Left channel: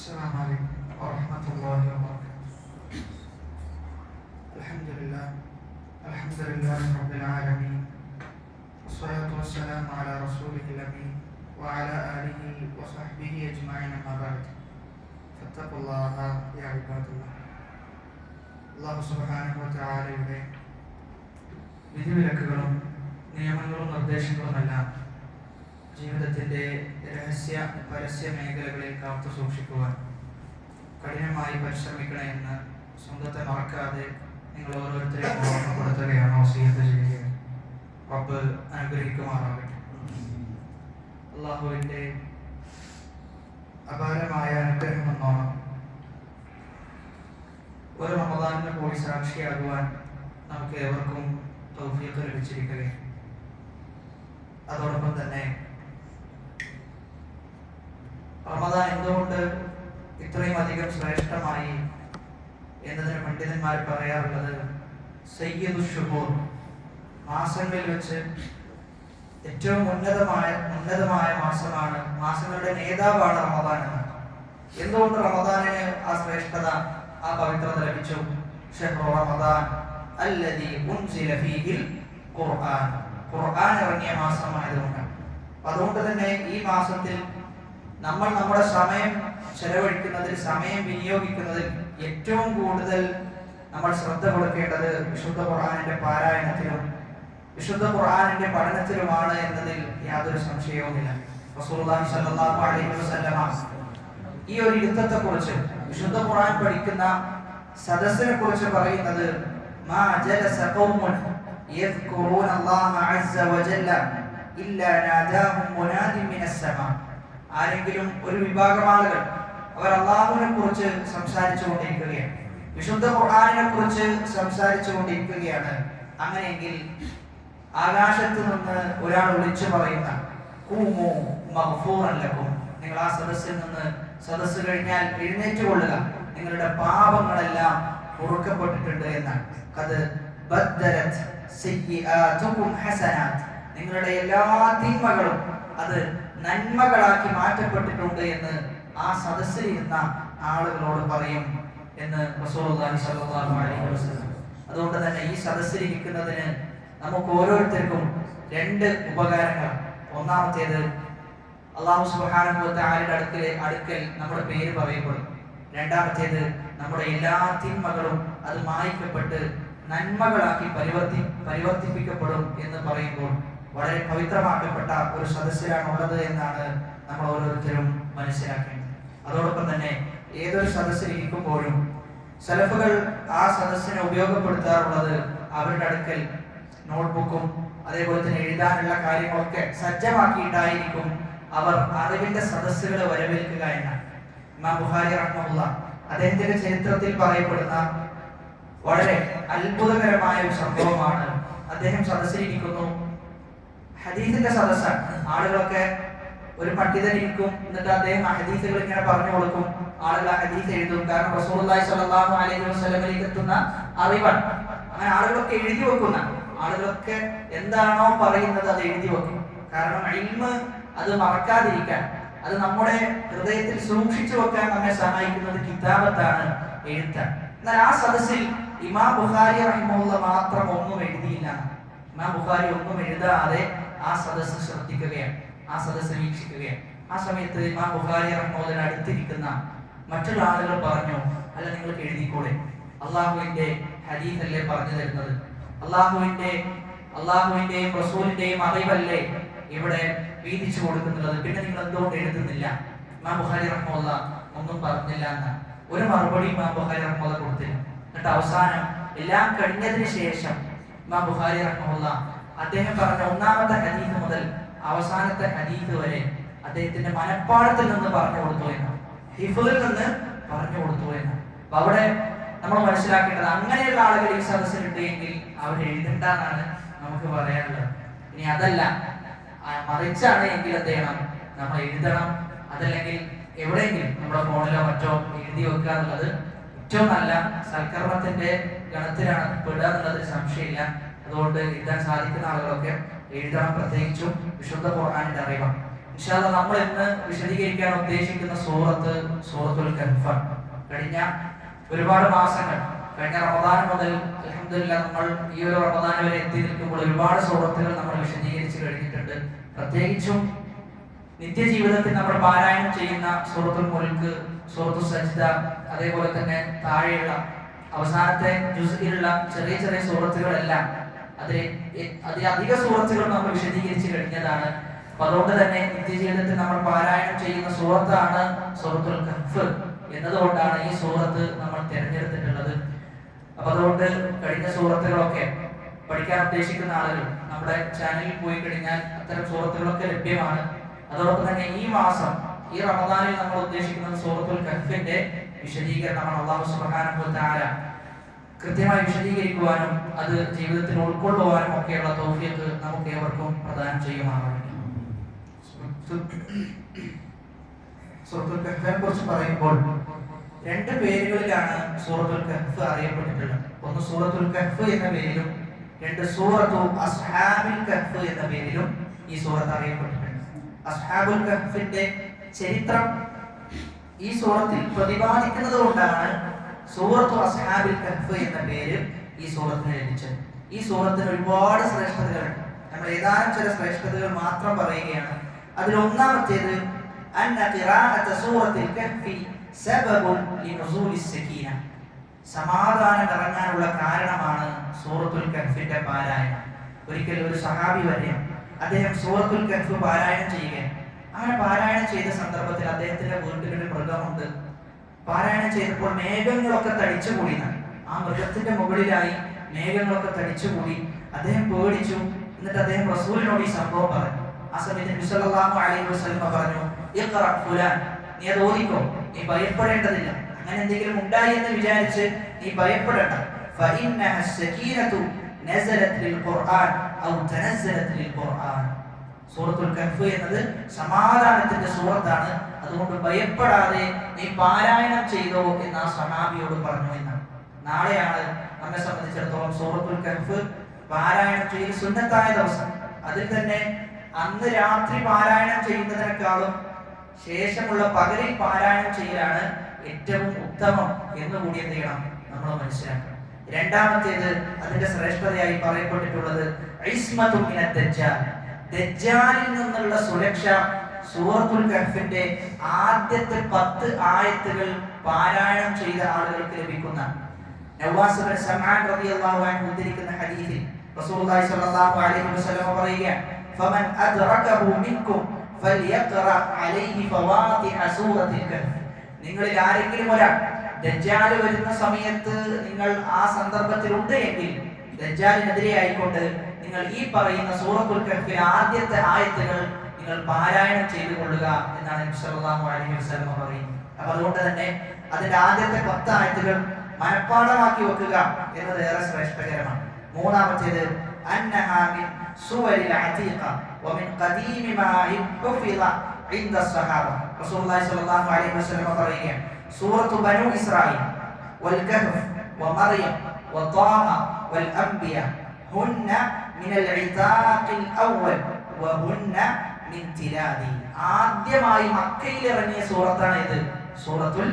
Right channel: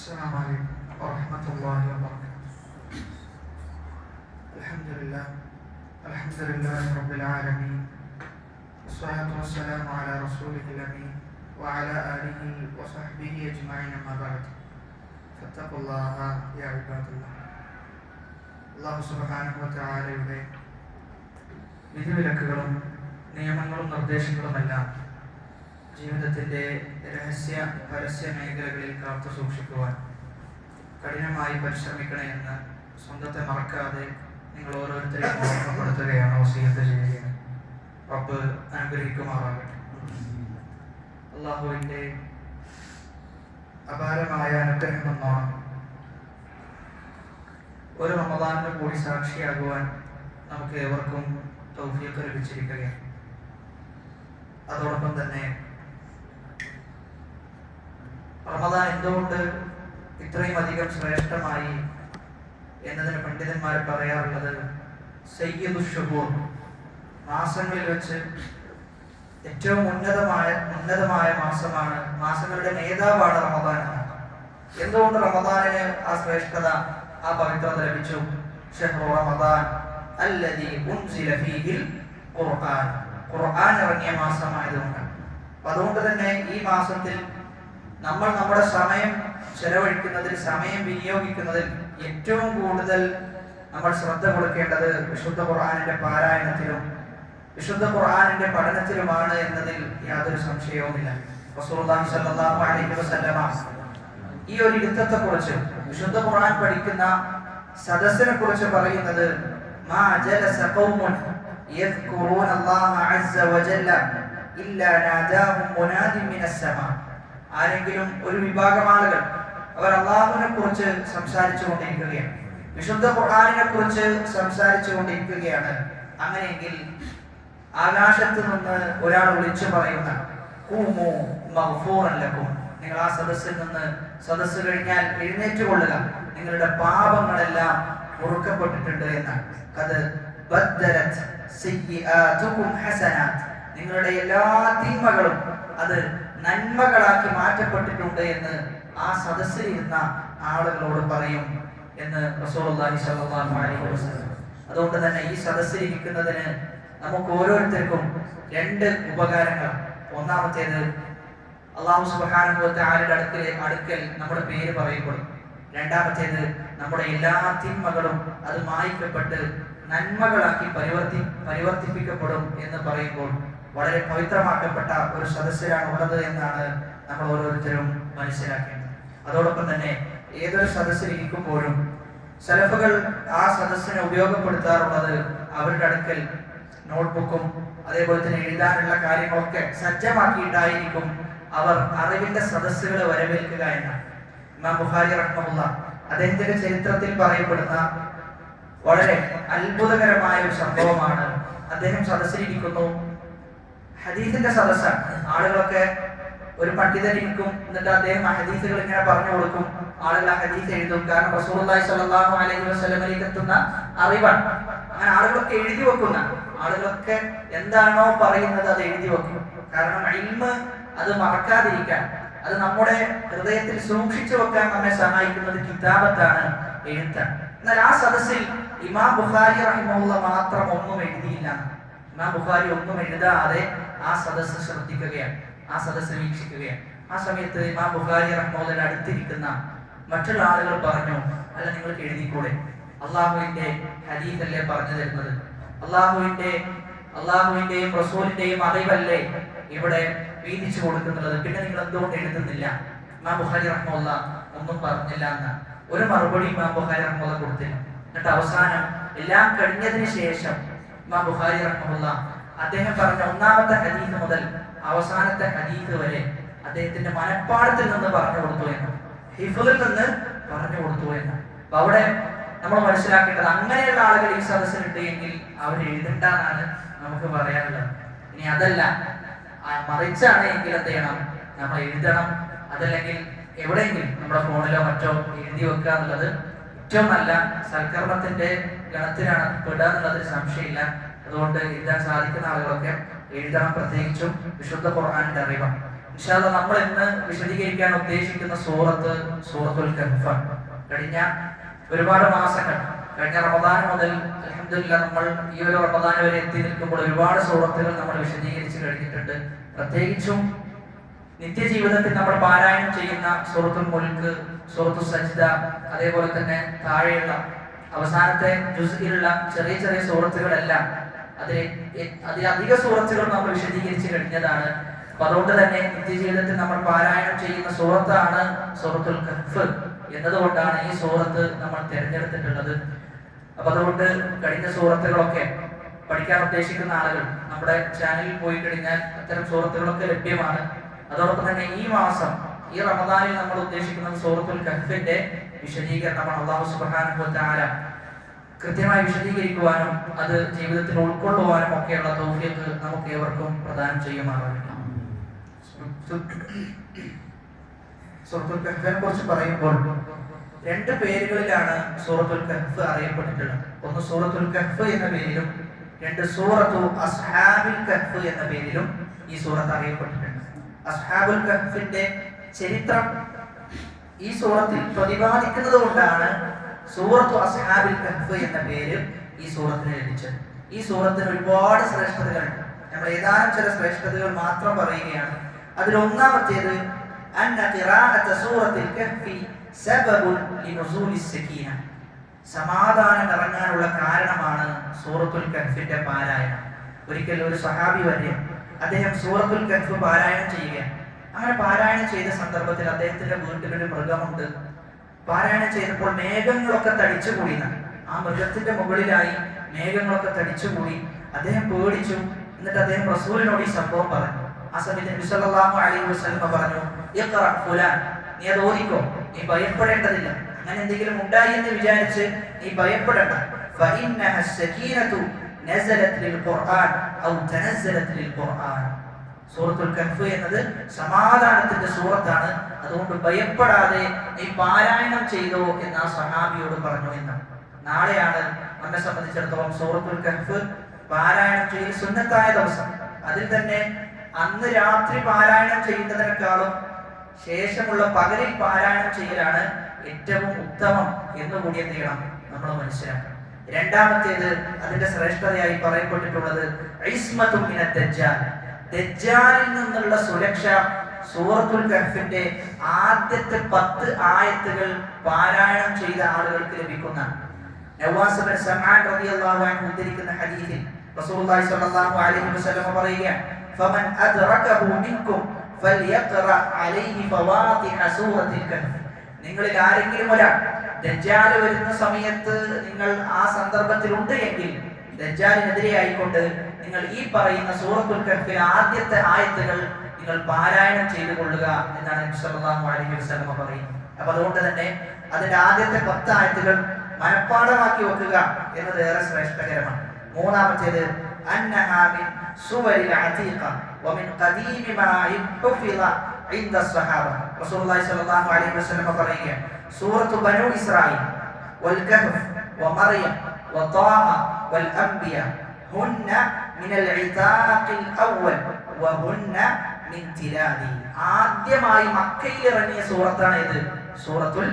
السلام عليكم ورحمة الله وبركاته. الحمد لله رب العالمين، والصلاة والسلام على رسوله الأمين وعلى آله وصحبه أجمعين، أما بعد فاتقوا الله يا عباد الله. അല്ലാഹു സുബ്ഹാനഹു വ തആലയുടെ വിധിവിലക്കുകളും നിയമങ്ങളും നിർദ്ദേശങ്ങളുമെല്ലാം ജീവിതത്തിൻ്റെ രഹസ്യ പരസ്യ മേഖലകളിൽ കാത്തു സൂക്ഷിക്കുവാൻ കഠിനമായി പരിശ്രമിക്കണമെന്ന് സ്വന്തത്തെ മറക്കാതെ നിങ്ങൾ ഓരോരുത്തരെയും ഓർമ്മപ്പെടുത്തുകയാണ്, വസിയത്ത് ചെയ്യുകയാണ്. റബ്ബ് അനുഗ്രഹിക്കുമാറാകട്ടെ. അല്ലാഹുവിൻ്റെ അപാരമായ അനുഗ്രഹം എന്നാണ് ഒരു റമദാനിന് കൂടി സാക്ഷിയാകുവാൻ നമുക്ക് ഏവർക്കും തൗഫീഖ് ലഭിച്ചിരിക്കുകയാണ്. അതോടൊപ്പം തന്നെ റമദാൻ എന്തുകൊണ്ട് ഇത്രയും അധികം ശ്രേഷ്ഠമായി എന്നതിന് പണ്ഡിതന്മാർ പറയാറുള്ളത്, സയ്യിദു ശുഹൂർ, മാസങ്ങളിൽ വെച്ച് ഏറ്റവും ഉന്നതമായ മാസമാണ്, മാസങ്ങളുടെ നേതാവാണ് റമദാൻ. എന്തുകൊണ്ട് റമദാനിന് ആ ശ്രേഷ്ഠത, ആ പവിത്രത ലഭിച്ചു? ശഹ്റു റമദാൻ അല്ലദീ ഉൻസില ഫീഹിൽ ഖുർആൻ, ഖുർആൻ ഇറങ്ങിയ മാസമായതുകൊണ്ട്. അതുകൊണ്ട് തന്നെ ഈ മാസത്തിൽ നമ്മൾ നമ്മുടെ സമയം ചെലവഴിക്കുന്നതിൽ, സമയം വിനിയോഗിക്കുന്നതിൽ ഏറ്റവും കൂടുതൽ നമ്മൾ ശ്രദ്ധ കൊടുക്കേണ്ടത് വിശുദ്ധ ഖുർആനിന്റെ പാരായണത്തിലും വിശുദ്ധ ഖുർആനിന്റെ പഠനത്തിലുമാണ് എന്നതിൽ യാതൊരു സംശയവുമില്ല. റസൂലുള്ളാഹി സ്വല്ലല്ലാഹു അലൈഹി വസല്ലമ ഈ ഒരു യുദ്ധത്തെക്കുറിച്ച്, വിശുദ്ധ ഖുർആൻ പഠിക്കുന്ന സദസ്സിനെ കുറിച്ച് പറയുന്നത്, മാ ജലസ ഖൗമുൻ യദ്കുറൂന അല്ലാഹ അസ്സ വജല്ല ഇല്ലാ നാദാഹും മുനാദിൻ മിനസ് സമാ. ആരെങ്കിലും ഒരു വിഭാഗം ആളുകൾ അവർ അല്ലാഹുവിനെ കുറിച്ച് സംസാരിച്ചു കൊണ്ടിരിക്കുകയാണ്, വിശുദ്ധ ഖുർആനിനെ കുറിച്ച് സംസാരിച്ചു കൊണ്ടിരിക്കുകയാണ്. അങ്ങനെയെങ്കിൽ ആകാശത്ത് നിന്ന് ഒരാൾ വിളിച്ചു പറയുന്ന, ഖൂമു മഗ്ഫൂറൻ ലക്കും, നിങ്ങൾ ആ സദസ്സിൽ നിന്ന്, സദസ്സ് കഴിഞ്ഞാൽ എഴുന്നേറ്റ് കൊള്ളുക, നിങ്ങളുടെ പാപങ്ങളെല്ലാം പൊറുക്കപ്പെട്ടിട്ടുണ്ട് എന്നാണ്. ഖദ് ബദ്ദലത് സയ്യിആതുകും ഹസനാത്ത്, നിങ്ങളുടെ എല്ലാ തിന്മകളും അത് നന്മകളാക്കി മാറ്റപ്പെട്ടിട്ടുണ്ട് എന്ന് ആ സദസ്സിൽ ഇരുന്ന ആളുകളോട് പറയും എന്ന് റസൂലുള്ളാഹി സ്വല്ലല്ലാഹു അലൈഹി വസല്ലം. അതുകൊണ്ട് തന്നെ ഈ സദസ്സിൽ ഇരിക്കുന്നതിന് നമുക്ക് ഓരോരുത്തർക്കും രണ്ട് ഉപകാരങ്ങൾ. ഒന്നാമത്തേത്, അല്ലാഹു സുബ്ഹാനഹു വ തആലയുടെ അടുക്കൽ നമ്മുടെ പേര് പറയപ്പെടും. രണ്ടാമത്തേത്, നമ്മുടെ എല്ലാ തിന്മകളും അത് മായ്ക്കപ്പെട്ട് നന്മകളാക്കി പരിവർത്തിപ്പിക്കപ്പെടും എന്ന് പറയുമ്പോൾ വളരെ പവിത്രമാക്കപ്പെട്ട ഒരു സദസ്സിലാണ് ഉള്ളത് എന്നാണ് നമ്മൾ ഓരോരുത്തരും മനസ്സിലാക്കേണ്ടത്. അതോടൊപ്പം തന്നെ ഏതൊരു സദസ്സിൽ ഇരിക്കുമ്പോഴും സലഫുകൾ ആ സദസ്സിനെ ഉപയോഗപ്പെടുത്താറുള്ളത് അവരുടെ അടുക്കൽ നോട്ട്ബുക്കും അതേപോലെ തന്നെ എഴുതാനുള്ള കാര്യങ്ങളൊക്കെ സജ്ജമാക്കിയിട്ടായിരിക്കും അവർ അറിവിന്റെ സദസ്സുകളെ വരവേൽക്കുക എന്നാണ്. ഇമാം ബുഖാരി റഹ്മഹുല്ലാഹ് അദ്ദേഹത്തിന്റെ ചരിത്രത്തിൽ പറയപ്പെടുന്ന വളരെ അത്ഭുതകരമായ ഒരു സംഭവമാണ്. അദ്ദേഹം സദസ്സിലിരിക്കുന്നു, ഹദീസിന്റെ സദസ്സാണ്. ആളുകളൊക്കെ, ഒരു പണ്ഡിതൻ ഇരിക്കും, എന്നിട്ട് അദ്ദേഹം ഹദീസുകൾ ഇങ്ങനെ പറഞ്ഞു കൊടുക്കും, ആളുകൾ ആ ഹദീസ് എഴുതും. കാരണം റസൂലുള്ളാഹി സ്വല്ലല്ലാഹു അലൈഹി വസല്ലമയിലേക്ക് എത്തുന്ന അറിവാണ്. അങ്ങനെ ആളുകളൊക്കെ എഴുതി വെക്കുന്ന, ആളുകളൊക്കെ എന്താണോ പറയുന്നത് അത് എഴുതി വെക്കും. കാരണം ഇൽമ് അത് മറക്കാതിരിക്കാൻ, അത് നമ്മുടെ ഹൃദയത്തിൽ സൂക്ഷിച്ചു വെക്കാൻ നമ്മെ സഹായിക്കുന്നത് കിതാബത്താണ്, എഴുത്താണ്. എന്നാൽ ആ സദസ്സിൽ ഇമാം ബുഖാരി റഹിമഹുല്ലാഹ് മാത്രം ഒന്നും എഴുതിയില്ല. ഇമാം ബുഖാരി ഒന്നും എഴുതാതെ ആ സദസ്സ് ശ്രദ്ധിക്കുകയാണ്, ആ സദസ്സ് വീക്ഷിക്കുകയാണ്. ആ സമയത്ത് ഇമാം ബുഖാരി റഹ്മത്തുള്ളാഹിയുടെ അടുത്തിരിക്കുന്ന മറ്റുള്ള ആളുകൾ പറഞ്ഞു, അല്ല, നിങ്ങൾക്ക് എഴുതിക്കൂടെ? അള്ളാഹുവിന്റെ ഹദീസ് അല്ലേ പറഞ്ഞു തരുന്നത്, അള്ളാഹുവിന്റെയും റസൂലിന്റെയും അറിവല്ലേ ഇവിടെ വീതിച്ചു കൊടുക്കുന്നത്, പിന്നെ നിങ്ങൾ എന്തുകൊണ്ട് എഴുതുന്നില്ല? ഇമാം ബുഖാരി റഹ്മത്തുള്ളാഹി ഒന്നും പറഞ്ഞില്ല എന്ന് ഒരു മറുപടി ഇമാം ബുഖാരി റഹ്മത്തുള്ളാഹി കൊടുത്തില്ല. എന്നിട്ട് അവസാനം എല്ലാം കഴിഞ്ഞതിന് ശേഷം ഇമാം ബുഖാരി റഹ്മത്തുള്ളാഹി അദ്ദേഹം പറഞ്ഞ ഒന്നാമത്തെ ഹദീസ് മുതൽ അവസാനത്തെ ഹദീസ് വരെ അദ്ദേഹത്തിന്റെ മനപ്പാടത്തിൽ നിന്ന് പറഞ്ഞു കൊടുത്തു എന്ന്, ഹിഫ്ളിൽ നിന്ന് പറഞ്ഞു കൊടുത്തു എന്ന്. അപ്പൊ അവിടെ നമ്മൾ മനസ്സിലാക്കേണ്ടത്, അങ്ങനെയുള്ള ആളുകൾ ഈ സദസ്സിലുണ്ട് എങ്കിൽ അവർ എഴുതണ്ടെന്നാണ് നമുക്ക് പറയാനുള്ളത്. ഇനി അതല്ല, മറിച്ചാണ് എങ്കിൽ എന്ത് ചെയ്യണം? നമ്മൾ എഴുതണം. അതല്ലെങ്കിൽ എവിടെയെങ്കിലും നമ്മുടെ ഫോണിലോ മറ്റോ എഴുതി വെക്കുക എന്നുള്ളത് ഏറ്റവും നല്ല സൽക്കർമ്മത്തിന്റെ ഗണത്തിലാണ് പെടുക എന്നുള്ളതിൽ സംശയമില്ല. അതുകൊണ്ട് എഴുതാൻ സാധിക്കുന്ന ആളുകളൊക്കെ എഴുതണം. പ്രത്യേകിച്ചും വിശുദ്ധ ഖുർആനിന്റെ അറിവാണ്. ഇൻഷാ അല്ലാഹ് നമ്മൾ ഇന്ന് വിശദീകരിക്കാൻ ഉദ്ദേശിക്കുന്ന സൂറത്തുൽ കഹ്ഫാണ്. കഴിഞ്ഞ ഒരുപാട് മാസങ്ങൾ, കഴിഞ്ഞ റമദാൻ മുതൽ അൽഹംദുലില്ലാഹ് നമ്മൾ ഈ ഒരു റമദാൻ വരെ എത്തി നിൽക്കുമ്പോൾ ഒരുപാട് സൂറത്തുകൾ നമ്മൾ വിശദീകരിച്ച് കഴിഞ്ഞിട്ടുണ്ട്. പ്രത്യേകിച്ചും നിത്യജീവിതത്തിൽ നമ്മൾ പാരായണം ചെയ്യുന്ന സൂറത്തുൽ മുൽക്ക്, സൂറത്തുൽ സജ്ദ, അതേപോലെ തന്നെ താഴെയുള്ള അവസാനത്തെ ജുസ്ഇലുള്ള ചെറിയ ചെറിയ സൂറത്തുകളെല്ലാം അതിലധിക സൂറത്തുകൾ നമ്മൾ വിശദീകരിച്ച് കഴിഞ്ഞതാണ്. അപ്പൊ അതുകൊണ്ട് തന്നെ നിത്യജീവിതത്തിൽ നമ്മൾ പാരായണം ചെയ്യുന്ന സൂറത്താണ് സൂറത്തുൽ കഹ്ഫ് എന്നതുകൊണ്ടാണ് ഈ സൂറത്ത് നമ്മൾ തിരഞ്ഞെടുത്തിട്ടുള്ളത്. അപ്പൊ അതുകൊണ്ട് കഴിഞ്ഞ സൂറത്തുകളൊക്കെ പഠിക്കാൻ ഉദ്ദേശിക്കുന്ന ആളുകൾ നമ്മുടെ ചാനലിൽ പോയി കഴിഞ്ഞാൽ അത്തരം സൂറത്തുകളൊക്കെ ലഭ്യമാണ്. അതോടൊപ്പം തന്നെ ഈ മാസം, ഈ റമദാനിൽ നമ്മൾ ഉദ്ദേശിക്കുന്നത് സൂറത്തുൽ കഹ്ഫിന്റെ വിശദീകരണമാണ്. അല്ലാഹു സുബ്ഹാനഹു വ തആല കൃത്യമായി വിശദീകരിക്കുവാനും അത് ജീവിതത്തിൽ ഉൾക്കൊള്ളുവാനും ഒക്കെയുള്ള തൗഫീഖ് നമുക്ക് ഏവർക്കും പ്രദാനം ചെയ്യുമാറാകട്ടെ. സൂറത്തുൽ കഹ്ഫിനെ കുറിച്ച് പറയുമ്പോൾ രണ്ട് പേരുകളിലാണ് സൂറത്തുൽ കഹ്ഫ് അറിയപ്പെട്ടിട്ടുള്ളത്. ഒന്ന് സൂറത്തുൽ കഹ്ഫ് എന്ന പേരിലും, രണ്ട് സൂറത്തു അസ്ഹാബുൽ കഹ്ഫ് എന്ന പേരിലും ഈ സൂറത്ത് അറിയപ്പെട്ടിട്ടുണ്ട്. അസ്ഹാബുൽ കഹ്ഫിന്റെ ചരിത്രം ഈ സൂറത്തിൽ പ്രതിപാദിക്കുന്നത് കൊണ്ടാണ് സൂറത്തു അസ്ഹാബുൽ കഹ്ഫ് എന്ന പേര് ഈ സൂറത്തിന് ലഭിച്ചത്. ഈ സൂറത്തിന് ഒരുപാട് ശ്രേഷ്ഠതകളുണ്ട്. നമ്മൾ ഏതാനും ചില ശ്രേഷ്ഠതകൾ മാത്രം പറയുകയാണ്. അതിൽ ഒന്നാമത്തേത് അന്ന ഖിറാഅത സൂറത്തുൽ കഹ്ഫി സബബുൻ ലിനുസൂലിസ് സകീന, സമാധാനം ഇറങ്ങാനുള്ള കാരണമാണ് സൂറത്തുൽ കഹ്ഫിന്റെ പാരായണം. ഒരിക്കൽ ഒരു സഹാബി വരെ അദ്ദേഹം സൂറത്തുൽ കഹ്ഫ് പാരായണം ചെയ്യുകയാണ്. അങ്ങനെ പാരായണം ചെയ്ത സന്ദർഭത്തിൽ അദ്ദേഹത്തിന്റെ വീട്ടിലൊരു മൃഗമുണ്ട്. പാരായണം ചെയ്തപ്പോൾ മേഘങ്ങളൊക്കെ തടിച്ചുകൂടി. ആ മൃഗത്തിന്റെ മുകളിലായി മേഘങ്ങളൊക്കെ തടിച്ചുകൂടി. അദ്ദേഹം പേടിച്ചു. എന്നിട്ട് അദ്ദേഹം റസൂലിനോട് ഈ സംഭവം പറഞ്ഞു. ആ സമയത്ത് നബി സല്ലല്ലാഹു അലൈഹി വസല്ലം പറഞ്ഞു, ഇഖ്റ ഫുലാൻ, നീ അത് ഓതിക്കോ, നീ ഭയപ്പെടേണ്ടതില്ല. അങ്ങനെ എന്തെങ്കിലും ഉണ്ടായി എന്ന് വിചാരിച്ച് നീ ഭയപ്പെടേണ്ട. ഫഇന്നഹ സകീനതു നസലത് ലിൽ ഖുർആൻ ഔ തനസ്സലത് ലിൽ ഖുർആൻ. സൂറത്തുൽ കഹ്ഫ് എന്നത് സമാധാനത്തിന്റെ സൂറത്താണ്. അതുകൊണ്ട് ഭയപ്പെടാതെ നീ പാരായണം ചെയ്തോ എന്ന് ആ സഹാബിയോട് പറഞ്ഞു എന്നാണ്. നാളെയാണ് നമ്മെ സംബന്ധിച്ചിടത്തോളം സൂറത്തുൽ കഹ്ഫ് പാരായണം ചെയ്ത് സുന്നത്തായ ദിവസം. അതിൽ തന്നെ അന്ന് രാത്രി പാരായണം ചെയ്യുന്നതിനേക്കാളും ശേഷമുള്ള പകലിൽ പാരായണം ചെയ്യലാണ് ഏറ്റവും ഉത്തമം എന്നുകൂടി എന്ത് ചെയ്യണം, നമ്മൾ മനസ്സിലാക്കണം. രണ്ടാമത്തേത് അതിന്റെ ശ്രേഷ്ഠതയായി പറയപ്പെട്ടിട്ടുള്ളത് ഇസ്മത്തുൻ മിനദ് ദജ്ജാൽ, ദജ്ജാലിൽ നിന്നുള്ള സുരക്ഷ സൂറത്തുൽ കഹ്ഫിന്റെ ആദ്യത്തെ 10 ആയത്തുകൾ പാരായണം ചെയ്ത ആളുകൾക്ക് ലഭിക്കുന്ന. നവാസ് ബിൻ സമആൻ റളിയല്ലാഹു അൻഹു ഉദ്ധരിക്കുന്ന ഹദീസിൽ റസൂലുള്ളാഹി സ്വല്ലല്ലാഹു അലൈഹി വസല്ലം പറയുകയാണ്, ഫമൻ അദ്റകഹു മിൻകും ഫൽയഖറ അലൈഹി ഫവാതിഹ സൂറത്തുൽ കഹ്ഫ്. നിങ്ങളിൽ ആരെങ്കിലും ഒരാൾ ദജ്ജാൽ വരുന്ന സമയത്ത് നിങ്ങൾ ആ സന്ദർഭത്തിൽ ഉണ്ട് എങ്കിൽ ദജ്ജാലിനെതിരെ ആയിക്കൊണ്ട് നിങ്ങൾ ഈ പറയുന്ന സൂറത്തുൽ കഹ്ഫിലെ ആദ്യത്തെ ആയത്തുകൾ നിങ്ങൾ പാരായണം ചെയ്തു കൊള്ളുക എന്നാണ് നബി സല്ലല്ലാഹു അലൈഹി വസല്ലം പറയുന്നത്. അപ്പോൾ അതുകൊണ്ട് തന്നെ അതിന്റെ ആദ്യത്തെ 10 ആയത്തുകൾ മനഃപ്പാഠമാക്കി വെക്കുക എന്നത് ഏറെ ശ്രേഷ്ഠകരമാണ്. മൂന്നാമത്തേത് അന്നഹാ മിൻ സുവരിൽ അതീഖ വമിൻ ഖദീമി മാ ഹുഫിള ഇൻദ സ്വഹാബ. റസൂലുള്ളാഹി സ്വല്ലല്ലാഹു അലൈഹി വസല്ലം പറയുകയാണ്, സൂറത്തു ബനൂ ഇസ്രായീൽ വൽ കഹ്ഫ് വമർയം വതാഹ വൽ അംബിയ ഹുന്ന മിനൽ ഇതാഖിൽ അവ്വൽ വഹുന്ന മിൻ തിലാദി. ആദ്യമായി മക്കയിൽ ഇറങ്ങിയ സൂറത്താണ് ഇത്, സൂറത്തുൽ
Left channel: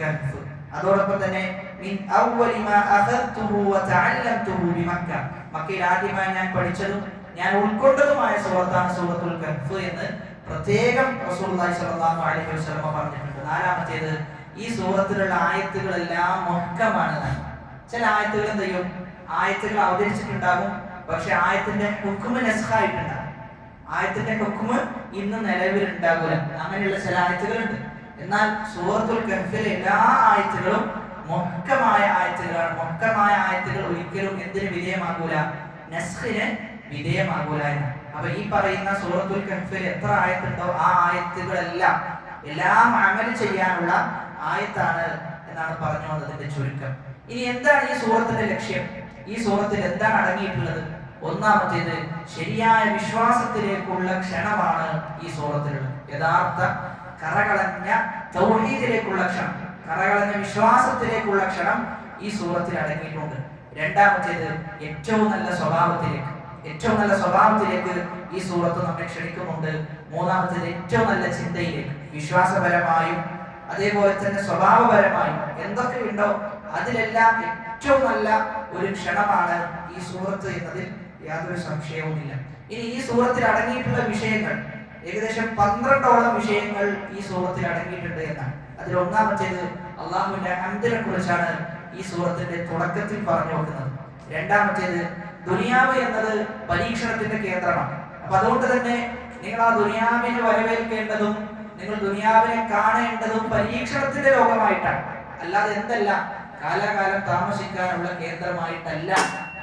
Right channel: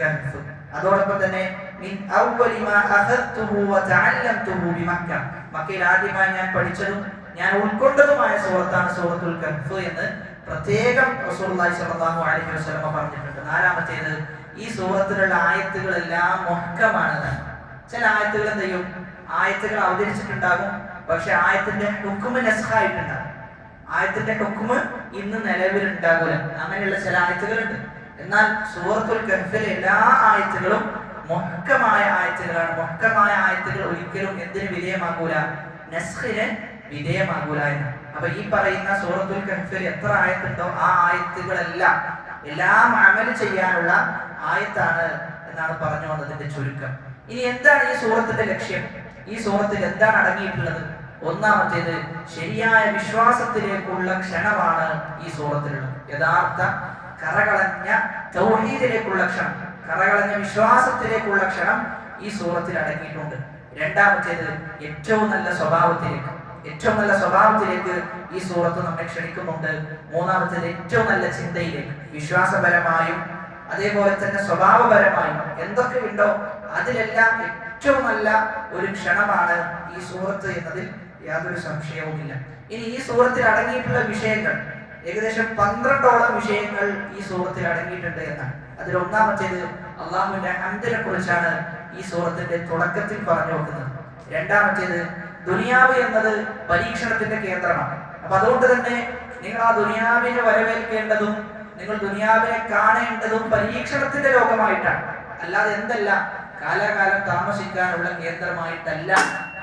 കഹ്ഫ്. അതോടൊപ്പം തന്നെ മിൻ അവ്വലി മാ അഖദ്തുഹു വതഅല്ലംതുഹു ബിമക്ക, മക്കയിൽ ആദ്യമായി ഞാൻ പഠിച്ചതും ഞാൻ ഉൾക്കൊണ്ടതുമായ സൂറത്താണ് സൂറത്തുൽ കഹ്ഫ് എന്ന് പ്രത്യേകം റസൂലുള്ളാഹി സ്വല്ലല്ലാഹു അലൈഹി വസല്ലം പറഞ്ഞിട്ടുണ്ട്. നാലാമത്തേത് ഈ സൂറത്തിലുള്ള ആയത്തുകളെല്ലാം മുഹ്കമാണ്. ചില ആയത്തുകൾ എന്ത് ചെയ്യും, ആയത്തുകൾ അവതരിച്ചിട്ടുണ്ടാകും, പക്ഷെ ആയത്തിന്റെ ഹുക്മ് നസ്ഖായിട്ടുണ്ടാകും. ആയത്തിന്റെ ഹുക്മ് ഇന്ന് നിലവിലുണ്ടാകില്ല. അങ്ങനെയുള്ള ചില ആയത്തുകളുണ്ട്. എന്നാൽ സൂറത്തുൽ കഹ്ഫിലെ എല്ലാ ആയത്തുകളും മുഹ്കമായ ആയത്തുകളാണ്. മുഹ്കമായ ആയത്തുകൾ ഒരിക്കലും എന്തിന് വിധേയമാകൂല, നസ്ഖിന് വിധേയമാകൂല എന്ന്. അപ്പൊ ഈ പറയുന്ന സൂറത്തുൽ കഹ്ഫിൽ എത്ര ആയത്തുണ്ടോ ആ ആയത്തുകളെല്ലാം എല്ലാം അമൽ ചെയ്യാനുള്ള ആയത്താണ് എന്നാണ് പറഞ്ഞു വന്നതിന്റെ ചുരുക്കം. ഇനി എന്താണ് ഈ സൂറത്തിന്റെ ലക്ഷ്യം? ഈ സൂറത്തിൽ എന്താണ് അടങ്ങിയിട്ടുള്ളത്? ഒന്നാമത്തേത് ശരിയായ വിശ്വാസത്തിലേക്കുള്ള ക്ഷണമാണ് ഈ സൂറത്തിലുള്ളത്. യഥാർത്ഥ കറകളഞ്ഞ തൗഹീദിലേക്കുള്ള ക്ഷണം, കറകളഞ്ഞ വിശ്വാസത്തിലേക്കുള്ള ക്ഷണം ഈ സൂറത്തിൽ അടങ്ങിയിട്ടുണ്ട്. രണ്ടാമത്തേത് ഏറ്റവും നല്ല സ്വഭാവത്തിലേക്ക്, ഏറ്റവും നല്ല സ്വഭാവത്തിലേക്ക് ഈ സൂറത്ത് നമ്മെ ക്ഷണിക്കുന്നുണ്ട്. മൂന്നാമത്തേത് ഏറ്റവും നല്ല ചിന്തയിലേക്ക്, വിശ്വാസപരമായും അതേപോലെ തന്നെ സ്വഭാവപരമായും എന്തൊക്കെ ഉണ്ടോ അതിലെല്ലാം ഏറ്റവും നല്ല ഒരു ക്ഷണമാണ് ഈ സൂറത്ത് എന്നതിൽ യാതൊരു സംശയവുമില്ല. ഇനി ഈ സൂറത്തിൽ അടങ്ങിയിട്ടുള്ള വിഷയങ്ങൾ ഏകദേശം 12ഓളം വിഷയങ്ങൾ ഈ സൂറത്തിൽ അടങ്ങിയിട്ടുണ്ട് എന്നാണ്. അതിൽ ഒന്നാമത്തേത് അള്ളാഹുവിന്റെ ഹംദിനെ കുറിച്ചാണ് ഈ സൂറത്തിന്റെ തുടക്കത്തിൽ പറഞ്ഞു വെക്കുന്നത്. രണ്ടാമത്തേത് ദുനിയാവ് എന്നത് പരീക്ഷണത്തിന്റെ കേന്ദ്രമാണ്. അപ്പൊ അതുകൊണ്ട് തന്നെ നിങ്ങൾ ആ ദുനിയാവിനെ വരവേൽക്കേണ്ടതും നിങ്ങൾ ദുനിയാവിനെ കാണേണ്ടതും പരീക്ഷണത്തിന്റെ ലോകമായിട്ടാണ്. അല്ലാതെ എന്തല്ല, കാലാകാലം താമസിക്കാനുള്ള കേന്ദ്രമായിട്ടല്ല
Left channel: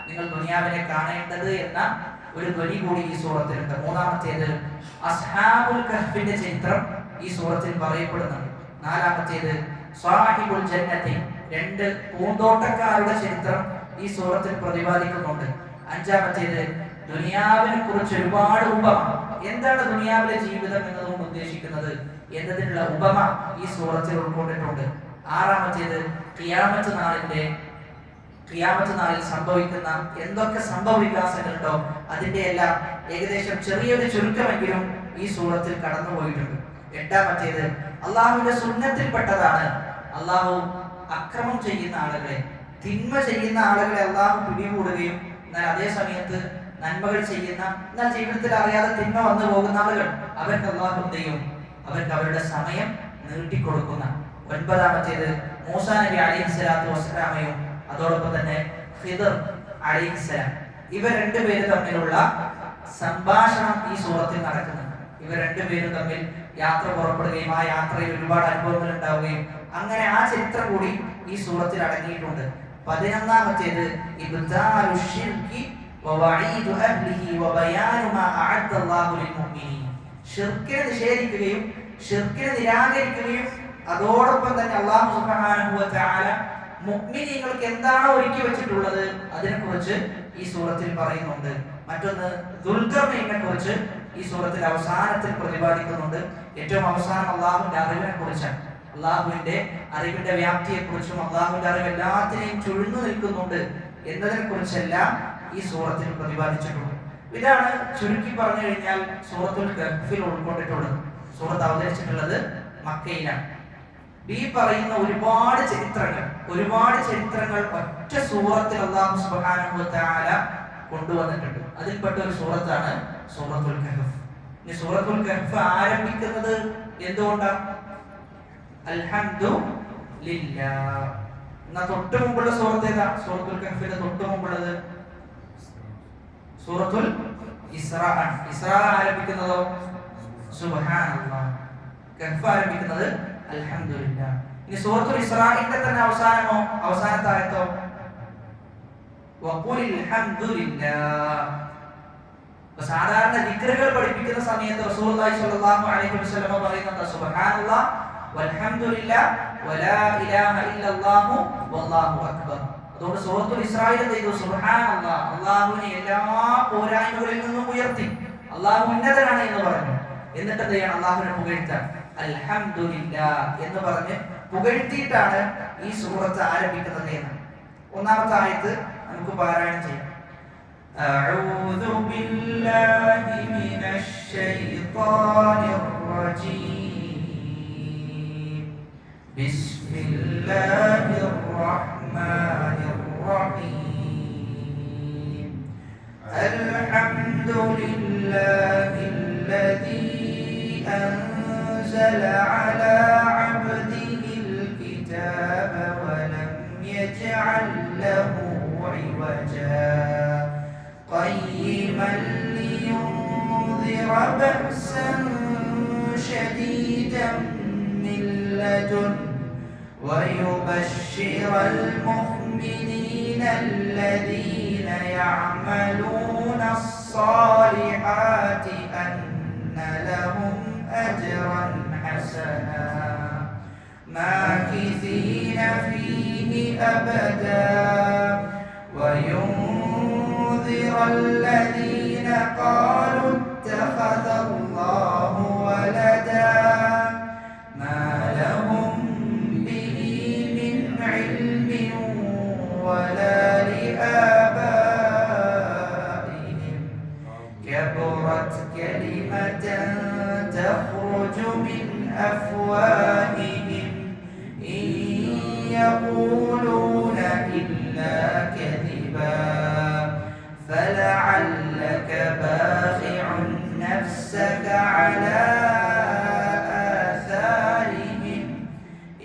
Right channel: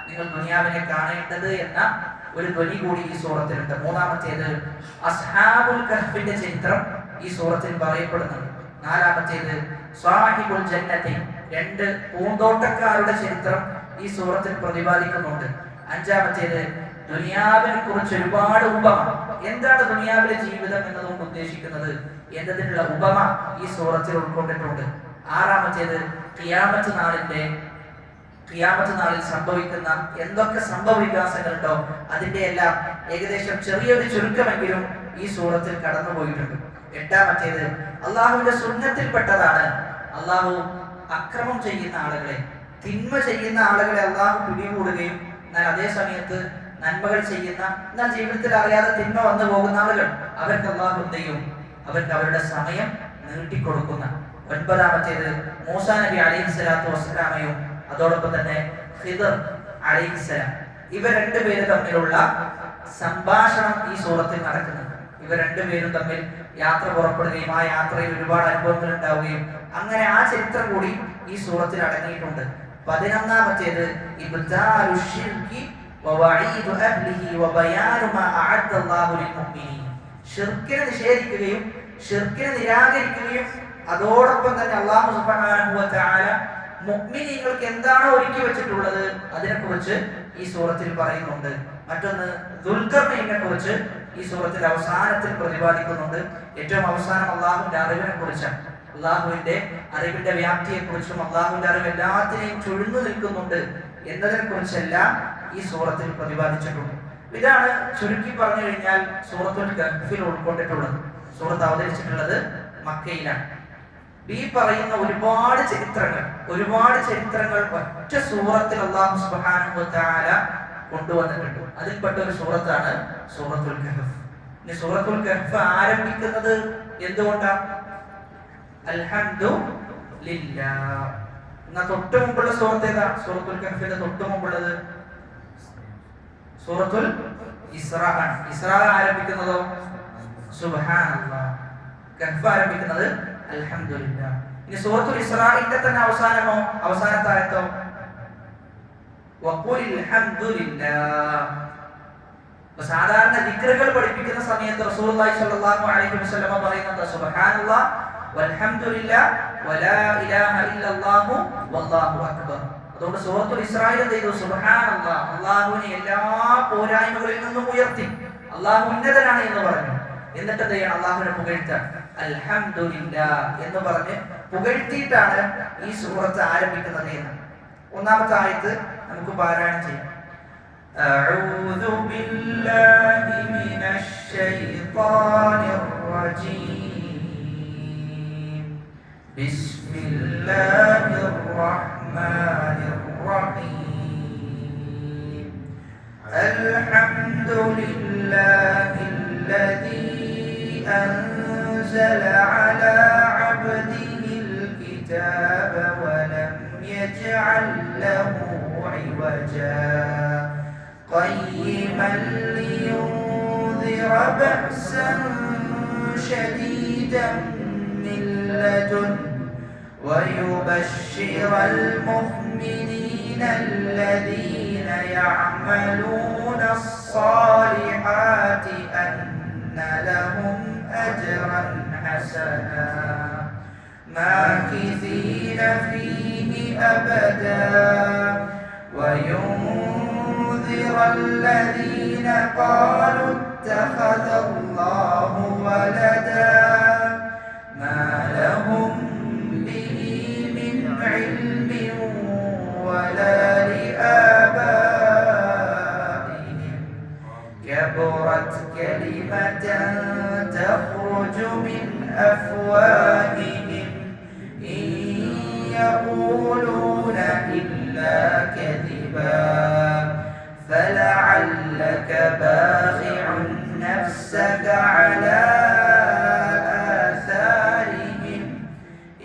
നിങ്ങൾ ദുനിയാവിനെ കാണേണ്ടത് എന്ന ഒരു ധ്വനി കൂടി ഈ സൂറത്തിലുണ്ട്. മൂന്നാമത്തേത് അസ്ഹാബുൽ കഹ്ഫിന്റെ ചരിത്രം ഈ സൂറത്തിൽ പറയപ്പെടുന്നുണ്ട്. നാലാമത്തേത് സാഹിബുൽ ജന്നത്തി, 2 പൂന്തോട്ടക്കാരുടെ ചരിത്രം ഈ സൂറത്തിൽ പ്രതിപാദിക്കുന്നുണ്ട്. അഞ്ചാമത്തേത് ദുനിയാവിനെ കുറിച്ച് ഒരുപാട് ഉപമ, എന്താണ് ദുനിയാവിലെ ജീവിതം എന്നതുകൊണ്ട് ഉദ്ദേശിക്കുന്നത് എന്നതിനുള്ള ഉപമ ഈ സൂറത്തിൽ ഉൾക്കൊണ്ടിട്ടുണ്ട്. ആറാമത്തേത് ഖിയാമത്ത് നാളിൽ സംഭവിക്കുന്ന എന്തൊക്കെ സംഭവവികാസങ്ങളുണ്ടോ അതിന്റെ എല്ലാം ഏകദേശം ചെറിയൊരു ചുരുക്കമെങ്കിലും ഈ സൂറത്തിൽ കടന്നുപോയിട്ടുണ്ട്. എട്ടാമത്തേത് അള്ളാഹുവിന്റെ സുന്നത്തിൽപ്പെട്ടതാണ് അള്ളാഹു അക്രമം ചെയ്യുന്ന ആളുകളെ, തിന്മ ചെയ്യുന്ന ആളുകളെ അള്ളാഹു പിടികൂടുകയും എന്നാൽ അതേ സമയത്ത് നന്മകൾ ചെയ്യുന്ന, എന്നാൽ ജീവിതത്തിൽ അറിയാതെ തിന്മ വന്നു പോകുന്ന ആളുകൾ അവർക്ക് അള്ളാഹു ചെയ്യും, അവർക്ക് അവരുടെ സമയം നീട്ടിക്കൊടുക്കുന്ന. ഒൻപതാമത്തേത് മൂസാ നബി അലൈഹിസ്സലാത്തു വസ്സലാമയും അതോടൊപ്പം തന്നെ ഖിദർ അലൈഹിസ്സലാം, ഇവർ രണ്ടുപേരും തമ്മിലുള്ള സംഭാഷണം ഈ സൂറത്തിൽ നടക്കുന്നുണ്ട്. ഇവർ രണ്ടുപേരും തമ്മിൽ യാത്ര പുറപ്പെടുകയും ആ യാത്രയിൽ ഒരുപാട് അനുഭവങ്ങൾ ഉണ്ടാവുകയും അങ്ങനെ ആ ചരിത്രം കൂടി ഈ സൂറത്തിൽ അടങ്ങിയിട്ടുണ്ട്. 11ാമത്തേത് ഷിർക്കിനെ നിഷേധിക്കുകയും ഷിർക്കിനെ നിരാകരിക്കുകയും അതോടൊപ്പം തന്നെ അല്ലാഹു സുബ്ഹാനഹു വ തആല മുഅ്മിനീങ്ങൾക്ക് എന്താണോ ഒരുക്കി വെച്ചിട്ടുള്ളത് അതിനെക്കുറിച്ച് ഈ സൂറത്തിൽ പറയുന്നുണ്ട്. മറ്റൊന്ന് ദുൽഖർനൈനെ കുറിച്ച് ഈ സൂറത്തിൽ അവസാനത്തിൽ പ്രതിപാദിക്കുന്നുണ്ട്. ഏറ്റവും അവസാനം അള്ളാഹുവിന്റെ അറിവിനെ കുറിച്ചാണ്. അള്ളാഹുവിന്റെ അറിവിന്റെ വ്യാപ്തിയെ കുറിച്ചും അള്ളാഹുവിന്റെ അറിവ് എല്ലാത്തിനെയും ചുഴ്ന്നു നിൽക്കുന്നുണ്ട് എന്നതിനെ കുറിച്ചെല്ലാം ഈ സൂറത്തിൽ പ്രതിപാദിച്ചിട്ടുണ്ട്. ഇതാണ് ചുരുക്കി പറഞ്ഞു കഴിഞ്ഞാൽ സൂറത്തുൽ കഹ്ഫിൽ ഉൾക്കൊണ്ടിട്ടുള്ളത്. സൂറത്ത് അവതരിച്ചിട്ടുള്ളത് മക്കയിലാണ്. ഈ പറയുന്ന ഒരുപാട് ചരിത്രങ്ങൾ ഒറ്റ സൂറത്തിൽ അല്ലാഹു സുബ്ഹാനഹു വ തആല കൊണ്ടുവന്നിട്ടുണ്ട്. അതിൽപ്പെട്ട ഒരു സൂറത്താണ് സൂറത്തുൽ കഹ്ഫ്. ഈ സൂറത്തുൽ കഹ്ഫ് ആരംഭിക്കുന്നത് എന്തുകൊണ്ടാണ്? അൽഹംദുലില്ലാഹ്. എന്നാ തൊട്ട് മുമ്പുള്ള സൂറത്ത് ഏതാ? സൂറത്തുൽ കഹ്ഫിന്റെ തൊട്ട് മുമ്പുള്ളത് സൂറത്തുൽ ഇസ്രാ ആണ്. ഇസ്രാ ആരംഭിക്കുന്നതോ സുബ്ഹാനല്ലാഹ്. കഹ്ഫ് ആരംഭിക്കുന്നത് അൽഹംദുലില്ലാഹ്. ഇനി സൂറത്തുൽ ഇസ്രാഇന്റെ തന്നെ അവസാനത്തെ ആയത്തോ വഖുലിൽ ഹംദുലില്ലാഹ്. സാധാരണ ദിക്റുകൾ പഠിപ്പിക്കുന്ന സമയത്ത് റസൂലുള്ളാഹി സ്വല്ലല്ലാഹു അലൈഹി വസല്ലം പറയുന്നത് സുബ്ഹാനല്ലാഹ് വൽഹംദുലില്ലാഹ് വലാ ഇലാഹ ഇല്ലല്ലാഹു വല്ലാഹു അക്ബർ. അതുകൊണ്ട് സൂറത്തുൽ ഇസ്രായിൽ എന്ത് ചെയ്തു? സുബ്ഹാനല്ലാഹ്, അല്ലാഹുവിനെ എല്ലാ പോരായ്മകളിൽ നിന്നും ഉയർത്തി, അല്ലാഹു ഉന്നതനാണ് എന്ന് പറഞ്ഞു. എന്നിട്ട് എന്ത് ചെയ്യണം? അല്ലാഹുവിനെ പുകഴ്ത്താൻ. അൽഹംദുലില്ലാഹ് എന്ന് പറഞ്ഞ് പുകഴ്ത്തിയിട്ടാണ് ഈ സൂറത്ത് ആരംഭിക്കുന്നത് എന്ന്. ഒന്നാമത്തെ ആയത്ത് നമുക്ക് പാരായണം ചെയ്യാം. അഊദു ബില്ലാഹി മിനശ് ശൈത്വാനിർ റജീം. ബിസ്മില്ലാഹിർ റഹ്മാനിർ റഹീം. അൽഹംദുലില്ലാഹില്ലദീ أنزل على عبده الكتاب ولم يجعل له عوجا قيما لينذر بأسا شديدا من لدنه ويبشر المؤمنين الذين يعملون الصالحات أن لهم أجرا حسنا ماكثين فيه أبدا وينذر الذين قالوا اتخذ الله ولدا ما لهم به من علم ولا لآبائهم من أفواههم إن يقولون إلا كذبا فلعلك باخع نفسك على آثارهم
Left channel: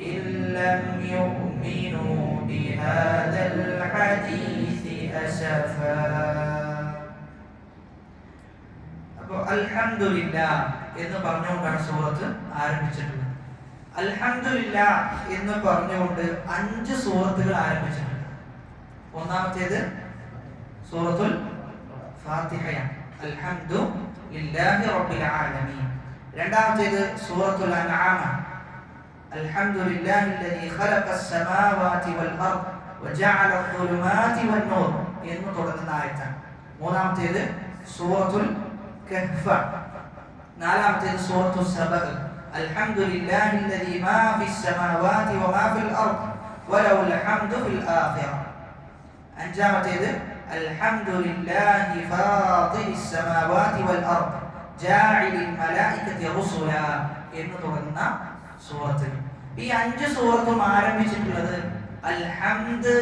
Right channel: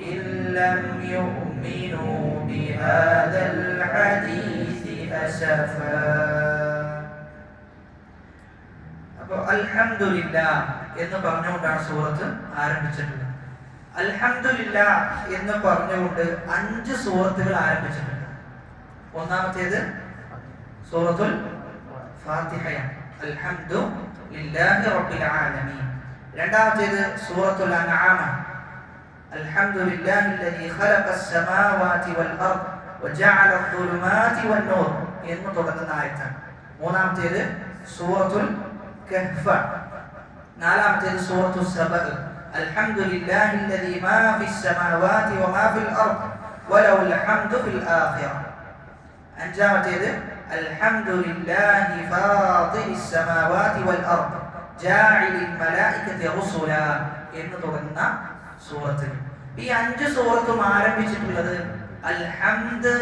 إن لم يؤمنوا بهذا الحديث أسفا. അൽഹംദുലില്ലാഹ് എന്ന് പറഞ്ഞുകൊണ്ടാണ് സൂറത്ത് ആരംഭിച്ചിട്ടുള്ളത്. അൽഹംദുലില്ലാഹ് എന്ന് പറഞ്ഞുകൊണ്ട് 5 സൂറത്തുകൾ ആരംഭിച്ചിട്ടുണ്ട്. ഒന്നാമത്തേത് സൂറത്തുൽ ഫാത്തിഹയാണ്, അൽഹംദുലില്ലാഹി റബ്ബിൽ ആലമീൻ. രണ്ടാമത്തേത് സൂറത്തുൽ അൻആം, അൽഹംദുലില്ലാഹില്ലദീ ഖലഖസ് സമാവാതി വൽ അർദ് വജഅല അദ്ദുലുമാതി വൻ നൂർ എന്ന് തുടങ്ങുന്ന ആയത്താണ്. മൂന്നാമത്തേത് സൂറത്തുൽ കഹ്ഫ്. നാലാമത്തേത് സൂറത്തുൽ സബഅ, അൽഹംദുലില്ലാഹില്ലദീ മാ ഫിസ് സമാവാതി വമാ ഫിൽ അർദ് വലഹുൽ ഹംദു ഫിൽ ആഖിറ. അഞ്ചാമത്തേത് അൽഹംദുലില്ലാഹി ഫാത്തിരിസ് സമാവാതി വൽ അർദ് ജാഇലിൽ മലായികതി റുസുല എന്ന് തുടങ്ങുന്ന സൂറത്ത്. ഈ 5 സൂറത്തും ആരംഭിച്ചിട്ടുള്ളത് അൽഹംദ്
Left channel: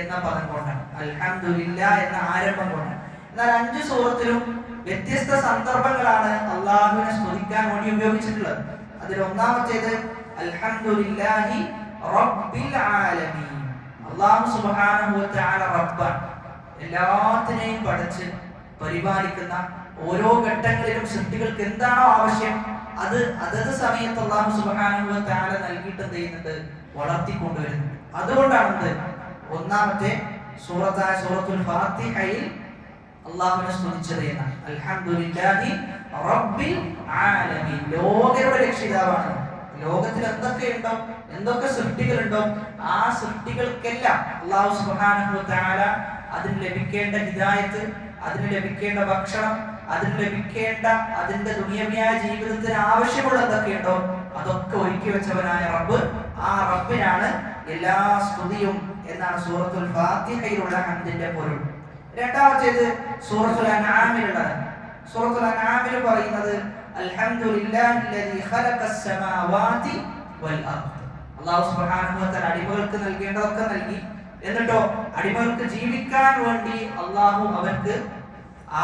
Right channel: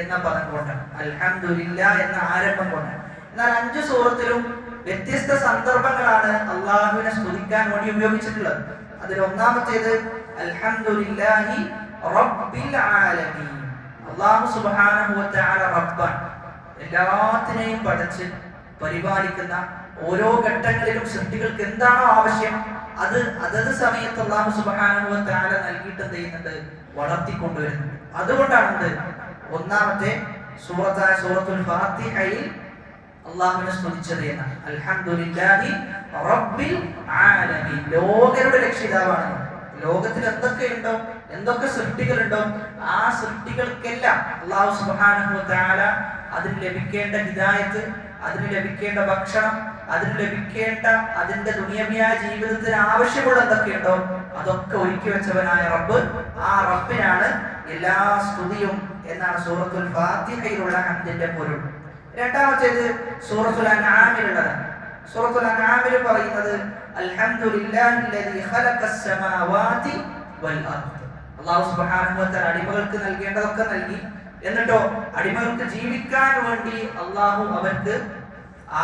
എന്ന പദം കൊണ്ടാണ്, അൽഹംദുലില്ലാഹ് എന്ന ആരംഭം കൊണ്ടാണ്. എന്നാൽ 5 സൂറത്തിലും വ്യത്യസ്ത സന്ദർഭങ്ങളാണ് അള്ളാഹുവിനെ സ്തുതിക്കാൻ വേണ്ടി ഉപയോഗിച്ചിട്ടുള്ളത്. അതിൽ ഒന്നാമത്തേത് അൽഹംദുലില്ലാഹി റബ്ബിൽ ആലമീൻ. അല്ലാഹു സുബ്ഹാനഹു വ തആല റബ്ബാണ്, എല്ലാത്തിനെയും പടച്ച് പരിപാലിക്കുന്ന, ഓരോ ഘട്ടങ്ങളിലും സൃഷ്ടികൾക്ക് എന്താണോ ആവശ്യം അത് അതത് സമയത്ത് അല്ലാഹു സുബ്ഹാനഹു വ തആല നൽകിയിട്ട് എന്ത് ചെയ്യുന്നുണ്ട്, വളർത്തിക്കൊണ്ടുവരുന്നുണ്ട്. അതുകൊണ്ടാണ് ഒന്നാമത്തെ സൂറത്തായ സൂറത്തുൽ ഫാത്തിഹയിൽ അല്ലാഹുവിനെ സ്തുതിച്ചത് എന്നാണ്. അൽഹംദുലില്ലാഹി റബ്ബിൽ ആലമീൻ, ലോകരുടെ രക്ഷിതാവാണ്. ലോകത്തിൽ എന്തൊക്കെയുണ്ടോ, എന്തൊക്കെ സൃഷ്ടികളുണ്ടോ ആ സൃഷ്ടികൾക്കെല്ലാം അല്ലാഹു സുബ്ഹാനഹു വ തആല അതിന് ലഭിക്കേണ്ട ഹിദായത്ത്, അതിന് ലഭിക്കേണ്ട ഭക്ഷണം, അതിന് ലഭിക്കേണ്ട അതിന്റെ ദുനിയവിയായ ജീവിതത്തിന് ആവശ്യമുള്ള എന്തൊക്കെയുണ്ടോ അതൊക്കെ ഒരുക്കി വെച്ചവനായ റബ്ബ്, ആ റബ്ബിനാണ് എല്ലാ സ്തുതിയും എന്നാണ് സൂറത്തുൽ ഫാത്തിഹയിലുള്ള ഹംദിന്റെ പൊരുൾ. രണ്ടാമത്തേത് സൂറത്തുൽ അൻആമിലുള്ളത്. സൂറത്തുൽ അൻആമിൽ പറയുന്നത് അൽഹംദുലില്ലാഹില്ലദീ ഖലഖസ് സമാവാതി വൽ അർദ്. അല്ലാഹു സുബ്ഹാനഹു വ തആല അടിമകൾക്ക് നൽകേണ്ടതൊക്കെ നൽകി. എന്നിട്ടോ അടിമകൾക്ക് ജീവിക്കാൻ വേണ്ടി അല്ലാഹു അവർക്ക്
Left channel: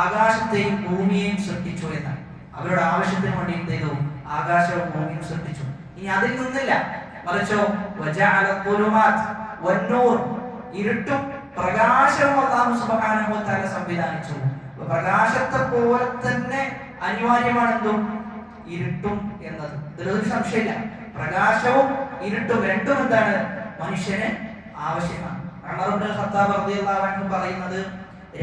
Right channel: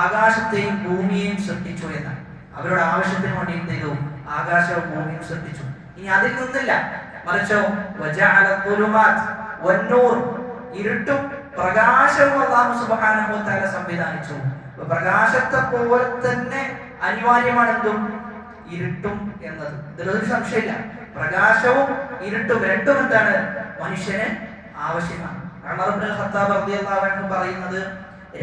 ആകാശത്തെയും ഭൂമിയെയും സൃഷ്ടിച്ചു എന്നാണ്. അവരുടെ ആവശ്യത്തിന് വേണ്ടി എന്ത് ചെയ്തു, ആകാശവും ഭൂമിയും സൃഷ്ടിച്ചു. ഇനി അതിൽ നിന്നില്ല, മറിച്ചോ വജഅല അദ്ദുലുമാത് വന്നൂർ, ഇരുട്ടും പ്രകാശവും അല്ലാഹു സുബ്ഹാനഹു വ തആല സംവിധാനിച്ചു. പ്രകാശത്തെ പോലെ തന്നെ അനിവാര്യമാണ് എന്തും ഇരുട്ടും എന്നത്. ഇതിലൊരു സംശയമില്ല. പ്രകാശവും ഇരുട്ടും രണ്ടും എന്താണ്, മനുഷ്യന് ആവശ്യമാണ്. ഉമർ ഇബ്നുൽ ഖത്താബ് റളിയല്ലാഹു അൻഹു പറയുന്നത്,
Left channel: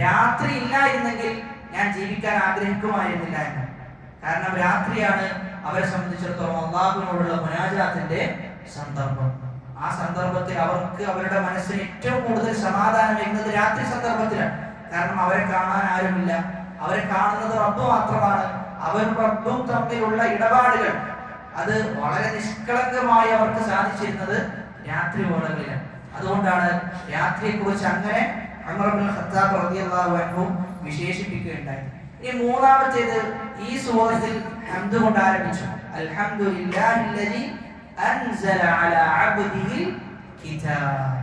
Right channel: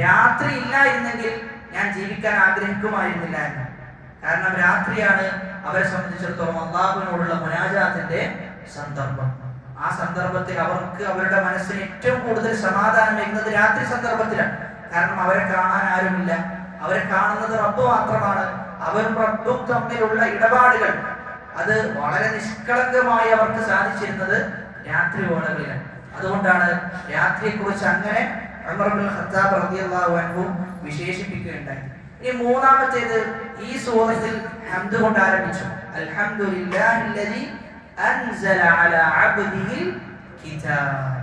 രാത്രി ഇല്ലായിരുന്നെങ്കിൽ ഞാൻ ജീവിക്കാൻ ആഗ്രഹിക്കുമായിരുന്നില്ല എന്ന്. കാരണം രാത്രിയാണ് അവരെ സംബന്ധിച്ചിടത്തോളം അല്ലാഹുവിനോടുള്ള മുനാജാത്തിന്റെ സന്ദർഭം. ആ സന്ദർഭത്തിൽ അവർക്ക് അവരുടെ മനസ്സിന് ഏറ്റവും കൂടുതൽ സമാധാനം വരുന്നത് രാത്രി സന്ദർഭത്തിലാണ്. കാരണം അവരെ കാണാൻ ആരുമില്ല, അവരെ കാണുന്നത് റബ്ബ് മാത്രമാണ്. അവരും റബ്ബും തമ്മിലുള്ള ഇടപാടുകൾ അത് വളരെ നിഷ്കളങ്കമായി അവർക്ക് സാധിച്ചിരുന്നത് രാത്രി വേളകളിലാണ്. അതുകൊണ്ടാണ് രാത്രിയെ കുറിച്ച് അങ്ങനെ ഉമർ ഇബ്നുൽ ഖത്താബ് റളിയല്ലാഹു അൻഹു വിശേഷിപ്പിക്കുകയുണ്ടായി. ഈ മൂന്നാമത്തേത് ഈ സൂറത്തിൽ ഹംദ് കൊണ്ട് ആരംഭിച്ചു. അൽഹംദുലില്ലാഹില്ലദീ അൻസല അലാ അബ്ദിഹിൽ കിതാബ്.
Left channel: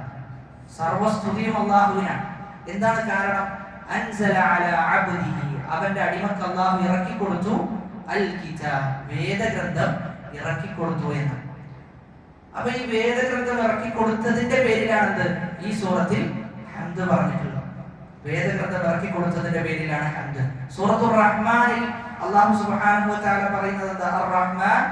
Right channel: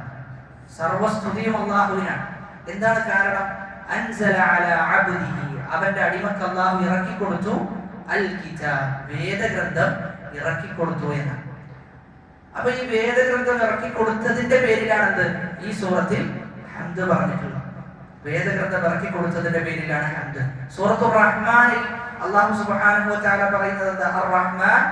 സർവസ്തുതിയും അല്ലാഹുവിനാണ്. എന്താണ് കാരണം? അൻസല അലാ അബ്ദിഹി, അവന്റെ അടിമക്ക് അല്ലാഹു ഇറക്കി കൊടുത്തു അൽ കിതാബ്, വേദഗ്രന്ഥം ഇറക്കി കൊടുത്തു എന്നാണ്. അപ്പൊ ഈ വേദഗ്രന്ഥം ഇറക്കി കൊടുത്തതിന്റെ പേരിലാണ് ഈ സൂറത്തിൽ ഹംദ് പറഞ്ഞിട്ടുള്ളത്. വേദഗ്രന്ഥം ഇറക്കി കൊടുത്തതിന്റെ പേരിലാണ് ഹംദ്. സൂറത്തുർ റഹ്മാനിൽ അല്ലാഹു സുബ്ഹാനഹു വ തആല പറയുന്നത് എന്താ? അർ-റഹ്മാൻ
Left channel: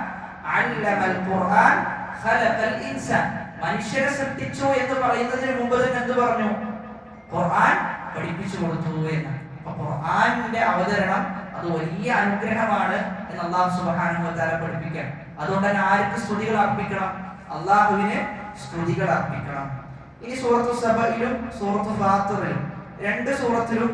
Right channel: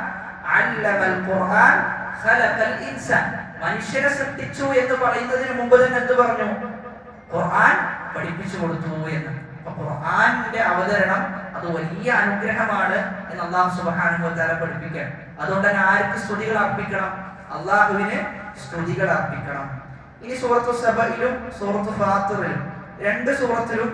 അല്ലമൽ ഖുർആൻ ഖലഖൽ ഇൻസാൻ. മനുഷ്യരെ സൃഷ്ടിച്ചു എന്ന് പറയുന്നതിന് മുമ്പ് തന്നെ എന്ത് പറഞ്ഞു? ഖുർആൻ പഠിപ്പിച്ചു കൊടുത്തു എന്ന്. അപ്പൊ ഖുർആനിന്റെ അവതരണം അത് വലിയ അനുഗ്രഹമാണ് എന്ന് അല്ലാഹു സുബ്ഹാനഹു വ തആല പഠിപ്പിക്കാൻ. അതുകൊണ്ട് തന്നെ ആർക്ക് സ്തുതികൾ അർപ്പിക്കണം? അല്ലാഹുവിന് സ്തുതികൾ അർപ്പിക്കണം. ഇനി സൂറത്തു സബയിലും സൂറത്തു ഫാത്തിറിലും രണ്ട് സൂറത്തിലും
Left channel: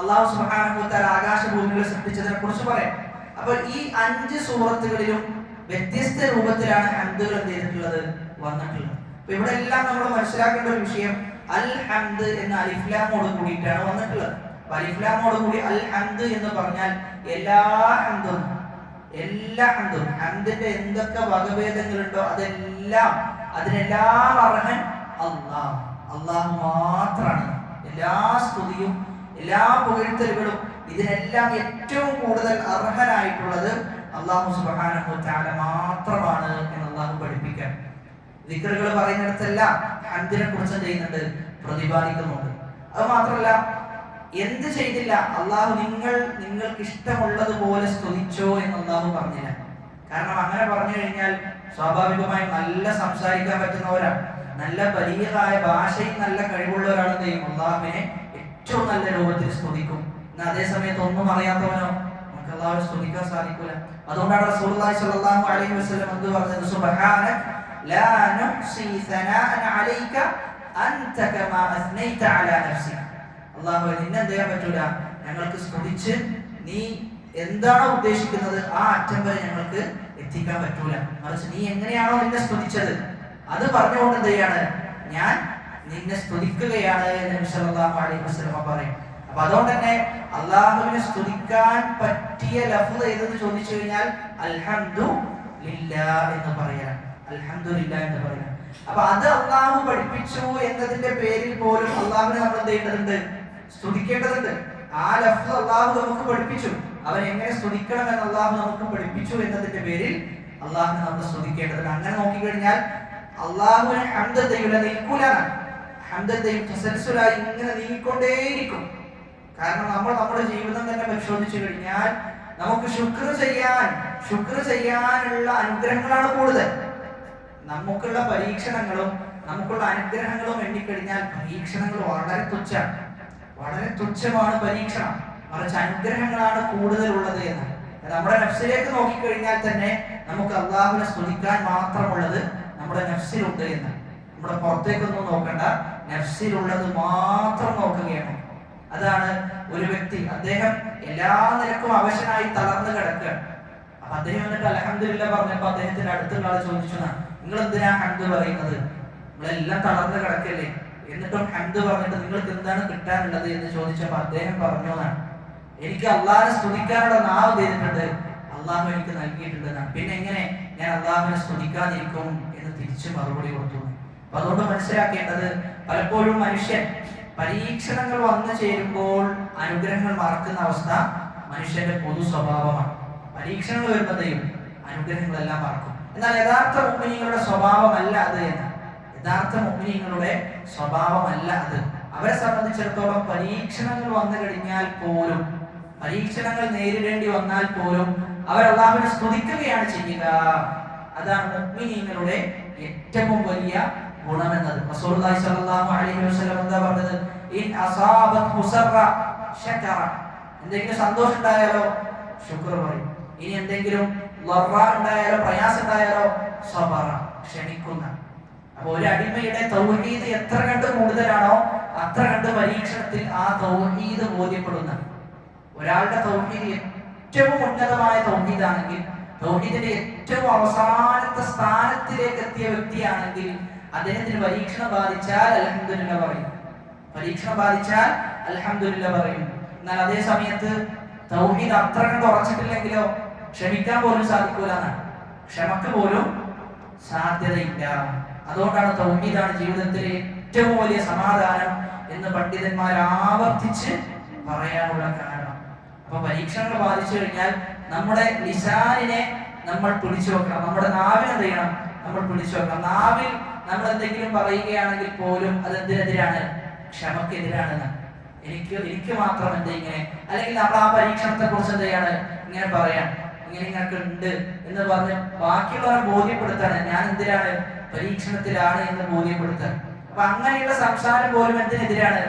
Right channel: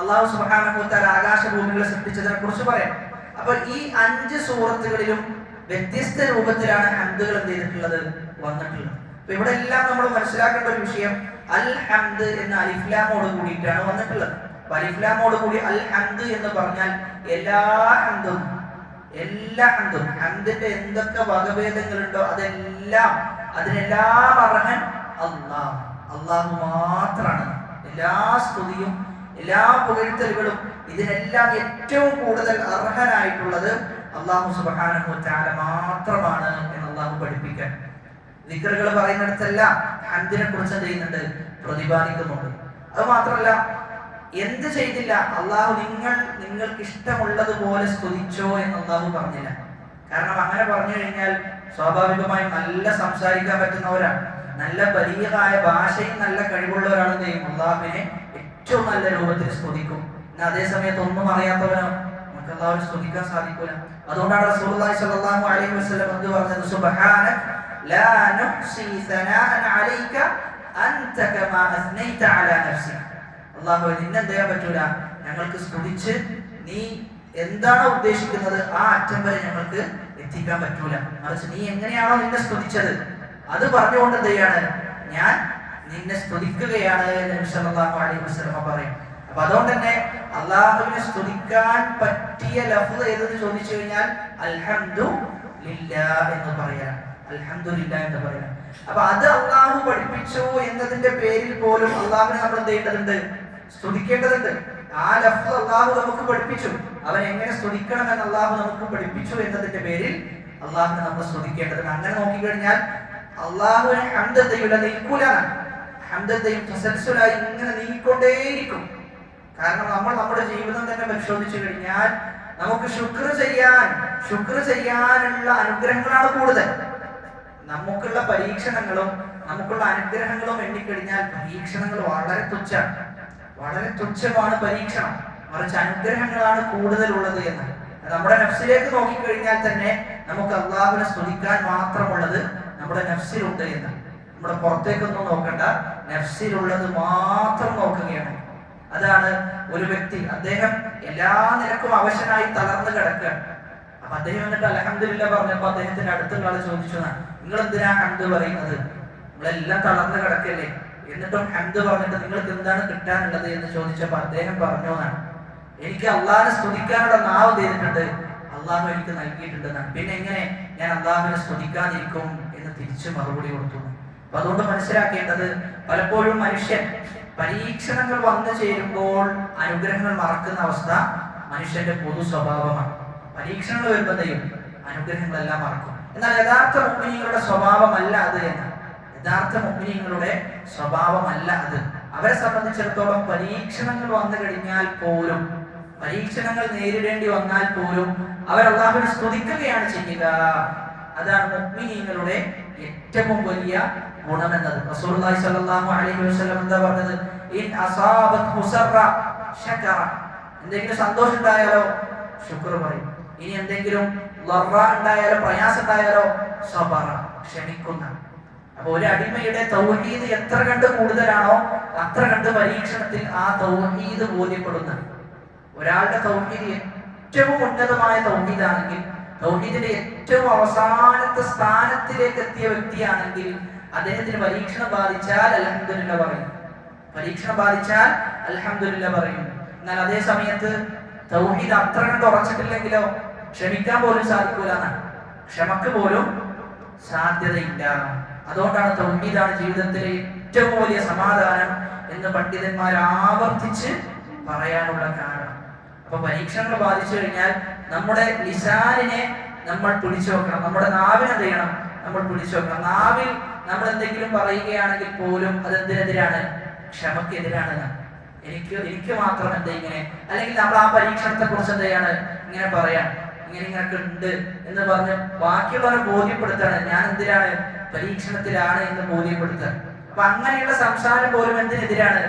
അല്ലാഹു സുബ്ഹാനഹു വ തആല ആകാശഭൂമികളെ സൃഷ്ടിച്ചതിനെ കുറിച്ച് പറയാം. അപ്പോൾ ഈ 5 സൂറത്തുകളിലും വ്യത്യസ്ത രൂപത്തിലാണ് ഹംദുകൾ എന്ത് ചെയ്തിട്ടുള്ളത്, വന്നിട്ടുള്ളത്. അപ്പൊ ഇവിടെ എല്ലാം നമ്മൾ മനസ്സിലാക്കേണ്ട ഒരു വിഷയം, അൽ ഹംദ് എന്ന അലിഫ്ലാമോട് കൂടിയിട്ടാണ് വന്നിട്ടുള്ളത്. അലിഫ്ലാമോട് കൂടി അൽ ഹംദ് എന്ന് പറഞ്ഞാൽ എല്ലാ ഹംദും, എല്ലാ ഹംദും, ഹംദിന്റെ എന്തൊക്കെ വകഭേദങ്ങളുണ്ടോ അതിനെല്ലാം അർഹൻ അല്ലാഹ്. അല്ലാഹു മാത്രമാണ്. എല്ലാ സ്തുതിയും എല്ലാ പുകഴ്ത്തലുകളും ഇതിനെല്ലാം ഏറ്റവും കൂടുതൽ അർഹനായിട്ടുള്ളത് അല്ലാഹു സുബ്ഹാനഹു വ തആല മാത്രമാണ് എന്ന് അല്ലാഹു പഠിപ്പിക്കാൻ ദിക്റുകൾ പറയുന്നിടത്തെല്ലാം ഹംദിനെ കുറിച്ച് ചെയ്യുന്നുണ്ട്, പ്രതിപാദിക്കുന്നുണ്ട്. അത് മാത്രമല്ല, എന്ത് ചെയ്തില്ല അള്ളാഹു നിങ്ങൾക്ക് ഇഷ്ടമുള്ളതുപോലെ സ്തുതിച്ചോ എന്ന് അള്ളാഹു പറഞ്ഞില്ല. കാരണം അങ്ങനെ പറഞ്ഞു കഴിഞ്ഞാൽ സ്വാഭാവികമായും നല്ല സംസാരിക്കാൻ പറ്റുന്നവരാണ്, നല്ല ബലീഗായ ഭാഷയിൽ നല്ല കഴിവുള്ള ഒരാൾ ചെയ്യും അള്ളാഹുവിനെ ഏറ്റവും നല്ല രൂപത്തിൽ സ്തുതിക്കും. എന്നാൽ അതേ സമയത്ത് ഒന്നും അറിയാത്തവനോ നമുക്ക് അള്ളാഹുവിനെ സ്തുതിക്കാൻ സാധിക്കൂല. അതുകൊണ്ടാണ് റസൂലുള്ളാഹി സ്വല്ലല്ലാഹു അലൈഹി വസല്ലം എന്ത് പറഞ്ഞത്? സുബ്ഹാനക ലാ നുഹ്സി സനാഅൻ അലൈക അൻത കമാ അസ്നൈത അലാ നഫ്സിക. അല്ലാഹു നിന്നെന്ത് ചെയ്യാൻ പറ്റൂല, ഞങ്ങൾക്ക് സ്തുതിച്ച് നീ എന്താണോ ഉദ്ദേശിക്കുന്നത് ആ അറ്റം വരെ ഞങ്ങൾക്ക് എത്തിക്കാൻ പറ്റൂല. മറിച്ച് നീ എങ്ങനെയാണോ നിന്നെ സ്തുതിച്ചത് അത് പറഞ്ഞുകൊണ്ട് എന്ത് ചെയ്യാണ്, ഞാൻ നിന്നെ സ്തുതിക്കുകയാണ് എന്ന് നബി സല്ലല്ലാഹു അലൈഹി വസല്ലം പറയും. അപ്പൊ അതുകൊണ്ട് തന്നെ അള്ളാഹുവിനെ സ്തുതിക്കാൻ പറ്റിയ ലഫ്ദ് ഏതെന്ന് ചോദിച്ചു കഴിഞ്ഞാൽ അൽഹംദുലില്ലാഹ് എന്ന് പറയാം. അൽഹംദുലില്ലാഹ് എന്ന് പറയാം. അപ്പൊ അത് അള്ളാഹു പഠിപ്പിച്ചു എന്നതിന്റെ പേരിൽ പോലും അള്ളാഹുവിനെ നമ്മൾ എന്ത് ചെയ്യേണ്ടതുണ്ട്? സ്തുതിക്കേണ്ടതുണ്ട്. ആ ലഫ്ദ് അള്ളാഹു നമുക്ക് പഠിപ്പിച്ചു, അവൻ എങ്ങനെ സ്തുതിക്കണം എന്ന് അള്ളാഹു നമുക്ക് പഠിപ്പിച്ചു എന്നതിന്റെ പേരിൽ അള്ളാഹുവിനെ നമ്മൾ സ്തുതിക്കേണ്ടതുണ്ട്. അങ്ങനെ നോക്കിക്കഴിഞ്ഞാൽ അള്ളാഹുവിനെ ഹംദത്തയുടെ നിൽക്കൂലാണ്, ഹംദത്തയും തസൽസുലായി ഇങ്ങനെ നീങ്ങിക്കൊണ്ടേയിരിക്കും. കാരണം നമ്മൾ നമ്മുടെ ജീവിതം തന്നെ പരിശോധിച്ചു കഴിഞ്ഞാൽ നമുക്ക് ശുക്ർ ചെയ്യാനുള്ള അനുഗ്രഹങ്ങളാണ് കൂടുതൽ. നമുക്കുള്ള പരീക്ഷണങ്ങളും നമുക്കുള്ള അനുഗ്രഹങ്ങളും എണ്ണിക്കഴിഞ്ഞാൽ പരീക്ഷണങ്ങൾ വളരെ തുച്ഛമാണ് പരീക്ഷണം. മറിച്ച് അനുഗ്രഹങ്ങളാണ് കൂടുതലുള്ളത് എന്ന് നമ്മുടെ നഫ്സിലേക്ക് നോക്കിക്കഴിഞ്ഞാൽ തന്നെ നമുക്ക് അള്ളാഹുവിനെ സ്തുതിക്കാൻ മാത്രമുള്ളത് നമ്മുടെ നഫ്സിലുണ്ട് എന്ന്. നമ്മുടെ പുറത്തേക്കൊന്നും നോക്കണ്ട, നഫ്സിലുള്ളത് മാത്രം നോക്കുകയാണ്. അതാണ് ഒരു വ്യക്തി, അദ്ദേഹം എല്ലാ നിലക്കും അവശനായി തളർന്നു കിടക്കുകയാണ്. അപ്പൊ അദ്ദേഹം എന്നിട്ട് അൽഹംദുലില്ലാഹ് പറഞ്ഞപ്പോ അദ്ദേഹത്തിന്റെ അടുത്തുള്ള ആള് ചോദിച്ചു, നിങ്ങൾ എന്തിനാ ഹംദ് പറയുന്നത്? നമ്മളെല്ലാം തളർന്നു കിടക്കല്ലേ, എന്നിട്ടും ഹംദ് പറഞ്ഞിട്ട് നിങ്ങൾക്ക് എന്താണ് കിട്ടാനുള്ളത് എന്ന് ചോദിച്ചപ്പോ അദ്ദേഹം പറഞ്ഞു, എനിക്ക് അള്ളാഹിനെ സ്തുതിക്കാനുള്ള നാവ് ചെയ്തിട്ടുണ്ട്, അള്ളാഹു എനിക്ക് നൽകിയിട്ടുണ്ട്. പിന്നെ എങ്ങനെ ഞാൻ അള്ളാഹുവിനെ സ്തുതിക്കാതിരിക്കും എന്ന് തിരിച്ചു മറുപടി കൊടുത്തു. അപ്പൊ അതുകൊണ്ട് മനസ്സിലാക്കേണ്ടത്, പലപ്പോഴും മനുഷ്യൻ പരീക്ഷണങ്ങൾ വന്നു ചേരുമ്പോൾ അനുഗ്രഹങ്ങൾ മറക്കുന്ന അവസ്ഥ മനുഷ്യന്റെ പൊതു സ്വഭാവമാണ്. പരീക്ഷണങ്ങൾ വരുമ്പോഴത്തേയും അനുഗ്രഹങ്ങളെല്ലാം മറക്കും. എന്നാൽ യഥാർത്ഥ മുഅ്മിനീങ്ങളുടെ സ്വഭാവമല്ല അത് എന്ന്. യഥാർത്ഥ മുഅ്മിനീങ്ങളുടെ സ്വഭാവമല്ല അത്. അവരെ സംബന്ധിച്ചിടത്തോളം പരീക്ഷണങ്ങൾ വന്നു കഴിഞ്ഞാൽ പോലും, പരീക്ഷണങ്ങൾ നേരിടേണ്ടി വന്നാൽ പോലും അവർ അല്ലാഹുവിനെ സ്തുതിക്കുകയാണ് ചെയ്യുക. അതാണ് മുഅ്മിനീങ്ങളുടെ ഏറ്റവും വലിയ ഗുണമെന്നത്. റസൂലുള്ളാഹി സ്വല്ലല്ലാഹു അലൈഹി വസല്ലം എന്താ പറഞ്ഞത്? ഇൻ അസാബത് മുസറ ശകറ. എന്തെങ്കിലും സന്തോഷം ഉണ്ടായാലോ ശുക്ർ പറയും. ഇനി എന്തെങ്കിലും ലറ ഉണ്ടായാലോ, പ്രയാസം ഉണ്ടായാലോ സബറ, ക്ഷമിക്കുന്ന. അപ്പൊ ഒരു അടിമയുടെ തൗഹീദ് എത്ര കണ്ട് കൂടുതലാണോ അത്ര കണ്ട് പരീക്ഷണത്തിൽ ആ തൗഹീദ് ബോധ്യപ്പെടുന്ന ഒരാളുടെ തൗഹീദ് ഏറ്റവും ഉന്നതമായ തൗഹീദാണെങ്കിൽ, തൗഹീദിന്റെ ഏറ്റവും അവസാനത്തെ സ്ഥാനത്തിലേക്ക് എത്തിയ വ്യക്തിയാണെങ്കിൽ അദ്ദേഹത്തിന് പരീക്ഷണം ബാധിച്ചാൽ അൽഹംദുലില്ലാഹ് പറയും. പരീക്ഷണം ബാധിച്ചാൽ അൽഹംദുലില്ലാഹ് പറയും. എന്നാൽ അതേ സമയത്ത് തൗഹീദ് അത്ര കണ്ട് ഉറച്ചിട്ടില്ലെങ്കിലോ ക്ഷമിക്കാൻ പോലും സാധിക്കൂല, ക്ഷമക്ക് പോലും സാധ്യതയില്ല. അതുകൊണ്ടാണ് തൗഹീദാണ് ജീവിതത്തിലെ ഏറ്റവും വലിയ സമാധാനം എന്ന് പണ്ഡിതന്മാർ ആവർത്തിച്ച് പറയാനുള്ള കാരണം. അപ്പൊ പരീക്ഷണങ്ങൾ ബാധിച്ചു കഴിഞ്ഞാൽ നമ്മുടെ ലിസാനിനെ നമ്മൾ പിടിച്ചു വെക്കണം, നമ്മുടെ നാവിനെ എന്ത് ചെയ്യണം, നമ്മൾ പിടിച്ചു വെക്കണം. നാവിൽ നമ്മൾ എന്തെങ്കിലും പറയുകയാണെങ്കിൽ പോലും അത് എന്തിനെതിരാണ്? ക്ഷമക്കെതിരാണ്. എനിക്ക് മാത്രം എന്താ ഇങ്ങനെ, അല്ലെങ്കിൽ നമ്മൾ ആ പരീക്ഷണത്തെ കുറിച്ച് എന്ത് ചെയ്യാണ്, ഇങ്ങനെ പറയാം, ഇങ്ങനെയൊക്കെ ഉണ്ട് എന്ന് പറഞ്ഞ് ബാക്കിയുള്ളവരെ ബോധ്യപ്പെടുത്താണ് ഞാൻ എന്തിനാണ്, പരീക്ഷണത്തിലാണ് എന്ന് ബോധ്യപ്പെടുത്താൻ. അപ്പൊ അങ്ങനെയുള്ള സംസാരം പോലും എന്തിനെതിരാണ്?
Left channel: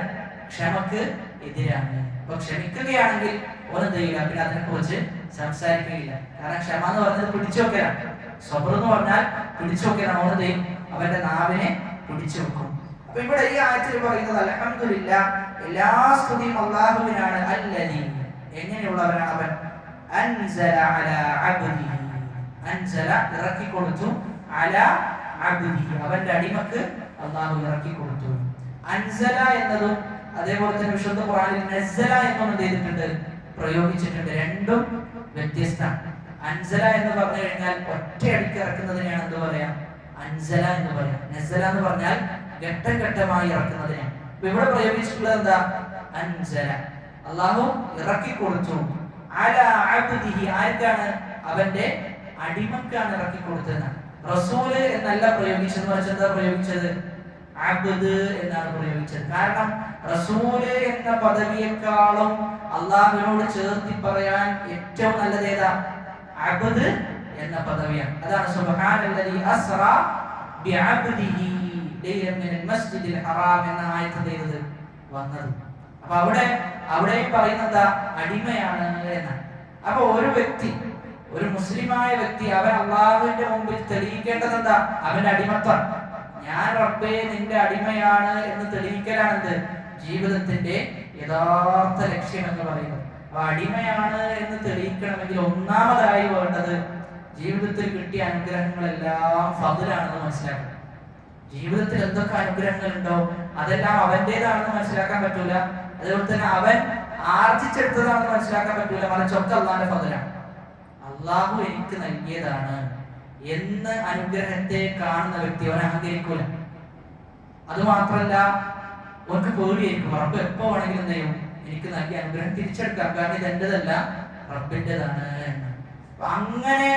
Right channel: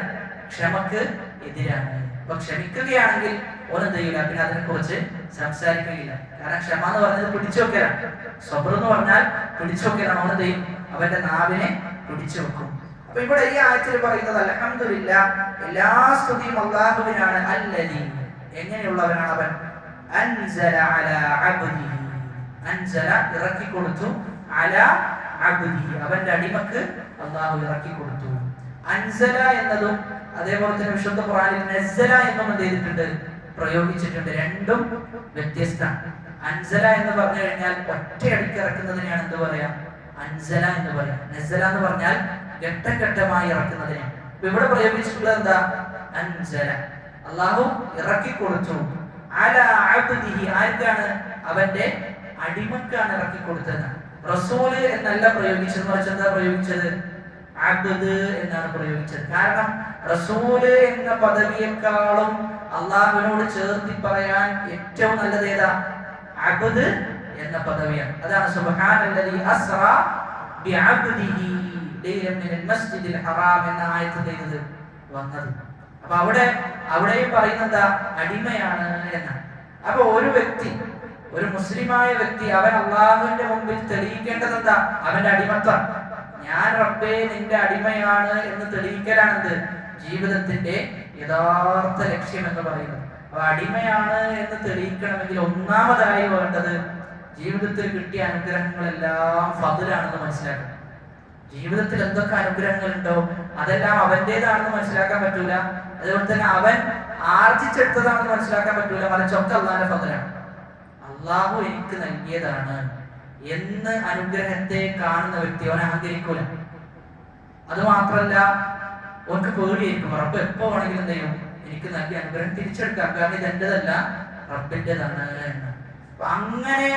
ക്ഷമക്ക് എതിരാണ്. അപ്പൊ ക്ഷമിക്കുകയാണെങ്കിൽ ഒന്നും ചെയ്യില്ല, പിന്നെ അതിനെ കുറിച്ച് സംസാരിക്കുകയില്ല. കാരണം ക്ഷമ എന്ന് പറഞ്ഞത് പിടിച്ചു വെക്കലാണ്, സബ്ർ എന്ന് പറഞ്ഞാൽ പിടിച്ചു വെക്കലാണ്. ഒന്നും ചെയ്യും, അവന്റെ നാവിനെ പിടിച്ചു വെക്കും. അപ്പൊ ഇവിടെ ഈ ആയത്തിൽ പറയുന്നത് അൽഹംദുലില്ലാഹ്, എല്ലാ സ്തുതിയും അല്ലാഹുവിനാണ്. അല്ലദീ, എങ്ങനെയുള്ളവനാണ് അവൻ? അൻസല അലാ അബ്ദിഹി, അൻസല ഇറക്കി കൊടുത്തു, അലാ അബ്ദിഹി അവന്റെ അടിമക്ക് അല്ലാഹു ഇറക്കി കൊടുത്തു. അൻസല എന്നതും അതേപോലെ തന്നെ വിശുദ്ധ ഖുർആനിൽ നസ്സല എന്നും എന്ത് ചെയ്തിട്ടുണ്ട്, പ്രയോഗിച്ചിട്ടുണ്ട്. രണ്ടും വ്യത്യസ്തമാണ്. അൻസല എന്ന് പറഞ്ഞു കഴിഞ്ഞാൽ ഒറ്റയടിക്ക് ഇറക്കുന്നതിനെയാണ് എന്ത് പറയാ? അൻസല എന്ന് പറയാം. നസല എന്ന് പറഞ്ഞാൽ ഘട്ടം ഘട്ടമായി ഇറക്കുന്നതിനാണ്. ഇവിടെ പ്രയോഗിച്ചിട്ടുള്ളത് എന്താ? അൻസല. അല്ലാഹു ഇറക്കി കൊടുത്തു. അലാ അബ്ദിഹി, ആർക്കാണ്? അവന്റെ അടിമക്കാണ് ഇറക്കി കൊടുത്തത്. റസൂൽ എന്നല്ല പ്രയോഗിച്ചത്, മറിച്ച് എന്താ പ്രയോഗിച്ചത്? അബ്ദ് എന്നാണ് പ്രയോഗിച്ചത്. കാരണം റസൂൽ എന്ന പദവിയെക്കാളും അള്ളാഹുവിനോട് ചേർത്തി പറയാൻ ഏറ്റവും നല്ലത് ഏതാ? അബ്ദ് എന്ന പദവിയാണ്. അതാണ് സുബ്ഹാനല്ലദീ അസ്റാ ബിഅബ്ദിഹി ലൈലൻ മിനൽ മസ്ജിദിൽ ഹറാം എന്ന ആയത്തിൽ വന്നത്. അപ്പൊ അവിടെ പറയുന്നത് അടിമയാണ് എന്നാണ്. അപ്പൊ ഒരു വ്യക്തി, ഒരു മുസ്ലിമായ വ്യക്തി, അവൻ അള്ളാഹുവിന്റെ മുമ്പിൽ തെളിയിക്കേണ്ടത് എന്താ? അവന്റെ അടിമത്വം. ഞാൻ റബ്ബേ നിന്റെ അടിമയാണ് എന്ന് തെളിയിക്കലാണെന്ത്? ജീവിതത്തിന്റെ യഥാർത്ഥ ലക്ഷ്യം എന്ന് പറയുന്നത്. അപ്പൊ അടിമയാണ് എന്ന് തെളിയിക്കണമെങ്കിൽ ഒന്നാമതായി വേണ്ടത് ജീവിതത്തിൽ കിട്ടിയ അനുഗ്രഹങ്ങളെല്ലാം ഫദ്ലാണെന്ന് മനസ്സിലാക്കണം. ജീവിതത്തിൽ എന്തൊക്കെ അനുഗ്രഹങ്ങൾ ഉണ്ടോ അതെല്ലാം അവന്റേതാണെന്ന് മനസ്സിലാക്കാൻ പറ്റൂല. അതുപോലെ തന്നെ അവൻ ആർജിച്ചെടുത്തതാണെന്ന് മനസ്സിലാക്കാൻ പറ്റൂല. മറിച്ചൊക്കെ അള്ളാന്റെ ഫദ്ലാണ്. അള്ളാഹു എനിക്ക് നൽകിയതാണ് എന്ന് അനുഗ്രഹത്തെ കാണുന്ന വ്യക്തി അവനെ അഹങ്കരിക്കൂല. അത് മാത്രല്ല, അവർക്ക് പേടിയായിരിക്കും. റബ്ബ് എപ്പോ വേണമെങ്കിലും എന്ത് ചെയ്യും? എനിക്ക് നൽകിയ അനുഗ്രഹം തിരിച്ചെടുക്കാം, കാരണം ഇത് എന്റേതല്ല റബ്ബിന്റേതാണ് എന്ന്. അങ്ങനെ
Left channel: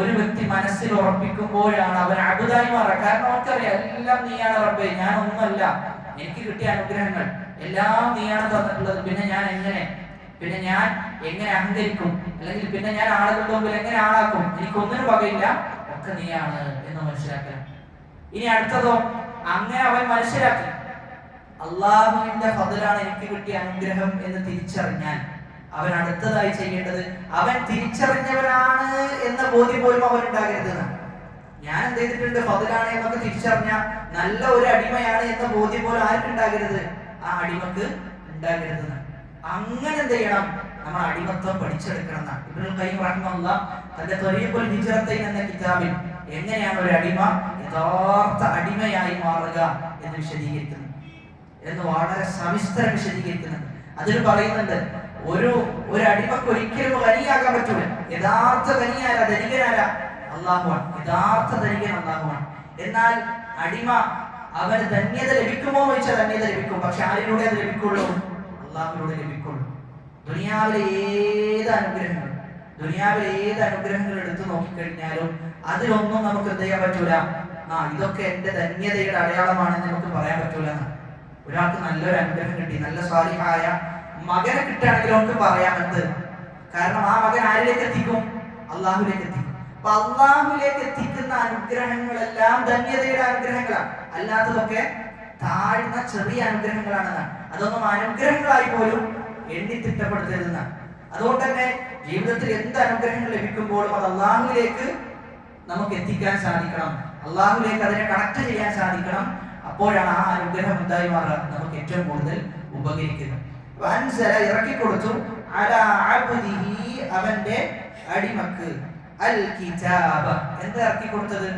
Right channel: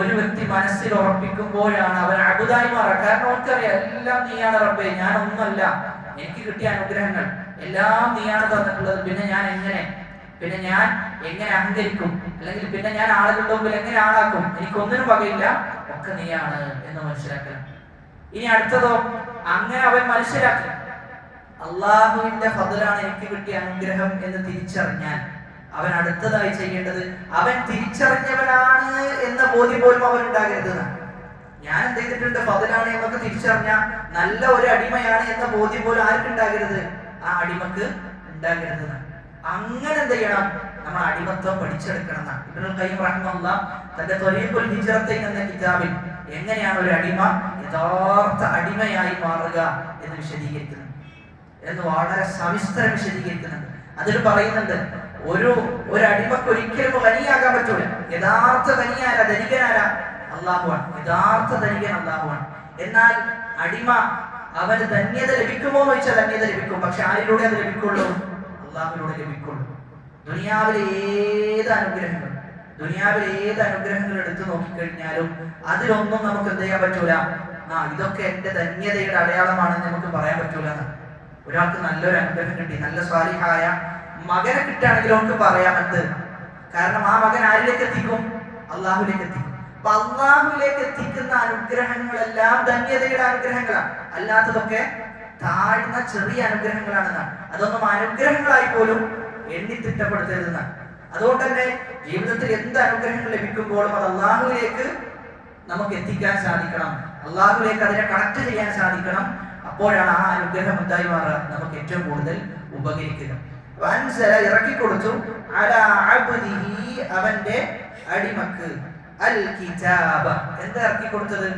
ഒരു വ്യക്തി മനസ്സിൽ ഉറപ്പിക്കുമ്പോഴാണ് അവൻ അബുദായി മാറുക. കാരണം അവർക്കറിയാം എല്ലാം നീയാണ് റബ്ബേ, ഞാൻ ഒന്നുമല്ല. എനിക്ക് കിട്ടിയ അനുഗ്രഹങ്ങൾ എല്ലാം നീയാണ് തന്നിട്ടുള്ളത്. പിന്നെ ഞാൻ എങ്ങനെ അഹങ്കരിക്കും? അല്ലെങ്കിൽ പിന്നെ ഞാൻ ആളുകളുടെ മുമ്പിൽ എങ്ങനെ ആളാക്കും? എനിക്കൊന്നിനും വകയില്ല, ഒക്കെ നീയാണ് എന്ന് മനസ്സിലാക്കണം. ഇനി അടുത്തതോ, അങ്ങനെ അവൻ മനസ്സിലാക്കി അള്ളാഹുവിന്റെ ഫദ്ലാണ് എനിക്ക് കിട്ടിയ അനുഗ്രഹം എന്ന് തിരിച്ചറിഞ്ഞാൽ അവൻ അടുത്തതായി ചെയ്യേണ്ടത് അവൻ തിരിച്ചറിഞ്ഞവനാണ് എന്ന ബോധ്യം പോലും അവൻ ഉണ്ടാകരുതെന്നാണ്. ഞാൻ എന്ത് ചെയ്തിട്ടുണ്ട്? ഫദ്ലാണ് എന്നൊക്കെ തിരിച്ചറിഞ്ഞ നല്ല ഒരു അടിമയാണ് എന്ന ബോധ്യം പോലും ആർക്കുണ്ടാകരുത്? ആ അടിമക്ക് ഉണ്ടാകരുതെന്നാണ്. അങ്ങനെ എന്ത് ചെയ്യണം? നമ്മൾ അടിമത്വം പഠിച്ചെടുക്കണം. ഇബ്നുൽ ഖയ്യിം റഹിമഹുല്ലാഹ് തന്റെ ത്വരീഖുൽ ഹിജ്റത്തൈൻ എന്ന കിതാബിൽ എങ്ങനെയാണ് ഒരു അടിമ യഥാർത്ഥ അടിമയായി മാറുക എന്ന് വിശദീകരിക്കുന്നു, എന്ന് വളരെ സവിസ്തരം വിശദീകരിക്കുന്നുണ്ട്. അതിൽ പറയുന്നുണ്ട്, ഒരു അടിമക്ക് ഒരിക്കലും ഖനിയാകാൻ പറ്റൂല. യഥാർത്ഥ ഖനിയാര, ധനികനാര? അല്ലാഹുവാണ്. യഥാർത്ഥ ധനികൻ അല്ലാഹുവാണ്. എന്നാൽ അടിമ അവന് ധന്യത ലഭിക്കുമോ എന്ന് ചോദിച്ചാൽ ധന്യത ലഭിക്കും. പക്ഷെ ആരിലൂടെ അത് ലഭിക്കുള്ളൂ? അല്ലാഹുവിലൂടെ ലഭിക്കുള്ളൂ. ദുനിയാവിലെ ഏത് അനുഗ്രഹങ്ങൾ എടുത്തു നോക്കിക്കഴിഞ്ഞാലും അതിലൊന്നും നമുക്ക് എന്ത് ചെയ്യാൻ പറ്റൂല? ഇതൊക്കെ എന്റെ ധന്യതയുടെ അടയാളമാണെന്ന് നമുക്ക് പറയാൻ പറ്റൂല. ഒരാൾക്ക് നല്ലൊരു അനുഗ്രഹം കിട്ടി, നല്ല സ്വാലിഹായ മകനെ കിട്ടുകയാണെങ്കിൽ നമുക്ക് പറയാമെന്ത്? കാരണം ആ മകൻ ആരിലേക്ക് എത്തിക്കും? അള്ളാഹുലേക്ക് എത്തിക്കും. അപ്പൊ അള്ളാഹുലേക്ക് എത്തിക്കുന്ന അനുഗ്രഹങ്ങളെല്ലാം ധന്യതയുടെ അനുഗ്രഹങ്ങളാണ്. അല്ലാത്തതൊക്കെ താഴ്ന്ന ചെറിയ അനുഗ്രഹങ്ങളാണെന്നാണ്. അതൊന്നും അനുഗ്രഹങ്ങളായി പോലും എണ്ണി തിട്ടപ്പെടുത്തരുതെന്നാണ്. അതുകൊണ്ട് തന്നെ ജീവിതത്തിൽ എന്ത് അനുഗ്രഹങ്ങൾ ലഭിക്കുമ്പോഴും അത് അള്ളാഹുവിലേക്ക് നമുക്ക് എത്തിക്കാൻ സാധിക്കണം. അള്ളാഹുവിലേക്ക് അതിനെ കണക്ട് ചെയ്യാൻ സാധിക്കണം. അപ്പോഴാണ് ആ അനുഗ്രഹം എന്തായി മാറുക? നമുക്ക് ഏറ്റവും കൂടുതൽ ഉപകരിക്കുക. ഇറക്കി കൊടുത്തു അലാ അബ്ദിഹി, അവന്റെ അടിമക്ക്. അൽ കിതാബ, എന്താ ഇറക്കി കൊടുത്തത്?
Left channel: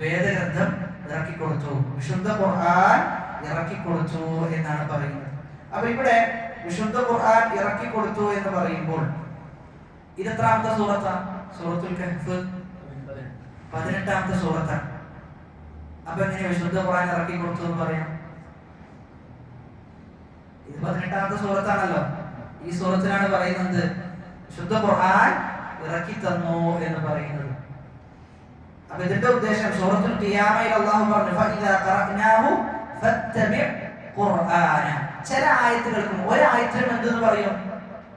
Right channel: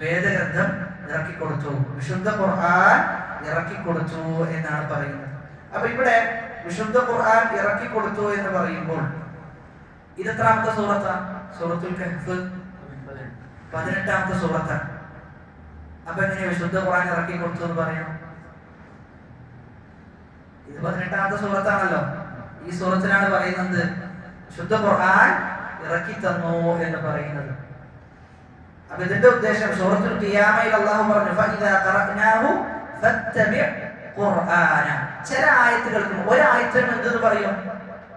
വേദഗ്രന്ഥം ഇറക്കി കൊടുത്തു, വിശുദ്ധ ഖുർആൻ ഇറക്കി കൊടുത്തു എന്നാണ് പറയുന്നത്. അപ്പൊ ഇവിടെ വിശുദ്ധ ഖുർആൻ ഇറക്കി കൊടുത്തു എന്ന് പറയുമ്പോൾ ഇത് എത്രാമത്തെ സൂറത്താണ്? സൂറത്തുൽ കഹ്ഫ് 18ാമത്തെ സൂറത്താണ്. അപ്പൊ എങ്ങനെ വിശുദ്ധ ഖുർആൻ ഇറക്കി കൊടുത്തു എന്ന് പറയാം? ഇത് 18ാമത്തെ സൂറത്താണല്ലോ. ഈ സൂറത്തിലാണ് പറയുന്നത് വിശുദ്ധ ഖുർആൻ ഇറക്കി തന്നു എന്ന് പറയുന്നത്. അപ്പൊ ഇതിന്റെ ഉദ്ദേശം സൂറത്തുൽ ഖിയാമയിൽ അല്ലാഹു പറഞ്ഞു ഫഇദാ ഖറഅനാഹു ഫത്തബിഅ ഖുർആന. ചില ആയത്തുകൾക്ക് ഒരായത്തിനും എന്തെന്ന് പറയും?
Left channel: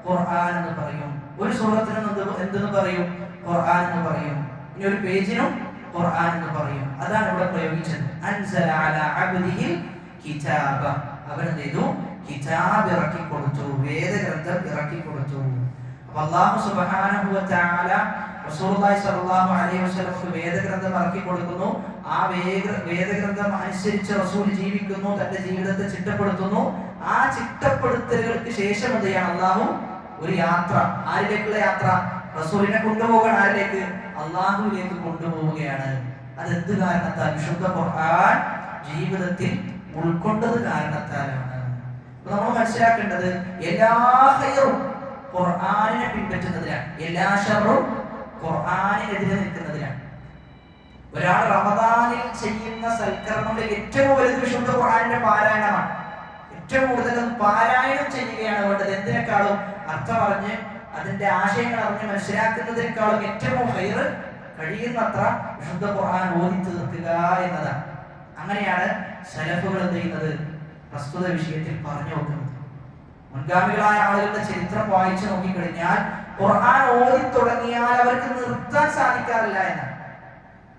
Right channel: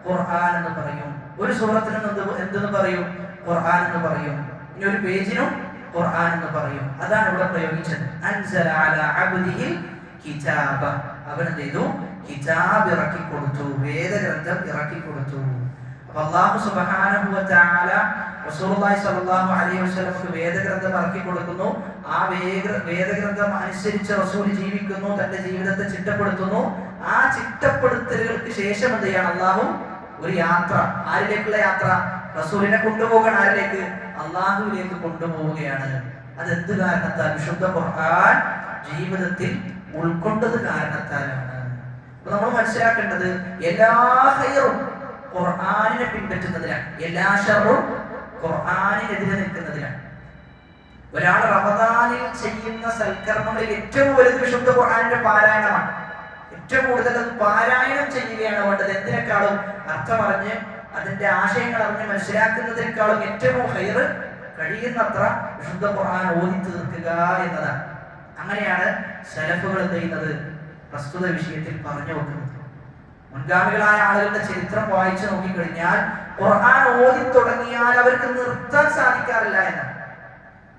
ഖുർആൻ എന്ന് പറയും. ഒരു സൂറത്തിനും എന്തെന്ന് പറയും? ഖുർആൻ എന്ന് പറയും. ഇനി ഒരു പേജിനും ഖുർആൻ എന്ന് പറയും. അതാണ് ഇവിടെ പ്രയോഗിച്ചത്. അൻസല അലാ അബ്ദിഹിൽ കിതാബ, അവൻ എന്ത് ചെയ്തു? കിതാബ് ഇറക്കി കൊടുത്തു, വേദഗ്രന്ഥം ഇറക്കി കൊടുത്തു. അപ്പോൾ അല്ലാഹു സുബ്ഹാനഹു വ തആല റസൂലുള്ളാഹി സ്വല്ലല്ലാഹു അലൈഹി വസല്ലമക്ക് വേദഗ്രന്ഥം ഇറക്കി കൊടുക്കുന്നു. ആ വേദഗ്രന്ഥം അനുസരിച്ച് റസൂൽ ജീവിക്കുന്നു, തന്റെ ജീവിതത്തെ ചിട്ടപ്പെടുത്തുന്നു. ആ ചിട്ടപ്പെടുത്തലുകൾക്ക് ശേഷം എന്ത് ചെയ്യണം? അല്ലാഹു ഒരു യാത്ര. ആരിലേക്കുള്ള യാത്ര? റസൂലിനെ കൊണ്ടുപോകണം. ആരിലേക്ക്? അല്ലാഹുവിലേക്ക് കൊണ്ടുപോവുകയാണ്. അതെന്ത് കാരണത്താൽ? വിശുദ്ധ ഖുർആൻ ജീവിതത്തിൽ ഉൾക്കൊണ്ടത് കാരണത്താലാണ്. നമ്മൾ മനസ്സിലാക്കേണ്ടത് എല്ലാ ഖൈറും ഖുർആനിനെ പിൻപറ്റുന്നതിലാണ്. എല്ലാ ഷർറും ഖുർആനിനെതിരെ നിൽക്കുന്നതിലാണ്. ഒരാൾ റമദാനിൽ ചെയ്യുന്ന സൽക്കർമ്മങ്ങളിൽ ഏറ്റവും വലുത് വിശുദ്ധ ഖുർആനിന്റെ പാരായണമാണ്. ഏറ്റവും കൂടുതൽ അത് പാരായണം ചെയ്യുകയാണ് വേണ്ടത്. എന്തിനേക്കാളും അർത്ഥം അറിഞ്ഞ് അതിന്റെ ആശയങ്ങൾ അറിഞ്ഞ് മനസ്സിലാക്കുന്നതിനേക്കാളും ഏറ്റവും ഹൈർ കഴിയുന്നത്ര വിശുദ്ധ ഖുർആൻ ഓതി തീർക്കുക എന്നതാണ്. അങ്ങനെയാണ് സലഫുകൾ എന്ത് ചെയ്യുന്നത്, പ്രസ്തുത വിഷയത്തിൽ പറഞ്ഞു വെക്കുന്നത്. മുൻഗാമികളായ ആളുകളുടെ ചരിത്രം വായിച്ചു നോക്കിക്കഴിഞ്ഞാൽ ഖുർആൻ ഓതി തുടങ്ങിയാൽ അവർക്ക് നിർത്താൻ സാധിക്കാറില്ല എന്നാണ്.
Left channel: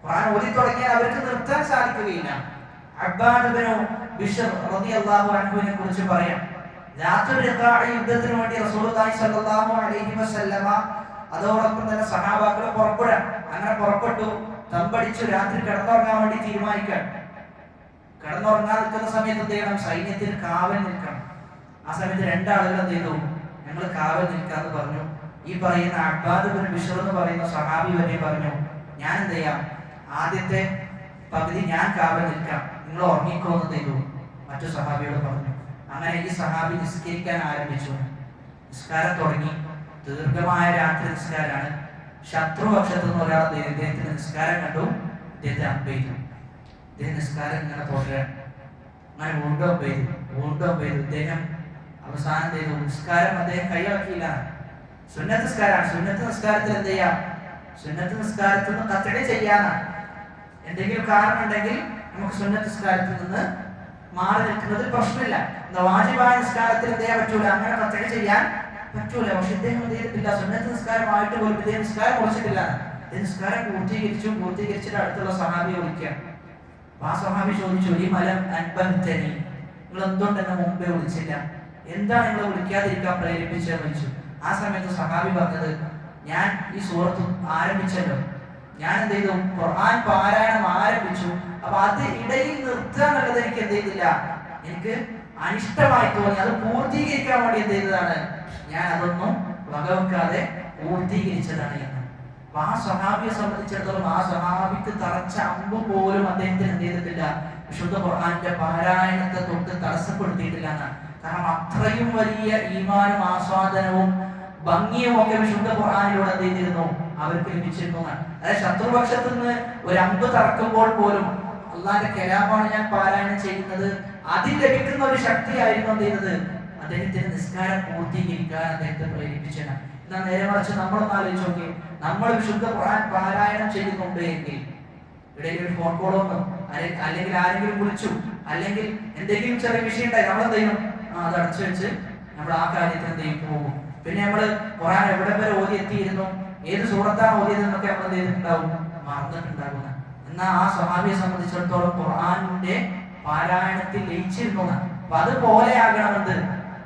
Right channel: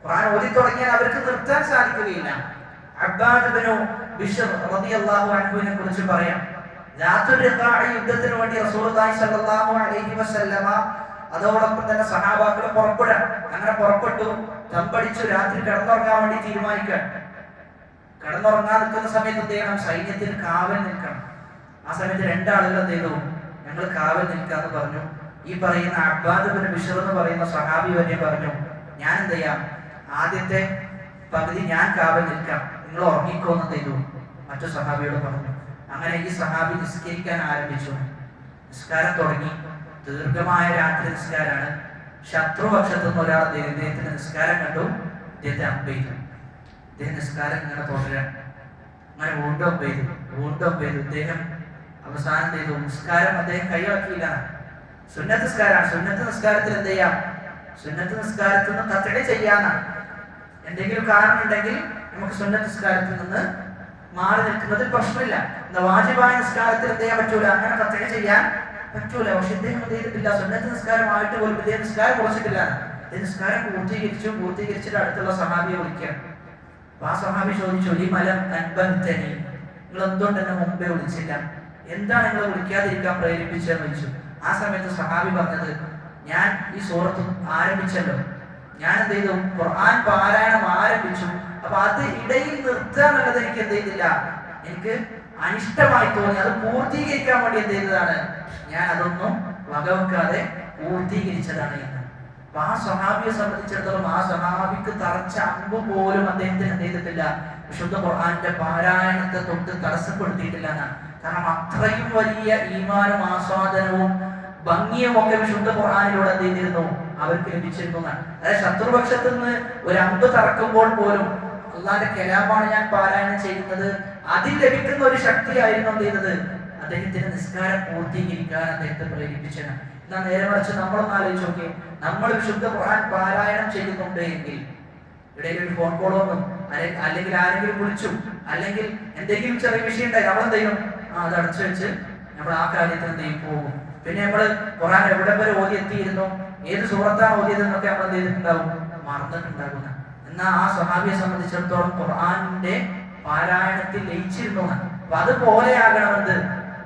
ഖുർആൻ ഓതി തുടങ്ങിയാൽ അവർക്ക് നിർത്താൻ സാധിക്കുകയില്ല. അബ്ബാദ് ഇബ്നു ബിശ്ർ റളിയല്ലാഹു അൻഹുവിനെ കുറിച്ച് പറയാം. ദാത്തുർ റിഖാഇ യുദ്ധത്തിന് വേണ്ടി റസൂലുള്ളാഹി സ്വല്ലല്ലാഹു അലൈഹി വസല്ലമ അതോടൊപ്പം തന്നെ സഹാബാക്കൾ പുറപ്പെടാൻ. അങ്ങനെ പുറപ്പെട്ടു, തമ്പടിച്ചു, രാത്രി കിടന്നുറങ്ങാൻ വേണ്ടി തീരുമാനിക്കാൻ. കിടന്നുറങ്ങാൻ നിൽക്കുന്ന സമയത്ത് എന്ത് ചെയ്യണം, സൈന്യത്തിന് കാവൽ നിൽക്കണം. ആ സമയത്ത് രണ്ടാളുകൾ എന്ത് ചെയ്തു, ഞങ്ങൾ കാവൽ നിൽക്കാന്ന് പറഞ്ഞു. ഈ പറയുന്ന അബ്ബാദ് ഇബ്നു ബിശ്ർ എന്ന് പറയുന്ന സഹാബി വരെ പറഞ്ഞു, ഞാൻ എന്ത് ചെയ്യാം, ആദ്യത്തെ പകുതി ഞാൻ കാവൽ നിൽക്കാം, നിങ്ങൾ ഉറങ്ങിക്കോന്ന് ചെയ്തു മറ്റു സഹാബിയോട് പറഞ്ഞു. അങ്ങനെ ഈ സഹാബി നിസ്കരിക്കാൻ ആരംഭിച്ചു. നിസ്കാരം തുടങ്ങി. ദീർഘമായ രാത്രി നിസ്കാരമാണ്. ശത്രുപക്ഷത്തു നിന്ന് ഒരാൾ ഇദ്ദേഹത്തിന്റെ നിസ്കാരം കണ്ടു, ഇദ്ദേഹത്തെ അമ്പ് ചെയ്തു. ഇദ്ദേഹം നിസ്കാരം ഇങ്ങനെ തുടരാൻ. അങ്ങനെ വീണ്ടും അമ്പ് ചെയ്തു. ഇദ്ദേഹം അവസാനം ചെയ്തു നിസ്കാരം അദ്ദേഹം കൈവക്കിയില്ല. സുന്നത്ത് നിസ്കാരമാണ്. സുന്നത്ത് നിസ്കാരത്തിൽ എന്ത് ചെയ്യാം, സുന്നത്ത് നിസ്കാരത്തിൽ നിന്ന് കത്തട ചെയ്യാനാണ്. എന്തെങ്കിലും കാരണം ഉണ്ടെങ്കിൽ നമുക്ക് സുന്നത്ത് നിസ്കാരത്തിൽ നിന്ന് മാറി നിൽക്കുന്നതിൽ പ്രശ്നമില്ല. വാജിബായ നിസ്കാരത്തിൽ എന്ത് ചെയ്യാൻ പറ്റൂല, അങ്ങനെ കത്തട ചെയ്യാൻ പറ്റൂല. പക്ഷെ ഇദ്ദേഹം എന്ത് ചെയ്തിട്ടില്ല, സുന്നത്ത് നിസ്കാരമായിട്ട് പോലും ഇദ്ദേഹം നിസ്കാരം കുറച്ചിട്ടില്ല. നിസ്കാരം പൂർത്തീകരിച്ചിട്ട് അടുത്തുള്ള സഹാബിയെ വിളിക്കാം. ആ സഹാബി ചോദിച്ചു, ഈ മലം അൻപത്തനി, നിങ്ങൾ എന്തുകൊണ്ട് എന്നെ മുമ്പേ വിളിച്ചില്ല, എന്താണ് നിങ്ങളെ വിളിക്കാതിരിക്കാൻ പ്രേരിപ്പിച്ചതെന്ന് ചോദിച്ചു. ആ സമയത്ത് സഹാബി പറഞ്ഞത്, ഞാൻ ഈ സൂറത്ത് ആരംഭിച്ചല്ലോ, ഞാൻ എന്ത് ചെയ്തു, ഖുർആൻ പാരായണം ആരംഭിച്ചു. അപ്പൊ അത് ഇടയിൽ നിർത്താൻ എന്നുള്ളത് എനിക്ക് എന്ത് ചെയ്തില്ല, എനിക്ക് അനിഷ്ടമായി തോന്നി. അത് പൂർത്തീകരിക്കാൻ വേണ്ടി എന്ത് ചെയ്തതാണ്, ഞാൻ അതൊന്നും വകവെക്കാതെ പൂർത്തീകരിച്ചതാണ് എന്ന്. അപ്പൊ ആ സഹാബിയെ സംബന്ധിച്ചിടത്തോളം ആ സഹാബിക്ക് തറച്ച അമ്പ് പോലും അദ്ദേഹത്തിന് എന്ത് ചെയ്തിട്ടില്ല, വിശുദ്ധ ഖുർആന്റെ പാരായണത്തെ തൊട്ട് തടസ്സപ്പെടുത്തിയിട്ടില്ല എന്നാണ്. കാരണം അത്രയും വലിയ ഈമാനും ആസ്വാദനവും ഭംഗിയും ഒക്കെ വിശുദ്ധ ഖുർആനിലൂടെ എന്ത് ചെയ്തിരുന്നു, അവർക്ക് ലഭിച്ചിരുന്നു. അതായത് ശത്രുപക്ഷത്ത് നിന്ന് ഒരു അമ്പ് തറക്കുമ്പോൾ പോലും അള്ളാന്റെ കലാമാണ് ഞാൻ പാരായണം ചെയ്യുന്നത്, അതിൽ ലഭിക്കുന്ന ഒരു ശക്തിയായിരുന്നു എന്ത് ചെയ്യുന്നത്, അദ്ദേഹത്തിന്റെ നിസ്കാരം പൂർത്തീകരിക്കാൻ അദ്ദേഹത്തെ പ്രേരിപ്പിച്ചത്. എന്നാൽ നേരെ മറിച്ച് നമ്മളൊന്ന് ആലോചിച്ച് നോക്കി, നമ്മൾ വിശുദ്ധ ഖുർആൻ പാരായണം ചെയ്യുന്നുണ്ട് എങ്കിൽ ഇടയിൽ ഒരു ഫോൺ കോൾ വന്നു, അല്ലെങ്കിൽ ആരെങ്കിലും വിളിച്ചു, അല്ലെങ്കിൽ എന്തെങ്കിലും ചെറിയ വിഷയം ഉണ്ടായി, നമ്മളെന്ത് ചെയ്യും, അത് അടച്ചു വെച്ച് നമ്മൾ ആ കാര്യത്തിൽ എന്ത് ചെയ്യും, പോകും. പിന്നെ നമ്മള് ഖുർആൻ എവിടെ വരെ ഓതി എത്തിയിരുന്നു, ഏത് സൂറത്താണ് ഓതിയതെന്നൊക്കെ നമ്മൾ എന്ത് ചെയ്തിട്ടുണ്ടാവും, മറന്നിട്ടുണ്ടാകുന്ന. എന്നാൽ ആ സ്വഹാബിയെ സംബന്ധിച്ചിടത്തോളം ഖുർആനിന്റെ പാരായണത്തിൽ ലയിച്ചിരുന്നു. അപ്പൊ അതുപോലെയാകണമെന്ന്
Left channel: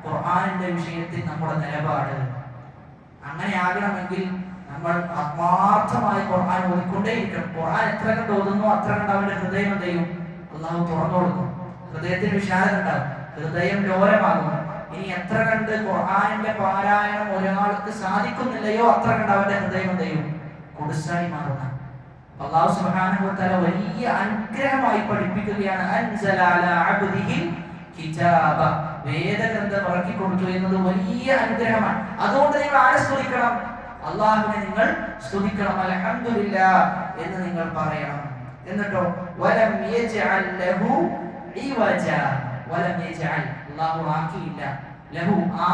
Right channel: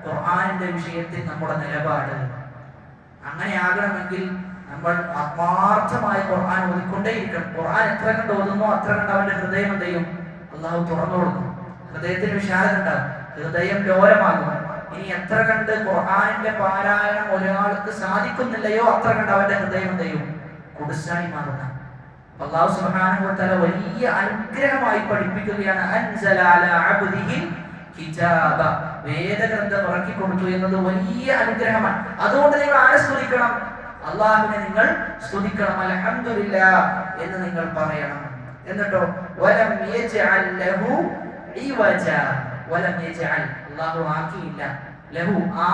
ഖുർആനിന്റെ വിഷയത്തിൽ നമ്മുടെ നിലപാട്. അങ്ങനെ ആകണമെങ്കിൽ നമ്മൾ ആത്മാർത്ഥമായി ഖുർആൻ ഓതിക്കൊണ്ടേയിരിക്കണം. ഖുർആൻ എത്ര കണ്ട് ഓതുന്നു അത്ര കണ്ട് അവന്റെ ഹൃദയം എന്ത് ചെയ്യും, അള്ളാഹു തുറന്നു കൊടുക്കും. ഹൃദയത്തിന് വിശാലത ഉണ്ടാകും, ഹൃദയം ലോലമാകും. ഇനി എത്ര കണ്ട് ഖുർആനിന്റെ പാരായണം ഒരാൾക്ക് സാധിക്കുന്നില്ലയോ അത്ര കണ്ട് അവന്റെ ഹൃദയം എന്ത് ചെയ്യും, കുടുസായി മാറുന്ന. അല്ലാഹു സുബ്ഹാനഹു വ തആല വലിയ അനുഗ്രഹമായി പഠിപ്പിക്കുകയാണ്, അൻസല അലാ അബ്ദിഹിൽ കിതാബ, വേദഗ്രന്ഥം ഇറക്കി കൊടുത്തു എന്നത് വലിയ അനുഗ്രഹമാണ്. അതുകൊണ്ട് നിങ്ങൾ ആരെ സ്തുതിക്കണം, അല്ലാഹുവിനെ നിങ്ങൾ സ്തുതിക്കണം, അൽഹംദുലില്ലാഹ് എന്ന് നിങ്ങൾ പറയണം. എന്നിട്ടോ വലം യജ്അൽ ലഹു ഇവജ, വലം യജ്അൽ, അല്ലാഹു ആക്കിയില്ല, ലഹു, ആ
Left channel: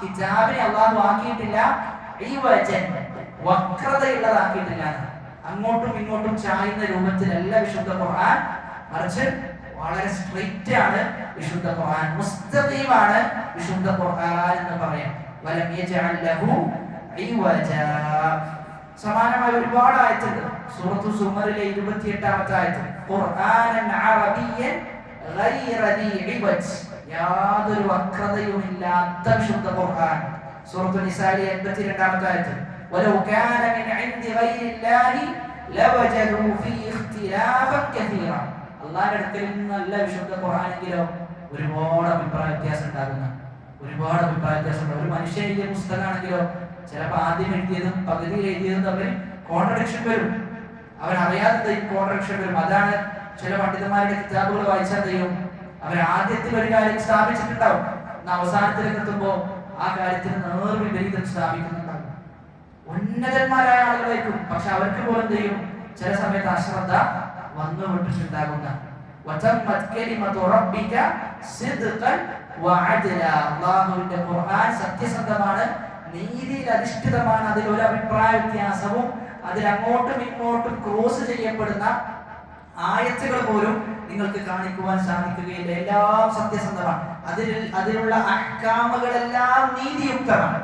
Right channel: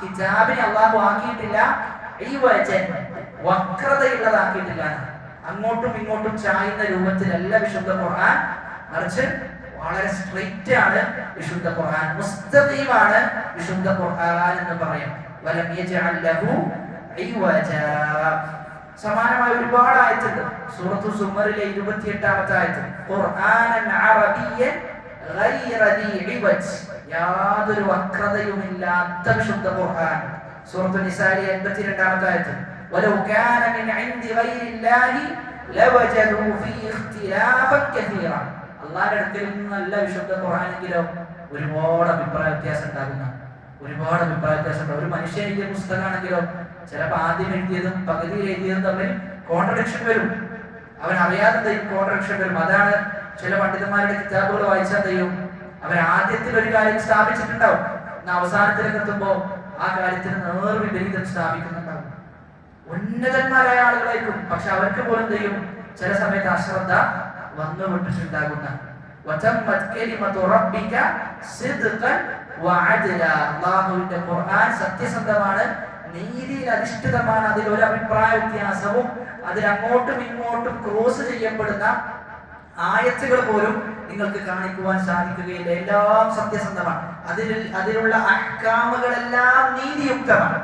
കിതാബിനെ അല്ലാഹു ആക്കിയിട്ടില്ല, ഇവജൻ, വക്രതയുള്ളതാക്കിയിട്ടില്ല, അങ്ങോട്ടും ഇങ്ങോട്ടും ചായുന്ന രൂപത്തിലല്ല വിശുദ്ധ ഖുർആൻ, മറിച്ച് വളരെ സ്ട്രെയിറ്റ് ആണ് വിശുദ്ധ ഖുർആൻ, മുസ്തഖീമാണ് വിശുദ്ധ ഖുർആൻ എന്ന് പറയാം. വലം യജ്അൽ ലഹു ഇവജ. സമാനമായ ഒരുപാട് ആയത്തുണ്ട്. സൂറത്തു സുമറിലെ 28ാമത്തെ ആയത്ത്, ഖുർആനൻ അറബിയ്യൻ ഗൈറ ദീ ഇവജ്, യാതൊരു വക്രതയുമില്ലാത്ത വിശുദ്ധ ഖുർആൻ. സൂറത്തു നിസായിലെ 82ാമത്തെ ആയത്ത്, വലൗ കാന മിൻ ഇൻദി ഗൈരില്ലാഹി ലവജദു ഫീ ഇഖ്തിലാഫൻ കസീറ, അല്ലാഹുവിന്റെ അടുക്കൽ നിന്നല്ല വിശുദ്ധ ഖുർആനെങ്കിലോ ഒരുപാട് അഭിപ്രായ വ്യത്യാസം ഉണ്ടാകുന്ന, ഒരുപാട് അഭിപ്രായ വ്യത്യാസം. ഒരു മനുഷ്യൻ എഴുതിയ പുസ്തകമാണെങ്കിലോ ചിലപ്പോൾ ആദ്യം എഴുതിയതും പകുതിയിൽ എഴുതിയതും തമ്മിൽ കോൺട്രഡിക്ഷൻ വരും, അവൻ അറിയാതെ കോൺട്രഡിക്ഷൻ വരും. അതാണ് ചില പണ്ഡിതന്മാരുടെ കിതാബുകൾ വായിച്ചാൽ ചെയ്യും, അവർ ആദ്യത്തിൽ ഒരു കാര്യം സ്ഥാപിച്ചിട്ടുണ്ടാവും, എന്നാൽ അവസാനത്തിലേക്ക് എത്തുമ്പോൾ ആ കാര്യത്തിന് നേർവിപരീതം സ്ഥാപിക്കുന്നുണ്ടാവും. ഉന്നതന്മാരായ ആളുകളായിരിക്കും, പക്ഷെ അവർക്ക് പോലും ചെയ്യും ചില സമയത്ത് അശ്രദ്ധ വന്നു വിട്ടിട്ടുണ്ടാകുന്ന. അല്ലാഹുവിന്റെ ഖുർആൻ സത്യസന്ധമാണ്, നീതിയിൽ അധിഷ്ഠിതമാണ്. അതിൽ ഒരു അഭിപ്രായ വ്യത്യാസവും അതിൽ അങ്ങോട്ടും ഇങ്ങോട്ടും ക്രോസ് ചെയ്യപ്പെടുന്ന ആയത്തുകൾ പോലും നിങ്ങൾക്ക് കാണിക്കുവാൻ സാധിക്കുകയില്ല. എല്ലാം സത്യസന്ധമാണ്. അതിലുള്ള അഹ്കാമുകളെല്ലാം നീതിയുക്തമാണ്.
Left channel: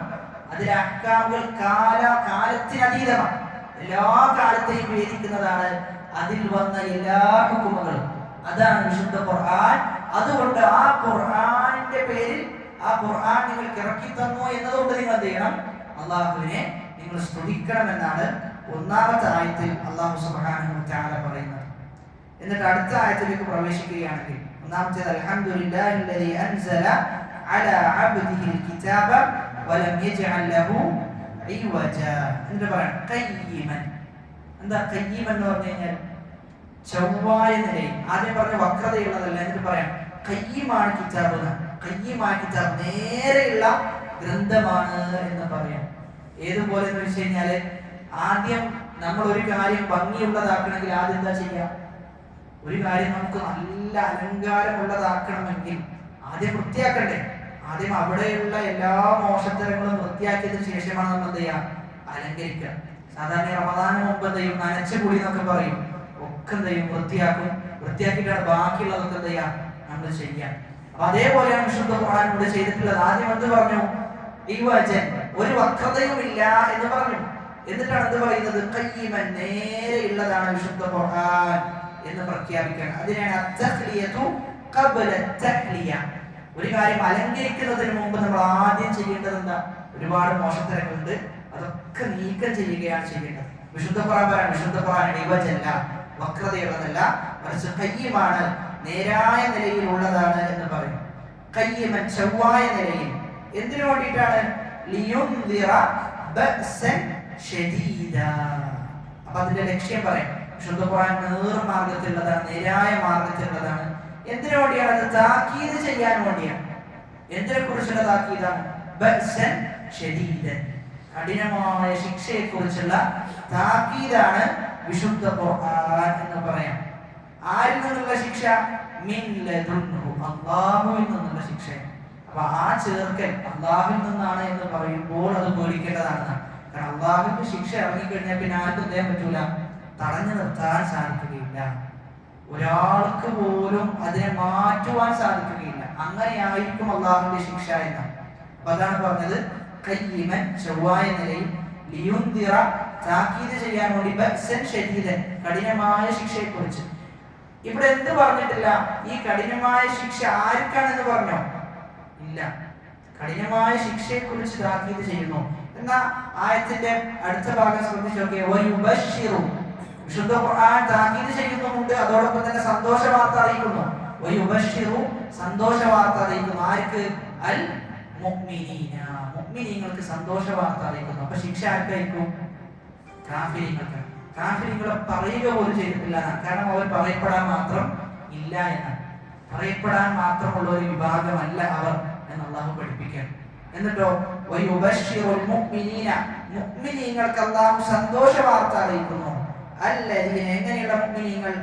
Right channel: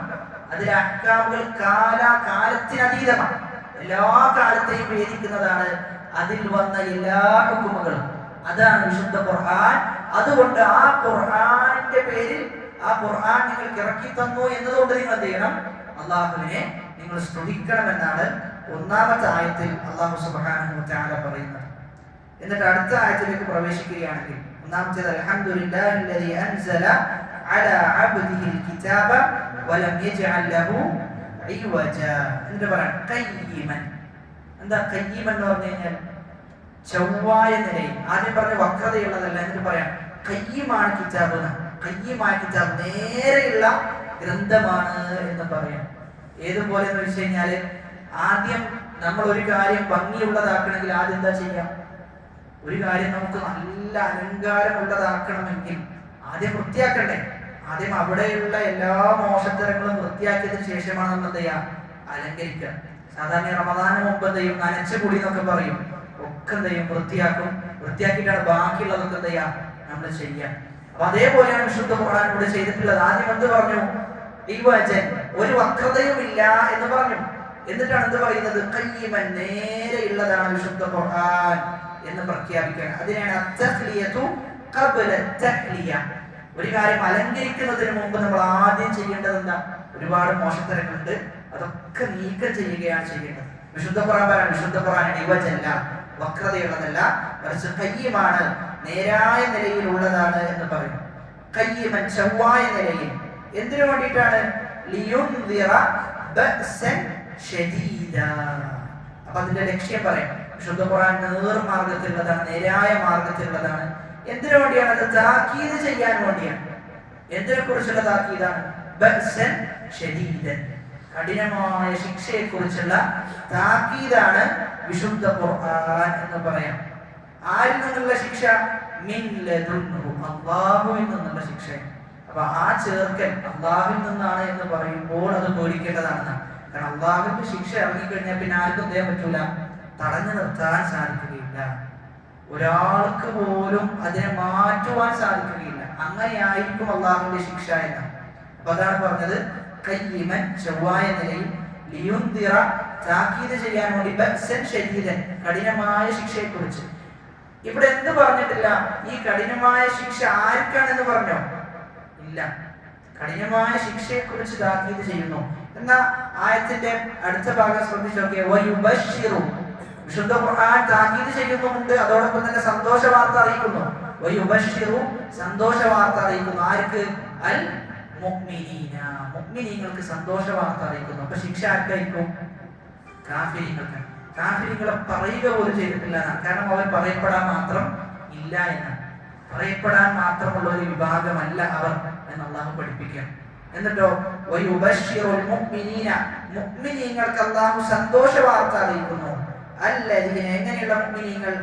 അതിലെ അഹ്കാമുകൾ കാലത്തിനതീതമാണ്. എല്ലാ കാലത്തെയും വേദിക്കുന്നതാണ് അതിൽ വന്ന എല്ലാ ഹുക്കുമുകളും. അതാണ് വിശുദ്ധ ഖുർആൻ. അതുകൊണ്ട് ആ ഖുർആനിന്റെ പേരിൽ, ആ ഖുർആൻ നിങ്ങൾക്ക് ഇറക്കി തന്നു എന്നതുകൊണ്ട് നിങ്ങൾ എന്ത് ചെയ്യണം? അള്ളാഹുവിനെ നിങ്ങൾ സ്തുതിക്കണമെന്നാണ് ഒന്നാമത്തെ ആയത്തിൽ അല്ലാഹു സുബ്ഹാനഹു വ തആല പറയുന്നത്. എന്നിട്ട് അടുത്ത ആയത്തിലേക്ക് പ്രവേശിക്കുകയാണെങ്കിൽ ഒന്നാമത്തേത് അൽഹംദുലില്ലാഹില്ലദീ അൻസല അലാ അബ്ദിഹിൽ കിതാബ വലം യജ്അൽ ലഹു ഇവജ. എന്നിട്ട് പറയാം ഖയ്യിമൻ. എന്താ ഖയ്യിമൻ എന്ന് പറഞ്ഞു കഴിഞ്ഞാൽ? ചൊവ്വായ നിലയിൽ. ആദ്യം പറഞ്ഞ വക്രതയുള്ളതല്ല. എന്നിട്ട് പറയാം ഖയ്യിമാണ് കിതാബ്. ഖയ്യിമായ കിതാബ്, നേരെയുള്ള ഗ്രന്ഥമാണ് എന്ന് പറയാം. ഏതുപോലെ എന്ന് വെച്ച് കഴിഞ്ഞാല് ആദ്യം നമ്മൾ ഒരു കാര്യം ഭംഗിയുള്ളതാക്കണമെങ്കിൽ ആദ്യം എന്താ ചെയ്യാം? ഒരു കാര്യം നമുക്ക് നല്ല അലങ്കാരമുള്ളതാക്കണമെങ്കിൽ ആദ്യം വൃത്തിയാക്കണ്ടേ? ആദ്യം അവിടെയുള്ള എല്ലാ മോശത്തരങ്ങളും വൃത്തിയാക്കിയതിനു ശേഷമാണ് നമ്മൾ എന്ത് ചെയ്യാം? അലങ്കരിക്കുക. സാധാരണ റമദാന് മുമ്പ് എന്ത് ചെയ്യും? നനച്ചുകൂടി എന്നൊക്കെ പറയും. ഒക്കെ എന്ത് ചെയ്യും? വൃത്തിയാക്കും. വൃത്തിയാക്കിയിട്ടാണ് ബാക്കിയുള്ളതൊക്കെ എന്ത് ചെയ്യാം? നമ്മൾ ചെയ്യാം. അപ്പൊ അതേപോലെയാണ് വിശുദ്ധ ഖുർആൻ ഇവിടെ ചെയ്തിട്ടുള്ളത്. ആദ്യം എന്ത് പറഞ്ഞു? ഇവജൻ, ഒരു വക്രതയും ഇല്ല എന്ന് പറഞ്ഞു. എന്നിട്ടാണ് എന്ത് പറയുന്നത്? ഖയ്യിമൻ, നേരെയുള്ളതാണ് വിശുദ്ധ ഖുർആൻ എന്ന് പ്രഖ്യാപിക്കുകയാണ്. അതിനാണ് അത്തഖ്ലിയതു ഖബ്ല തഖ്ലിയ. ഒരു കാര്യം അലങ്കരിക്കുന്നതിന് മുമ്പ് നമ്മൾ ആദ്യം ചെയ്യേണ്ടത് എന്താ? ഒരുപാട് മോശത്തരങ്ങളുണ്ട്, അതൊക്കെ നീക്കം ചെയ്യുകയാണ് ചെയ്യേണ്ടത്. വിശുദ്ധ ഖുർആൻ, വിശുദ്ധ ഖുർആൻ ഇവജല്ല, വക്രതയുള്ളതല്ല, മറിച്ച് ഖയ്യിമാണ്, നേരായ നിലയിലുള്ളതാണ് എന്ന് പറയും. ഖയ്യിമൻ, ചൊവ്വായ നിലയിൽ. എന്തിനു വേണ്ടിയിട്ടാണ്? ലിയുൻദിറ ബഅസൻ ശദീദ. അപ്പൊ അതിന്റെ ലക്ഷ്യം പറയാം. വിശുദ്ധ ഖുർആൻ നേർമാർഗത്തിലുള്ളതാണ്, നേരായ മാർഗത്തിലുള്ളതാണ്. എന്തിനു വേണ്ടിയാണ്? അത് താക്കീത് ചെയ്യാൻ വേണ്ടിയാണ്. എന്തിനെ കുറിച്ചുള്ള താക്കീതാണ്? ബഅസൻ ശദീദൻ, കഠിനമായ ശിക്ഷയെ കുറിച്ചുള്ള താക്കീതാണ് വിശുദ്ധ ഖുർആൻ എന്ന് പറയാം. ആരിൽ നിന്നുള്ള ശിക്ഷ? മിൻ ലദുൻഹു, അല്ലാഹുവിൽ നിന്നുള്ള ശിക്ഷ. അപ്പൊ ആ ചേർക്കൽ അല്ലാഹുവിൽ നിന്നാണ് എന്ന് പറയുമ്പോൾ അത് പേടിക്കേണ്ടതാണ്. കാരണം അല്ലാഹുവിന്റെ ശിക്ഷ ഇറങ്ങിക്കഴിഞ്ഞാൽ പിന്നെ ആർക്കും ചെയ്യാൻ പറ്റൂല, തടഞ്ഞു നിർത്താൻ സാധിക്കുകയില്ല. ഒരാൾക്ക് പോലും അതിനെ മാറ്റുവാൻ സാധിക്കുകയില്ല. അങ്ങനെയായിരിക്കും അല്ലാഹുവിന്റെ ശിക്ഷ എന്ന്. അപ്പൊ അതാണ് പറഞ്ഞത് ഖയ്യിമൻ, ചൊവ്വായ നിലയിൽ, ലിയുൻദിറ, താക്കീത് ചെയ്യാൻ വേണ്ടി, ബഅസൻ ശദീദൻ, കഠിനമായ ശിക്ഷയെ കുറിച്ച്. ഇവിടെ എന്ത് പറഞ്ഞിട്ടില്ല? ഈ കഠിനമായ ശിക്ഷ ആർക്കാണെന്ന് പറഞ്ഞോ? ഇല്ല. കഠിനമായ ശിക്ഷയെ കുറിച്ച് താക്കീത് ചെയ്യുന്നു. എന്നാ ആയത്തിന്റെ അടുത്ത ഭാഗം ശ്രദ്ധിച്ചു നോക്കിയേ. വയുബശ്ശിറു, വിശുദ്ധ ഖുർആൻ താക്കീത് ചെയ്യുന്നുണ്ട്, അതോടൊപ്പം തന്നെ സന്തോഷ വാർത്ത അറിയിക്കുന്നു. വയുബശ്ശിറു, സന്തോഷ വാർത്ത അറിയിക്കുന്നു. ആർക്ക്? അൽ മുഅ്മിനീന, മുഅ്മിനീങ്ങൾക്ക് സന്തോഷ വാർത്ത അറിയിക്കുന്നു. അപ്പൊ ശിക്ഷ ആർക്കായിരിക്കും? കാഫിരീങ്ങൾക്ക്. കാഫിരീങ്ങളെ പറയുക പോലും ചെയ്തിട്ടില്ല. കാരണം അവർ പറയപ്പെടാൻ മാത്രം ഇല്ല എന്നാണ്. പറയപ്പെടാൻ മാത്രമുള്ള ഒരു വിഭാഗമല്ല അവർ എന്ന് അല്ലാഹു പഠിപ്പിക്കാം. എന്നിട്ടോ വയുബശ്ശിറുൽ മുഅ്മിനീന, മുഅ്മിനീങ്ങൾക്ക് അല്ലാഹു സന്തോഷ വാർത്ത അറിയിക്കുന്നു. അല്ലദീന, എങ്ങനെയുള്ള മുഅ്മിനീങ്ങൾ?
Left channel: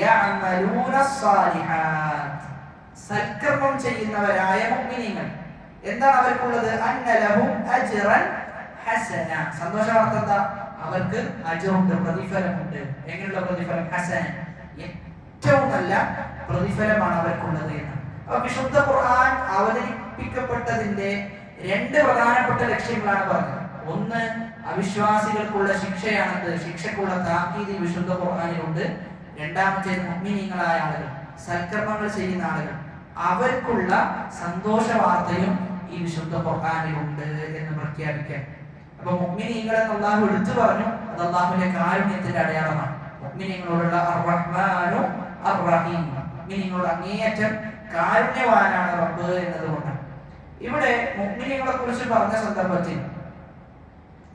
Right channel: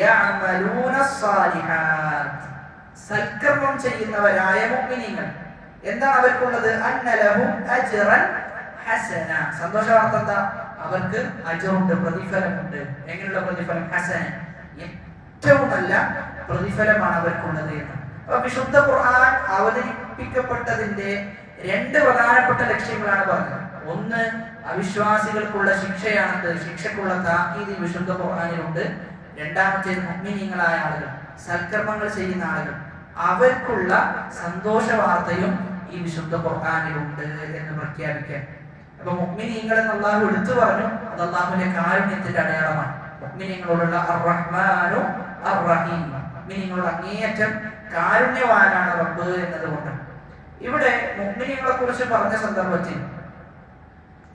യഅമലൂന സ്സാലിഹാത്ത്, സൽക്കർമ്മം ചെയ്യുന്നവരായ മുഅ്മിനീങ്ങൾ. എന്താണ് അവർക്കുള്ളത്? അന്ന ലഹും അജ്റൻ ഹസന. സന്തോഷ വാർത്ത എന്താ? അവർക്ക് അജ്റുണ്ട്, പ്രതിഫലമുണ്ട്. എങ്ങനെയുള്ള പ്രതിഫലം? ഹസന, ഏറ്റവും നല്ല പ്രതിഫലമാണ് അവർക്കുള്ളത് എന്ന്. അപ്പൊ വിശുദ്ധ ഖുർആൻ അവതരിപ്പിക്കപ്പെട്ടതിന്റെ രണ്ട് പ്രധാനപ്പെട്ട ലക്ഷ്യങ്ങളാണ് പറഞ്ഞത്. ഒന്ന്, അവിശ്വാസികൾക്കുള്ള ശിക്ഷയാണത്, ശിക്ഷക്കുള്ള താക്കീത് വിശുദ്ധ ഖുർആനിലുണ്ട്. രണ്ടാമത്തേത് മുഅ്മിനീങ്ങളായ ആളുകൾ, സൽക്കർമ്മങ്ങൾ ചെയ്യുന്ന ആളുകൾ, അവർക്കുള്ള സന്തോഷ വാർത്തയും ഈ വിശുദ്ധ ഖുർആനിലുണ്ട് എന്ന് പ്രഖ്യാപിക്കാൻ. അപ്പൊ മുഅ്മിനീങ്ങൾ എന്ന് അല്ലാഹു എടുത്തു പറഞ്ഞു. അത് അല്ലാഹുവിന്റെ കാരുണ്യത്തിന്റെ അടയാളമാണ്. മുഅ്മിനീങ്ങളോടുള്ള അർ-റഹ്മാനു അർ-റഹീം, മുഅ്മിനീങ്ങളോട് അങ്ങേയറ്റം കാരുണ്യവാനാണ് റബ്ബ് എന്നതുകൊണ്ട്. ഇവിടെ മുഅ്മിനീങ്ങളെ കുറിച്ച് പറഞ്ഞ സന്ദർഭത്തിൽ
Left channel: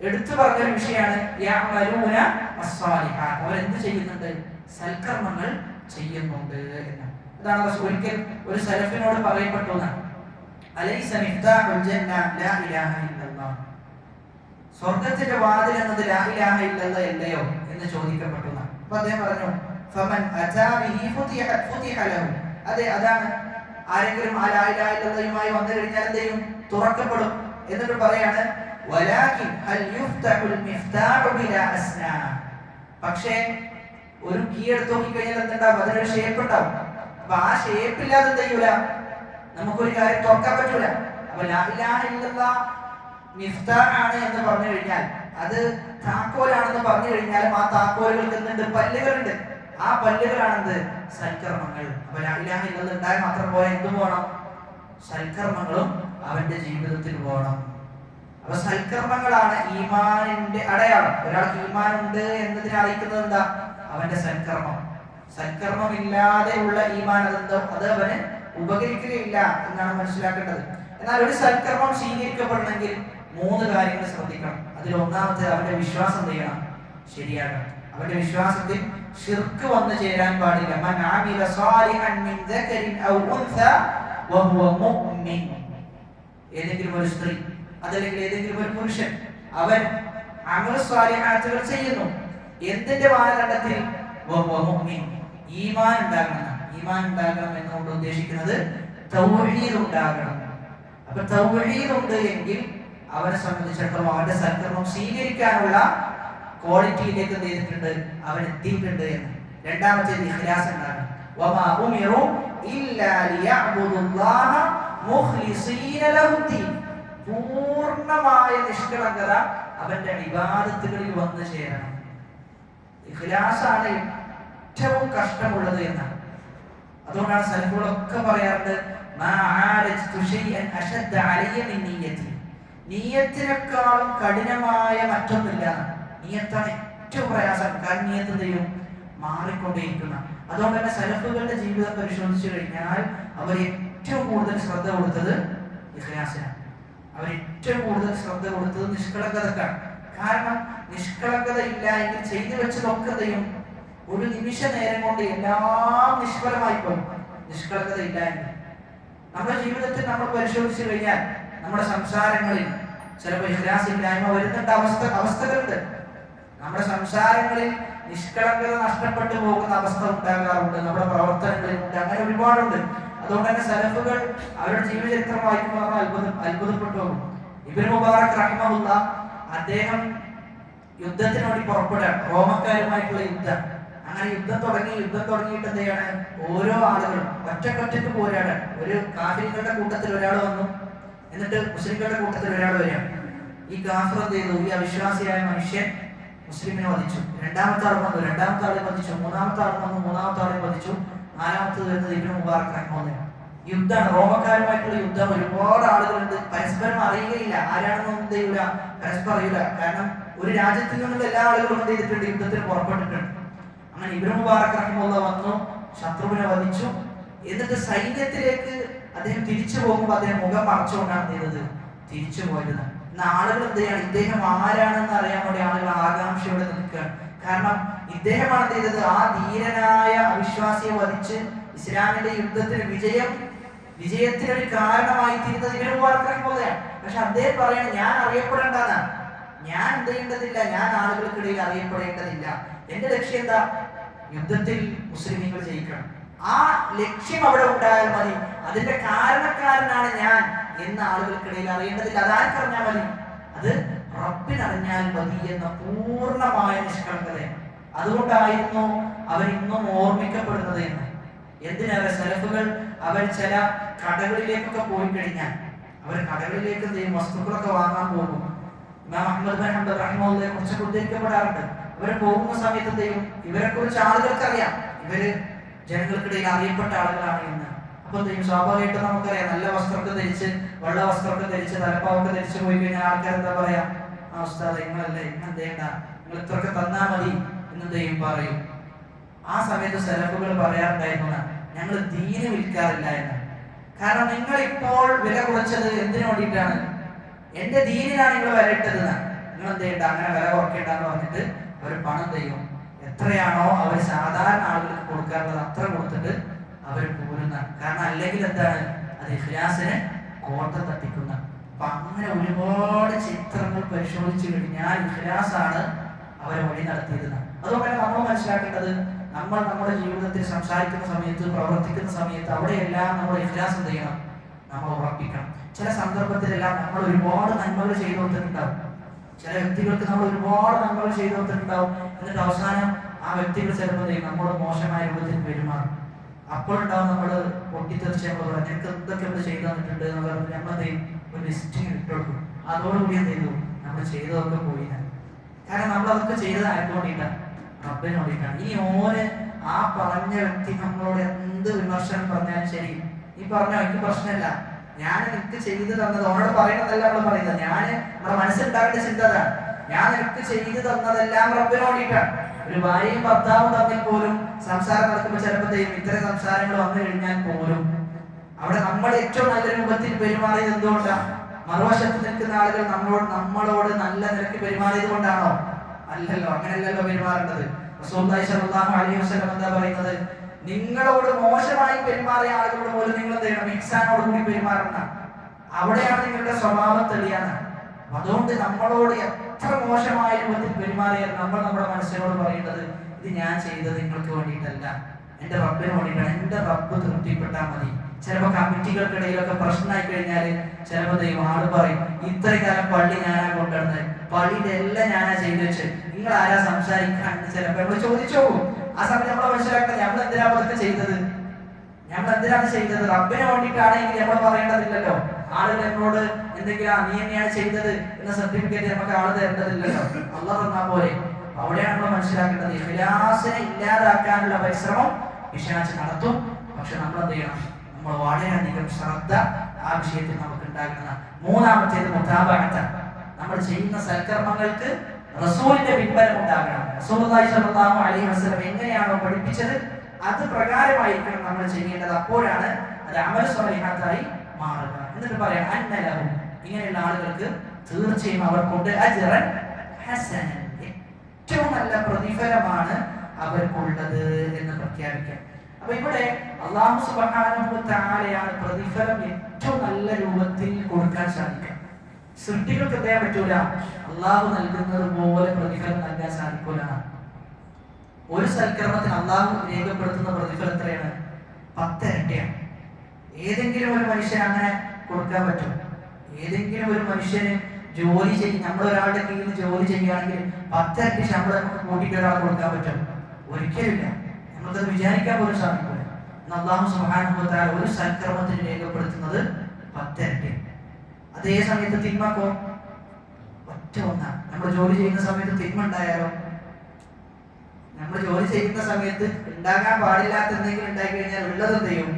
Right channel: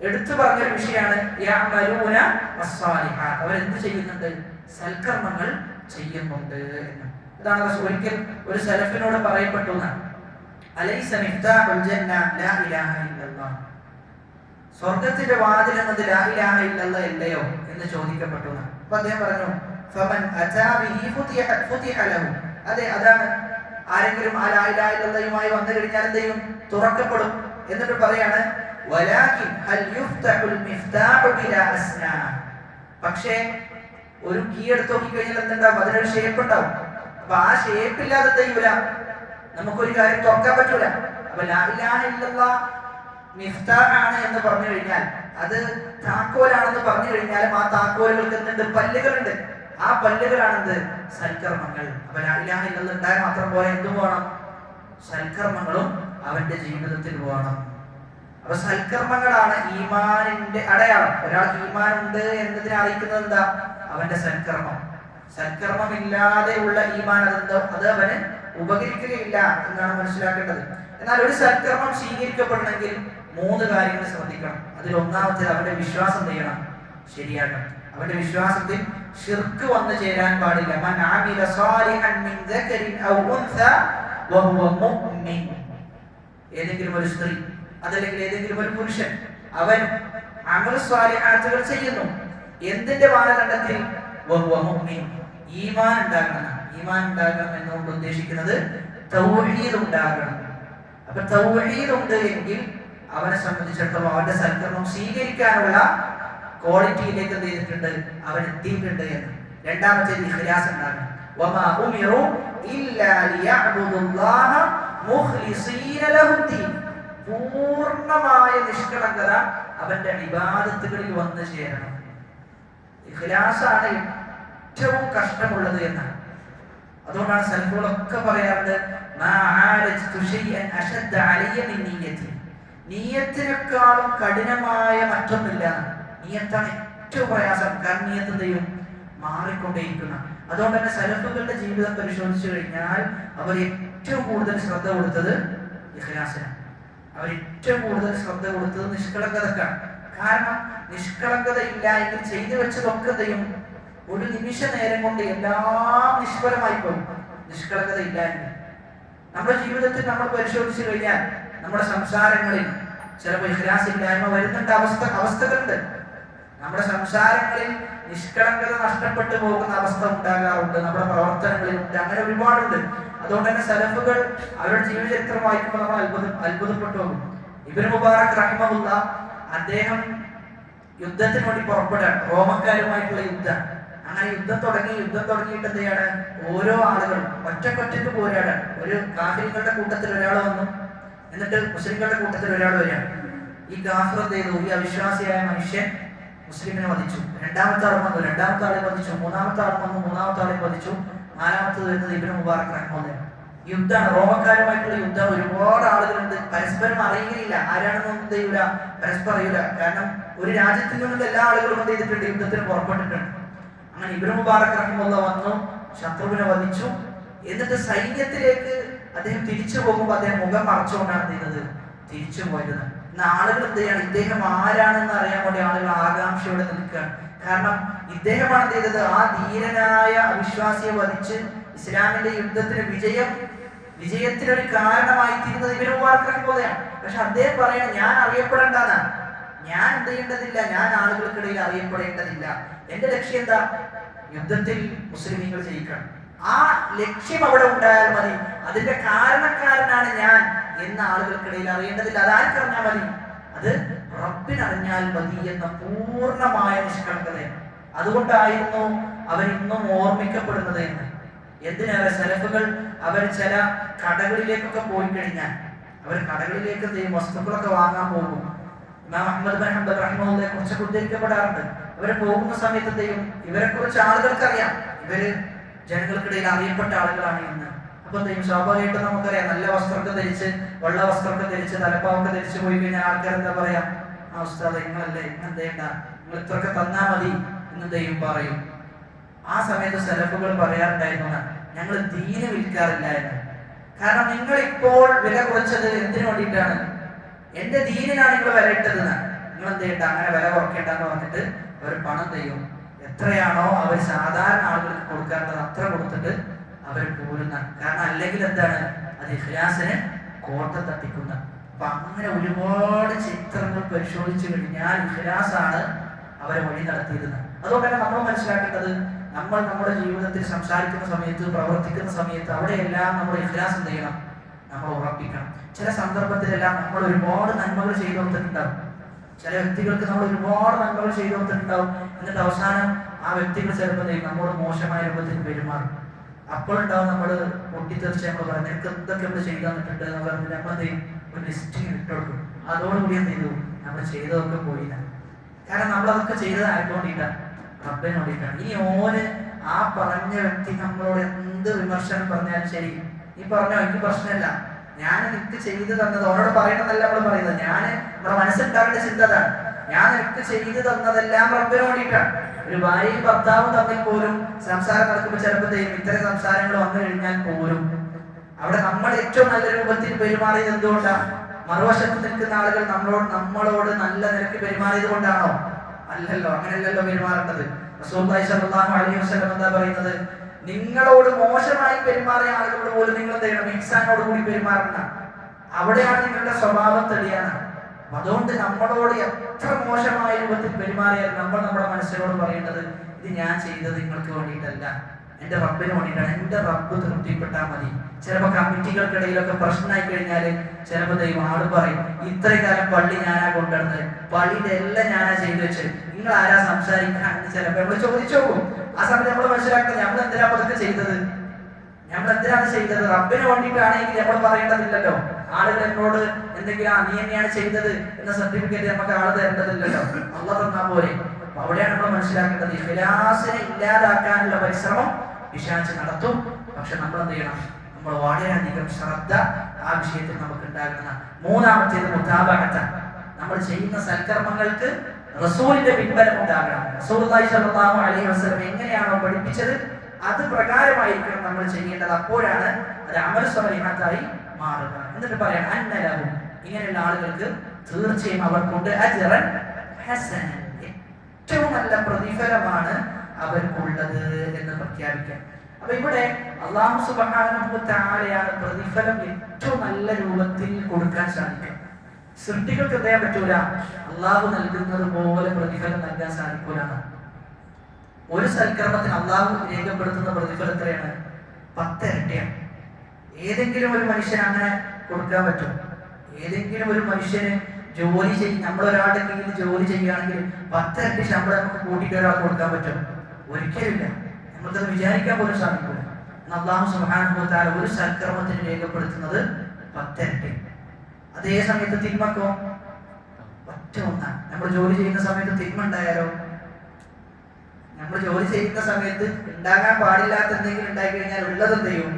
എടുത്തു പറഞ്ഞൊരു വിഷയമാണ് യഅമലൂന അസ്സാലിഹാത്ത്, അവരെന്ത് ചെയ്യുന്നുണ്ട്? സൽക്കർമ്മങ്ങൾ ചെയ്യുന്നുണ്ട് എന്ന്. അതാണ് ഒരിക്കൽ ഒരു സലഫിനോട് പറയപ്പെട്ടു എന്നാണ്. അലൈസ മിഫ്താഹുൽ ജന്ന ലാ ഇലാഹ ഇല്ലല്ലാഹ്, സ്വർഗ്ഗത്തിന്റെ വാതിൽ എന്നത് ലാ ഇലാഹ ഇല്ലല്ലാഹ് അല്ലയോ എന്ന് ചോദിക്കപ്പെട്ടു. അപ്പോൾ അദ്ദേഹം പറഞ്ഞു ഫമൻ അതാ ബിഹി ഫുതിഹ ലഹു, അതെ അതാണ്, ആരെങ്കിലും ആ ലാ ഇലാഹ ഇല്ലല്ലാഹുമായി വന്നു കഴിഞ്ഞാൽ എന്ത് ചെയ്യും? തുറക്കപ്പെടും. എന്നിട്ട് പറയാണ് വലാകിൻ ഹൽ യുഫ്തഹുൽ മിഫ്താഹു ബിലാ അസ്നാ, പക്ഷേ ഒരു കീ എടുത്ത് നോക്കി കഴിഞ്ഞാൽ എന്തുണ്ടാവും? അതിനൊരു ഷേപ്പ് ഉണ്ടാവും. അപ്പൊ ആ ഷേപ്പ് ഇല്ലാതെ എന്ത് ചെയ്യൂല? നമുക്കൊരു കാര്യം തുറക്കാൻ പറ്റൂല. അപ്പൊ ലാ ഇലാഹ ഇല്ലല്ലാഹ് മിഫ്താഹാണ് എന്ന് പറഞ്ഞു കഴിഞ്ഞാൽ, അത് താക്കോലാണെന്ന് പറഞ്ഞു കഴിഞ്ഞാൽ ആ താക്കോലുകൾക്ക് എന്തുണ്ട്? പല്ലുകളുണ്ട്. ആ പല്ലുകളാണെന്ത്? സൽക്കർമ്മങ്ങൾ. അപ്പൊ ലാ ഇലാഹ ഇല്ലല്ലാഹ് ഉണ്ടായാൽ മാത്രം പോയാൽ എന്തും വേണം? സൽക്കർമ്മങ്ങളും അവന്റെ ജീവിതത്തിൽ വേണം. അപ്പൊ സൽക്കർമ്മങ്ങളാണ് ഈമാനിന്റെ അടയാളം. ഒരാൾക്ക് ഈമാൻ ഉണ്ട് എന്നതിനെ അറിയിക്കുന്നത് എന്താ? അവന്റെ സൽക്കർമ്മം. സൽക്കർമ്മമില്ലാതെയുള്ള ഈമാൻ അതെന്തോ അത് അവന് ഉപകരിക്കുകയില്ല എന്നാണ് മനസ്സിലാക്കേണ്ടത്. എന്നാൽ ഒരു സൽക്കർമ്മം സ്വീകരിക്കപ്പെടണമെങ്കിൽ 3 കാര്യങ്ങൾ ശ്രദ്ധിക്കണം. അതിൽ ഒന്നാമത്തേത് അവന്റെ വിശ്വാസം ചെയ്യണം, ശരിയാകണം. അവന്റെ വിശ്വാസത്തിൽ ശിർക്ക് വന്നു ചേരാൻ പാടില്ല. മൻ ആമില സാലിഹൻ മിൻ ദക്കരിൻ ഔ ഉൻസ വഹുവ മുഅ്മിൻ, ഏതെങ്കിലും ഒരു സ്ത്രീ അതല്ലെങ്കിൽ ഏതെങ്കിലും ഒരു പുരുഷൻ അവൻ അമൽ സ്വാലിഹാത്തുകൾ ചെയ്യുന്നു, എന്തിന്റെ മാനദണ്ഡത്തിൽ? വഹുവ മുഅ്മിൻ, ഈമാൻ ഉണ്ടാകണം. ഈമാൻ ഉണ്ടാകണം എന്നുകൊണ്ട് ഉദ്ദേശിക്കുന്നത് തൗഹീദ് ഉണ്ടാകണം. അപ്പൊ തൗഹീദ് ഉണ്ട് എങ്കിൽ അവനെ സംബന്ധിച്ചിടത്തോളം അവന്റെ സൽക്കർമ്മം സ്വീകരിക്കാനുള്ള ക്വാളിറ്റിയിലേക്ക് എന്ത് ചെയ്തിട്ടുണ്ട്? അവൻ എത്തിയിട്ടുണ്ട് എന്ന്. രണ്ടാമത്തേത് ഇഖ്ലാസ് ഉണ്ടാകണം. വമാ ഉമിറു ഇല്ലാ ലിയഅ്ബുദുല്ലാഹ മുഖ്ലിസീന ലഹുദ്ദീൻ, പൂർണ്ണമായ നിഷ്കളങ്കത അവന്റെ ഇബാദത്തുകളിൽ വന്നു ചേരണം. ഇഖ്ലാസാണ് ഏറ്റവും കഷ്ടമുള്ളത് എന്നാണ്. അതുകൊണ്ടാണ് സലഫുകളൊക്കെ പറയാറുണ്ട് നിയ്യത്തിനേക്കാളും കഠിനമായ മറ്റൊന്നില്ല. നിയ്യത്താണ് ഏറ്റവും പ്രയാസം. കാരണം നിയ്യത്ത് എന്ത് ചെയ്യും? മാറിക്കൊണ്ടേയിരിക്കുന്ന. അതുകൊണ്ട് തന്നെ സലഫുകളുടെ ജീവിതം പരിശോധിച്ചു കഴിഞ്ഞാൽ അവർ ഏറ്റവും കൂടുതൽ ശ്രദ്ധ കൊടുത്തത് ഇഖ്ലാസിനാണ്. അവർ ഏറ്റവും കൂടുതൽ ശ്രദ്ധ കൊടുത്തത് നിഷ്കളങ്കതക്കാണ്. കാരണം നിഷ്കളങ്കത ഇല്ല എങ്കിൽ ചെയ്തു വെച്ചതൊക്കെ ചെയ്യും ഒരു നിമിഷ നേരം കൊണ്ട് എല്ലാം നിഷ്ഫലമായി പോകും. നിഷ്കളങ്കത ഇല്ല എങ്കിൽ നമ്മുടെ ജീവിതത്തിൽ നമ്മൾ പരിശോധിച്ചു കഴിഞ്ഞാൽ നമ്മുടെ സംസാരങ്ങളിൽ ചിലപ്പോൾ ഇഖ്ലാസ് ഇല്ലായ്മ വരുന്നുണ്ട്, അവസ്ഥകളുണ്ട്. നമ്മുടെ സംസാരങ്ങളിൽ നിഷ്കളങ്കത നഷ്ടപ്പെട്ടു പോകുന്ന അവസ്ഥ ഉണ്ടാകാറുണ്ട്, നമ്മുടെ പ്രവർത്തനങ്ങളിൽ ഉണ്ട്, അങ്ങനെ ഒരുപാടുണ്ട്. അതുകൊണ്ട് തന്നെ സലഫുകൾ അവരുടെ ജീവചരിത്രം വായിക്കുമ്പോൾ നമ്മൾ അത്ഭുതപ്പെട്ടു പോകും. ഇബ്നു മുബാറക് റഹിമഹുല്ലാ അദ്ദേഹം യുദ്ധത്തിന് വേണ്ടി പുറപ്പെടാൻ, റോമക്കാരുമായിട്ടുള്ള യുദ്ധം. അങ്ങനെ യുദ്ധം തുടങ്ങിയിട്ട് എന്ത് ചെയ്യാണ്? ഓരോ ആളുകളും ഒറ്റക്കൊറ്റക്ക് പോരാടാൻ. ഒരു കാഫിറുകളുടെ കൂട്ടത്തിൽ ഒരാൾ വന്നു, എന്നിട്ട് മുസ്ലിങ്ങളുടെ കൂട്ടത്തിൽ ഒരാൾ വരികയാണ്. ഈ കാഫിർ എന്ത് ചെയ്തു? ഈ അവിശ്വാസിയായ മനുഷ്യൻ മുസ്ലിമിനെ വധിച്ചു. രണ്ടാമത്തെ ആൾ വന്നു, രണ്ടാമത്തെ ആളെ വധിച്ചു. മൂന്നാമത്തെ ആൾ വന്നു, മൂന്നാമത്തെ ആളെ വധിച്ചു. നാലാമത്തത് വരുന്നത് ഇബ്നു മുബാറക് റഹിമഹുല്ലാഹ്. യുദ്ധമാണ്, റോമക്കാരുമായിട്ടുള്ള യുദ്ധം. ഒരുപാട് ആളുകളുണ്ട്, പരസ്പരം അറിയുകയില്ല, ആരാണെന്നൊന്നും എന്ത് ചെയ്യൂല, പരസ്പരം അറിയില്ല. കാരണം ഒരു രാജ്യത്തിൽ നിന്നുള്ള എല്ലാ ആളുകളും എന്ത് ചെയ്തിട്ടുണ്ട്? യുദ്ധത്തിന് പുറപ്പെട്ടിട്ടുണ്ട്. അങ്ങനെ ഇബ്നു മുബാറക് റഹിമഹുല്ലാഹ് വന്നു, ശത്രുവിനെ വധിച്ചു. എന്നിട്ട് സൈന്യത്തിലേക്ക് അദ്ദേഹം തിരിച്ചു പോകുമ്പോൾ അദ്ദേഹം മുഖം മറച്ചുകൊണ്ടാണ് എന്ത് ചെയ്തത്? തിരിച്ചു പോയത്. ഇന്ന് ആളുകൾ എന്ത് ചെയ്യാണ്? ഇദ്ദേഹം ആരാണെന്ന് അറിയാൻ വേണ്ടി ആളുകൾ ആകാംക്ഷയോടെ നിൽക്കുകയാണ്. കാരണം ഇദ്ദേഹമാണ് എന്ത് ചെയ്തത്? ആ ധീരനായ അവിശ്വാസിയെ വധിച്ച് ഇസ്ലാമിന്റെ യുദ്ധത്തിന് വിജയത്തിനൊരു കാരണമായി തീരുന്നത് ഇബ്നു മുബാറക് റഹിമഹുല്ലാഹ്. പക്ഷെ അദ്ദേഹം പറയാണ് ഞാൻ അറിയപ്പെടേണ്ടെന്നാ, ഞാൻ എന്ത് ചെയ്യേണ്ടതില്ല, ഞാൻ ആളുകൾക്കിടയിൽ അറിയപ്പെടേണ്ടതില്ല. എന്റെ ലക്ഷ്യം എന്താ? യുദ്ധത്തിൽ മുസ്ലിമീങ്ങൾ ജയിക്കണം. ആ ലക്ഷ്യം അവിടെ ഉണ്ടായാൽ മതി. അതിന്റെ കാരണക്കാരനാണ് ഞാൻ എന്ന ആളുകൾക്കിടയിൽ അറിയേണ്ടതില്ല. അതാർക്കറിഞ്ഞാൽ മതി? അത് റബ്ബിനറിഞ്ഞാൽ മതി എന്ന പൂർണ്ണമായ നിഷ്കളങ്കത. അതുകൊണ്ടായിരുന്നു അവരിന്നും ഓർമ്മിക്കപ്പെടുന്നത് എന്ന്. എന്തിനേറെ സലഫുകൾ അവർ ചില കടകളിലേക്കൊക്കെ പോയി കഴിഞ്ഞാൽ അവർ കടകളിലേക്ക് വസ്തുക്കളൊക്കെ വാങ്ങാൻ പോകും. ഇമാം അഹ്മദ് ബിൻ ഹംബൽ റഹിമഹുല്ലാഹയെ കുറിച്ച് ഉദ്ധരിക്കപ്പെടാറുണ്ട്. അവർ പോകുന്ന സമയത്ത് എന്തെയും ഇവരെ കുറിച്ച് ആളുകൾക്കറിയാം, ഇവര് ജനങ്ങൾക്കിടയിൽ അറിയപ്പെട്ട ആളുകളാണ് എന്ന്. അപ്പൊ എന്തെയും സ്വാഭാവികമായിട്ട് നമുക്കറിയാം, നല്ല വസ്ത്രമൊക്കെ ധരിച്ച്, വെള്ള വസ്ത്രമൊക്കെ ധരിച്ച്, തലപ്പാവൊക്കെ ധരിച്ച് പോയി കഴിഞ്ഞാൽ ആൾക്കാർ എന്താ പറയാ? ആ ഉസ്താദ് നിങ്ങളല്ലേ, നിങ്ങൾ എന്തേണ്ട, നിങ്ങൾ ഇത്രയൊക്കെ തന്നാ മതി എന്നെന്തെയും പറയും. ആ സമയത്ത് സലഫുകൾ പറയാറുണ്ടായിരുന്നു, ഞങ്ങൾ ദീന് വിൽക്കാറില്ല എന്ന്. കാരണം നിങ്ങൾ ഇപ്പോൾ വില കുറച്ചത് എന്തിനു വേണ്ടിയിട്ടാണ്? എന്റെ ദീനിനാണ് നിങ്ങൾ വില ഇട്ടത്. നിങ്ങൾ എന്ത് ചെയ്യണ്ട, അങ്ങനെ വില കുറയ്ക്കേണ്ടെന്ന് പറഞ്ഞിട്ട് അവർ പണം ചെയ്യും. എത്രയാണോ അവർ സാധാരണ ആളുകൾക്ക് കൊടുക്കാറുള്ളത് അത്ര കൊടുത്തിട്ട് അവർ പോരുന്ന. കാരണം അല്ലെങ്കിൽ എന്താണ്? അത് ഇഖ്ലാസിന് കോട്ട തട്ടിക്കുന്ന. അപ്പൊ അങ്ങനെ ഒരുപാട് ചിത്രങ്ങൾ പരിശോധിച്ചു കഴിഞ്ഞാൽ ഇഖ്ലാസാണ് അവരെ വഴി നടത്തിയിരുന്നത്. അതുകൊണ്ട് തന്നെ നമ്മൾ മനസ്സിലാക്കേണ്ടത്, നമ്മൾ നമ്മുടെ ജീവിതത്തിൽ സംസാരിക്കുന്ന സമയത്ത്, പ്രവർത്തിക്കുന്ന സമയത്ത് അവിടെയെല്ലാം നമ്മൾ ഇഖ്ലാസ് എന്ത് ചെയ്യണം? നമ്മൾ ഉറപ്പിക്കണം. ചില സന്ദർഭത്തിലെല്ലാം നമ്മൾ ഒരുപാട് നന്മകൾ ചെയ്തു കൊടുത്തിട്ടുണ്ടാവും. ചില വ്യക്തികൾക്ക് നമ്മൾ ഒരുപാട് നന്മകൾ ചെയ്തു കൊടുത്തിട്ടുണ്ടാവും. എന്നിട്ട് അവസാനം ആ വ്യക്തികൾ ചിലപ്പോൾ നമ്മളോട് മോശമായ രൂപത്തിൽ പെരുമാറും. അപ്പോഴുണ്ടാവും നമ്മൾ പൊട്ടിത്തെറിച്ച് നമ്മൾ പറഞ്ഞു, നിനക്ക് എന്തൊക്കെ നമ്മൾ ചെയ്തു തന്നിട്ടുണ്ട് എന്ന് പറഞ്ഞ് നമ്മളത് ഒരു ലിസ്റ്റിങ് ഇട്ടുകൊടുക്കും. അതോടുകൂടി എന്ത് ചെയ്തു? നമ്മൾ ചെയ്തതൊക്കെ പോയില്ല. കാരണം നമ്മളതൊക്കെ ചെയ്തത് ആയിക്കൊണ്ടിട്ടാണ്, റബ്ബിന് വേണ്ടിയിട്ടാണ്. ഇനി ഓന് ആ പറഞ്ഞ വ്യക്തി നമ്മളോട് എന്ത് വിമർശനം പറഞ്ഞാലും ശരി, നീ പറഞ്ഞോ എനിക്ക് പ്രശ്നമില്ല, ഞാൻ നിനക്ക് ചെയ്തു തന്നത് ഓനോട് പറയണതല്ല നമ്മൾ പറയുന്നത്. ഞാൻ നമ്മുടെ മനസ്സിലുണ്ടാകേണ്ട ചിന്തതാണ്, ഞാൻ നിനക്ക് ചെയ്തു തന്നതെല്ലാം റബ്ബിന് വേണ്ടിയിട്ടാണ്. ഒരു ഭാര്യയും ഭർത്താവും തമ്മിൽ പോലും സംസാരം നടക്കുമ്പോൾ ചിലപ്പോഴത്തേക്കും ഇത്തരം സംസാരങ്ങൾ വന്നു കഴിഞ്ഞാൽ പോലും അവിടെ നമ്മൾ ഏറ്റവും നല്ല രൂപത്തിൽ പെരുമാറിയത് എന്തുകൊണ്ടാണ്? മറുവശത്ത് നിൽക്കുന്ന ആളുകൾ നമ്മളോട് നല്ല നിലയ്ക്ക് പെരുമാറിയത് കൊണ്ടാണോ? അല്ലല്ലോ, അങ്ങനെയല്ലല്ലോ പെരുമാറേണ്ടത്. റസൂലുള്ളാഹി സ്വല്ലല്ലാഹു അലൈഹി വസല്ലം എന്താ പറയുന്നത്? നിങ്ങളോട് മോശമായി പെരുമാറിയ ആളുകളോട് പോലും നിങ്ങൾ എന്ത് ചെയ്യണം? ഇഹ്സാനോട് കൂടി പെരുമാറണം. അവിടെയാണ് നിങ്ങളുടെ സ്വഭാവം തെളിയാണ്. അതുകൊണ്ട് നമ്മളോട് എത്ര മോശമായ രൂപത്തിൽ പെരുമാറിയാൽ നമ്മൾ നമ്മുടെ മനസ്സിനോട് പറയേണ്ടത്, ഇത് ഞാൻ ചെയ്തത് നിങ്ങൾക്ക് വേണ്ടിയിട്ടല്ല, എന്റെ റബ്ബിന് വേണ്ടിയിട്ടാണ്, എന്റെ റബ്ബ് തൃപ്തിപ്പെട്ടാൽ മതി. ചിലപ്പോൾ കമ്മിറ്റികൾക്കിടയിലൊക്കെ പ്രശ്നമായി കഴിഞ്ഞാൽ ചിലപ്പോൾ ദൈവം ആള് പറയും, ഇത്രയും കാലം പള്ളി ഞാനാ കൊണ്ടുവരുന്നത്, പള്ളിയുടെ എല്ലാം ഞാനാ ചെയ്തു വെച്ച്, നിങ്ങൾ ആരാ സംസാരിക്കാൻ? ചിലപ്പോൾ നമ്മൾ ചോദിച്ചു പോകും. ആ സമയത്ത് നമ്മൾ മനസ്സിലാക്കുന്നത്, നമ്മൾ എന്തിനാ അതൊക്കെ ചെയ്തത്? നമ്മൾ എന്തിനാണ് ചെയ്തത്? റബ്ബിന് വേണ്ടിയിട്ടാണെങ്കിൽ നമ്മൾ പറയേണ്ടതില്ലല്ലോ. ആളുകൾ എന്നോട് എന്തെങ്കിലും നീ തന്നെയാണ് ചെയ്തത് എന്ന സർട്ടിഫിക്കറ്റ് നമുക്ക് ആള് തരേണ്ടതില്ലല്ലോ, അല്ലാഹ് തന്നാ പോലെ. അവിടെയാണ് നമ്മൾ മനസ്സിലാക്കേണ്ടത്, ഇഖ്ലാസിനെ ഇല്ലാതാക്കാനുള്ള പരിശ്രമം പിശാച് നടത്തും. പക്ഷെ നമ്മൾ എന്ത് ചെയ്യണം? നമ്മൾ വളരെയധികം ശ്രദ്ധ ആ വിഷയത്തിൽ നമുക്ക് ഉണ്ടാകുന്ന. മൂന്നാമത്തേത് മുതാബഅത്ത്. നമ്മൾ ചെയ്യുന്ന സൽക്കർമ്മങ്ങൾക്ക് റസൂലിന്റെ പിൻബലം ഉണ്ടാകണം. റസൂലുള്ളാഹി സ്വല്ലല്ലാഹു അലൈഹി വസല്ലം എങ്ങനെയാണോ പഠിപ്പിച്ചത് അത് പ്രകാരമായിരിക്കണം നമ്മൾ ചെയ്യേണ്ടത്. അപ്പോഴാണ് അത് അമൽ സ്വാലിഹാത്തായി മാറുക. എന്നിട്ട് പറയാം, അന്നലഹും, ഇങ്ങനെയുള്ള ആളുകൾക്ക് തീർച്ചയായും അവർക്കുണ്ട് അജ്റൻ ഹസനൻ, ഏറ്റവും നല്ല പ്രതിഫലമാണ് അവർക്കുള്ളത് എന്ന് പ്രഖ്യാപിക്കാം. അപ്പൊ ഇവിടെ അല്ലാഹു സുബ്ഹാനഹു വ തആലയാണ് പ്രതിഫലം ഏറ്റവും നല്ല രൂപത്തിൽ കൊടുക്കാൻ സാധിക്കുക. സൃഷ്ടികൾക്ക് പറയാൻ പറ്റൂല അള്ളാഹു നൽകുന്നത് പോലെ പ്രതിഫലം നൽകാൻ സാധിക്കൂല. ഒരു സൽക്കർമ്മത്തിന് അള്ളാഹു രേഖപ്പെടുത്തുന്ന പ്രതിഫലം എത്രയാണ്? 10 ഇരട്ടിയാണ്. ഏതെങ്കിലും ഒരു മനുഷ്യന് അങ്ങനെ കൊടുക്കാൻ പറ്റും? ഏതെങ്കിലും ഒരു മനുഷ്യന് ജോലി ചെയ്യും, നമ്മൾ ഒരാളുടെ കീഴിൽ ജോലി ചെയ്യുകയാണെങ്കിൽ 10 ഇരട്ടി ശമ്പളം നമുക്ക് കൂട്ടിയിട്ട് ഒരാൾ കൊടുക്കാൻ പറ്റും? ഒരിക്കലില്ല. നമുക്കത് വിചാരിക്കാൻ പോലും സാധിക്കില്ല. അല്ലാഹു സുബ്ഹാനഹു വ തആല ഒരു സൽക്കർമ്മത്തിന് രേഖപ്പെടുത്തുന്നത് 10 ഇരട്ടി. അതേ സമയത്ത് തിന്മക്കോ ഒറ്റ ഒന്നാണ്. നമ്മൾ ജോലി ചെയ്യുന്ന സമയത്ത് തിന്മ ഉണ്ടായാലോ? നമ്മൾ ജോലി ചെയ്യുന്ന സമയത്ത് ഉണ്ടാകാൻ പാടില്ലാത്ത എന്തെങ്കിലും ഉണ്ടായി കഴിഞ്ഞാൽ ഉള്ളത് എന്ത് ചെയ്യും?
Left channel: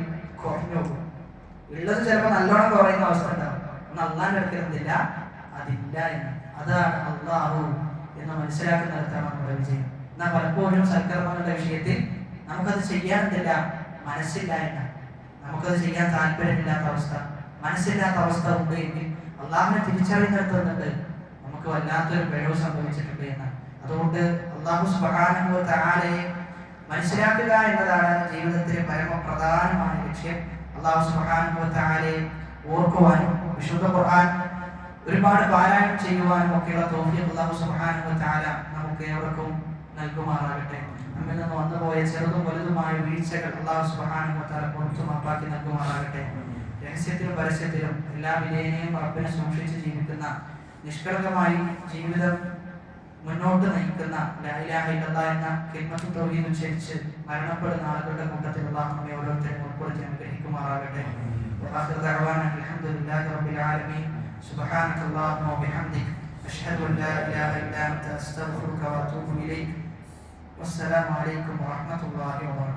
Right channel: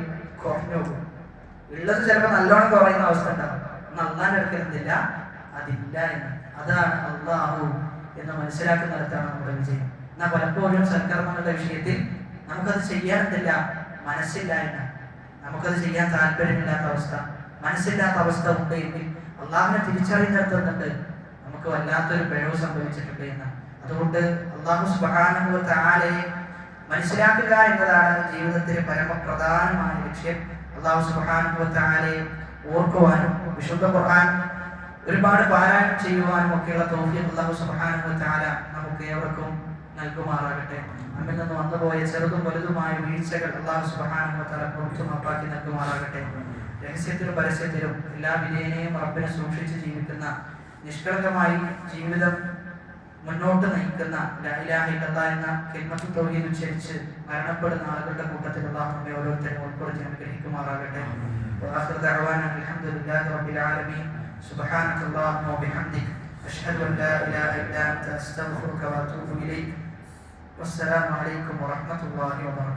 കുറഞ്ഞു പോകും. ഉള്ളത് ചിലപ്പോൾ നല്ലോണം കുറയുന്ന അവസ്ഥ ഉണ്ടാവും. എന്നാൽ അള്ളാന്റെ അടുക്കൽ എന്തില്ല? അതില്ല എന്ന്. അതാണ് അള്ളാഹു എന്ന് മനസ്സിലാക്കുന്നിടത്താണ് നമ്മുടെ വിജയം. എന്നാൽ പലപ്പോഴും സൽക്കർമ്മങ്ങളുടെ വിഷയത്തിൽ നമുക്കത് ചെയ്യാൻ എന്തില്ല? മനസ്സില്ല എന്ന്. നമുക്കത് ചെയ്യാൻ താല്പര്യമില്ലാത്ത അവസ്ഥ, മനസ്സില്ലാത്ത അവസ്ഥ ഉണ്ട് എങ്കിൽ അള്ളാഹുവിനെ തിരിച്ചറിയുന്നിടത്തുന്നുണ്ട് നമുക്ക് വല്ലാത്തൊരു പിഴവ് സംഭവിച്ചിട്ടുണ്ട് എന്ന്. അതുകൊണ്ട് അല്ലാഹു സുബ്ഹാനഹു വ തആലയെ മനസ്സിലാക്കുക എന്നതാണ് ജീവിതത്തിലെ പരമപ്രധാനമായ ലക്ഷ്യം. അല്ലാഹു സുബ്ഹാനഹു വ തആലയെ ഓർക്കുവാനും വിശുദ്ധ ഖുർആൻ ഒരുപാട് പാരായണം ചെയ്യുവാനും ഒക്കെയുള്ള തൗഫീഖ് അല്ലാഹു സുബ്ഹാനഹു വ തആല നമുക്ക് ഏവർക്കും നൽകുമാറാകട്ടെ. നമ്മിൽ നിന്ന് വന്നുപോയ ചെറുതും വലുതുമായ വീഴ്ചകൾ അല്ലാഹു സുബ്ഹാനഹു വ തആല പുറത്തു മാപ്പാക്കി നൽകുമാറാകട്ടെ. രഹസ്യത്തിലും പരസ്യത്തിലും എല്ലാ വിധേനയും റബ്ബിനെ സൂക്ഷിച്ച് ജീവിക്കുന്ന, നിഷ്കളങ്കമായി ജീവിതം മുന്നോട്ട് നയിക്കുന്ന, ലാ ഇലാഹ ഇല്ലല്ലാഹ് എന്ന കലിമത്തുൽ തൗഹീദ് ഉച്ചരിച്ച് മരണപ്പെടുന്ന ആളുകളുടെ കൂട്ടത്തിൽ അല്ലാഹു നമ്മെ ഓരോരുത്തരെയും ഉൾപ്പെടുത്തി അനുഗ്രഹിക്കുമാറാകട്ടെ. വആഖിറു ദഅവാന അൽഹംദുലില്ലാഹി റബ്ബിൽ ആലമീൻ. സുബ്ഹാനകല്ലാഹുമ്മ വബിഹംദിക അഷ്ഹദു അൻ ലാ ഇലാഹ ഇല്ലാ അൻത അസ്തഗ്ഫിറുക വഅതൂബു ഇലൈക്. വസ്സലാമു അലൈക്കും വറഹ്മത്തുള്ളാഹി വബറകാതുഹു.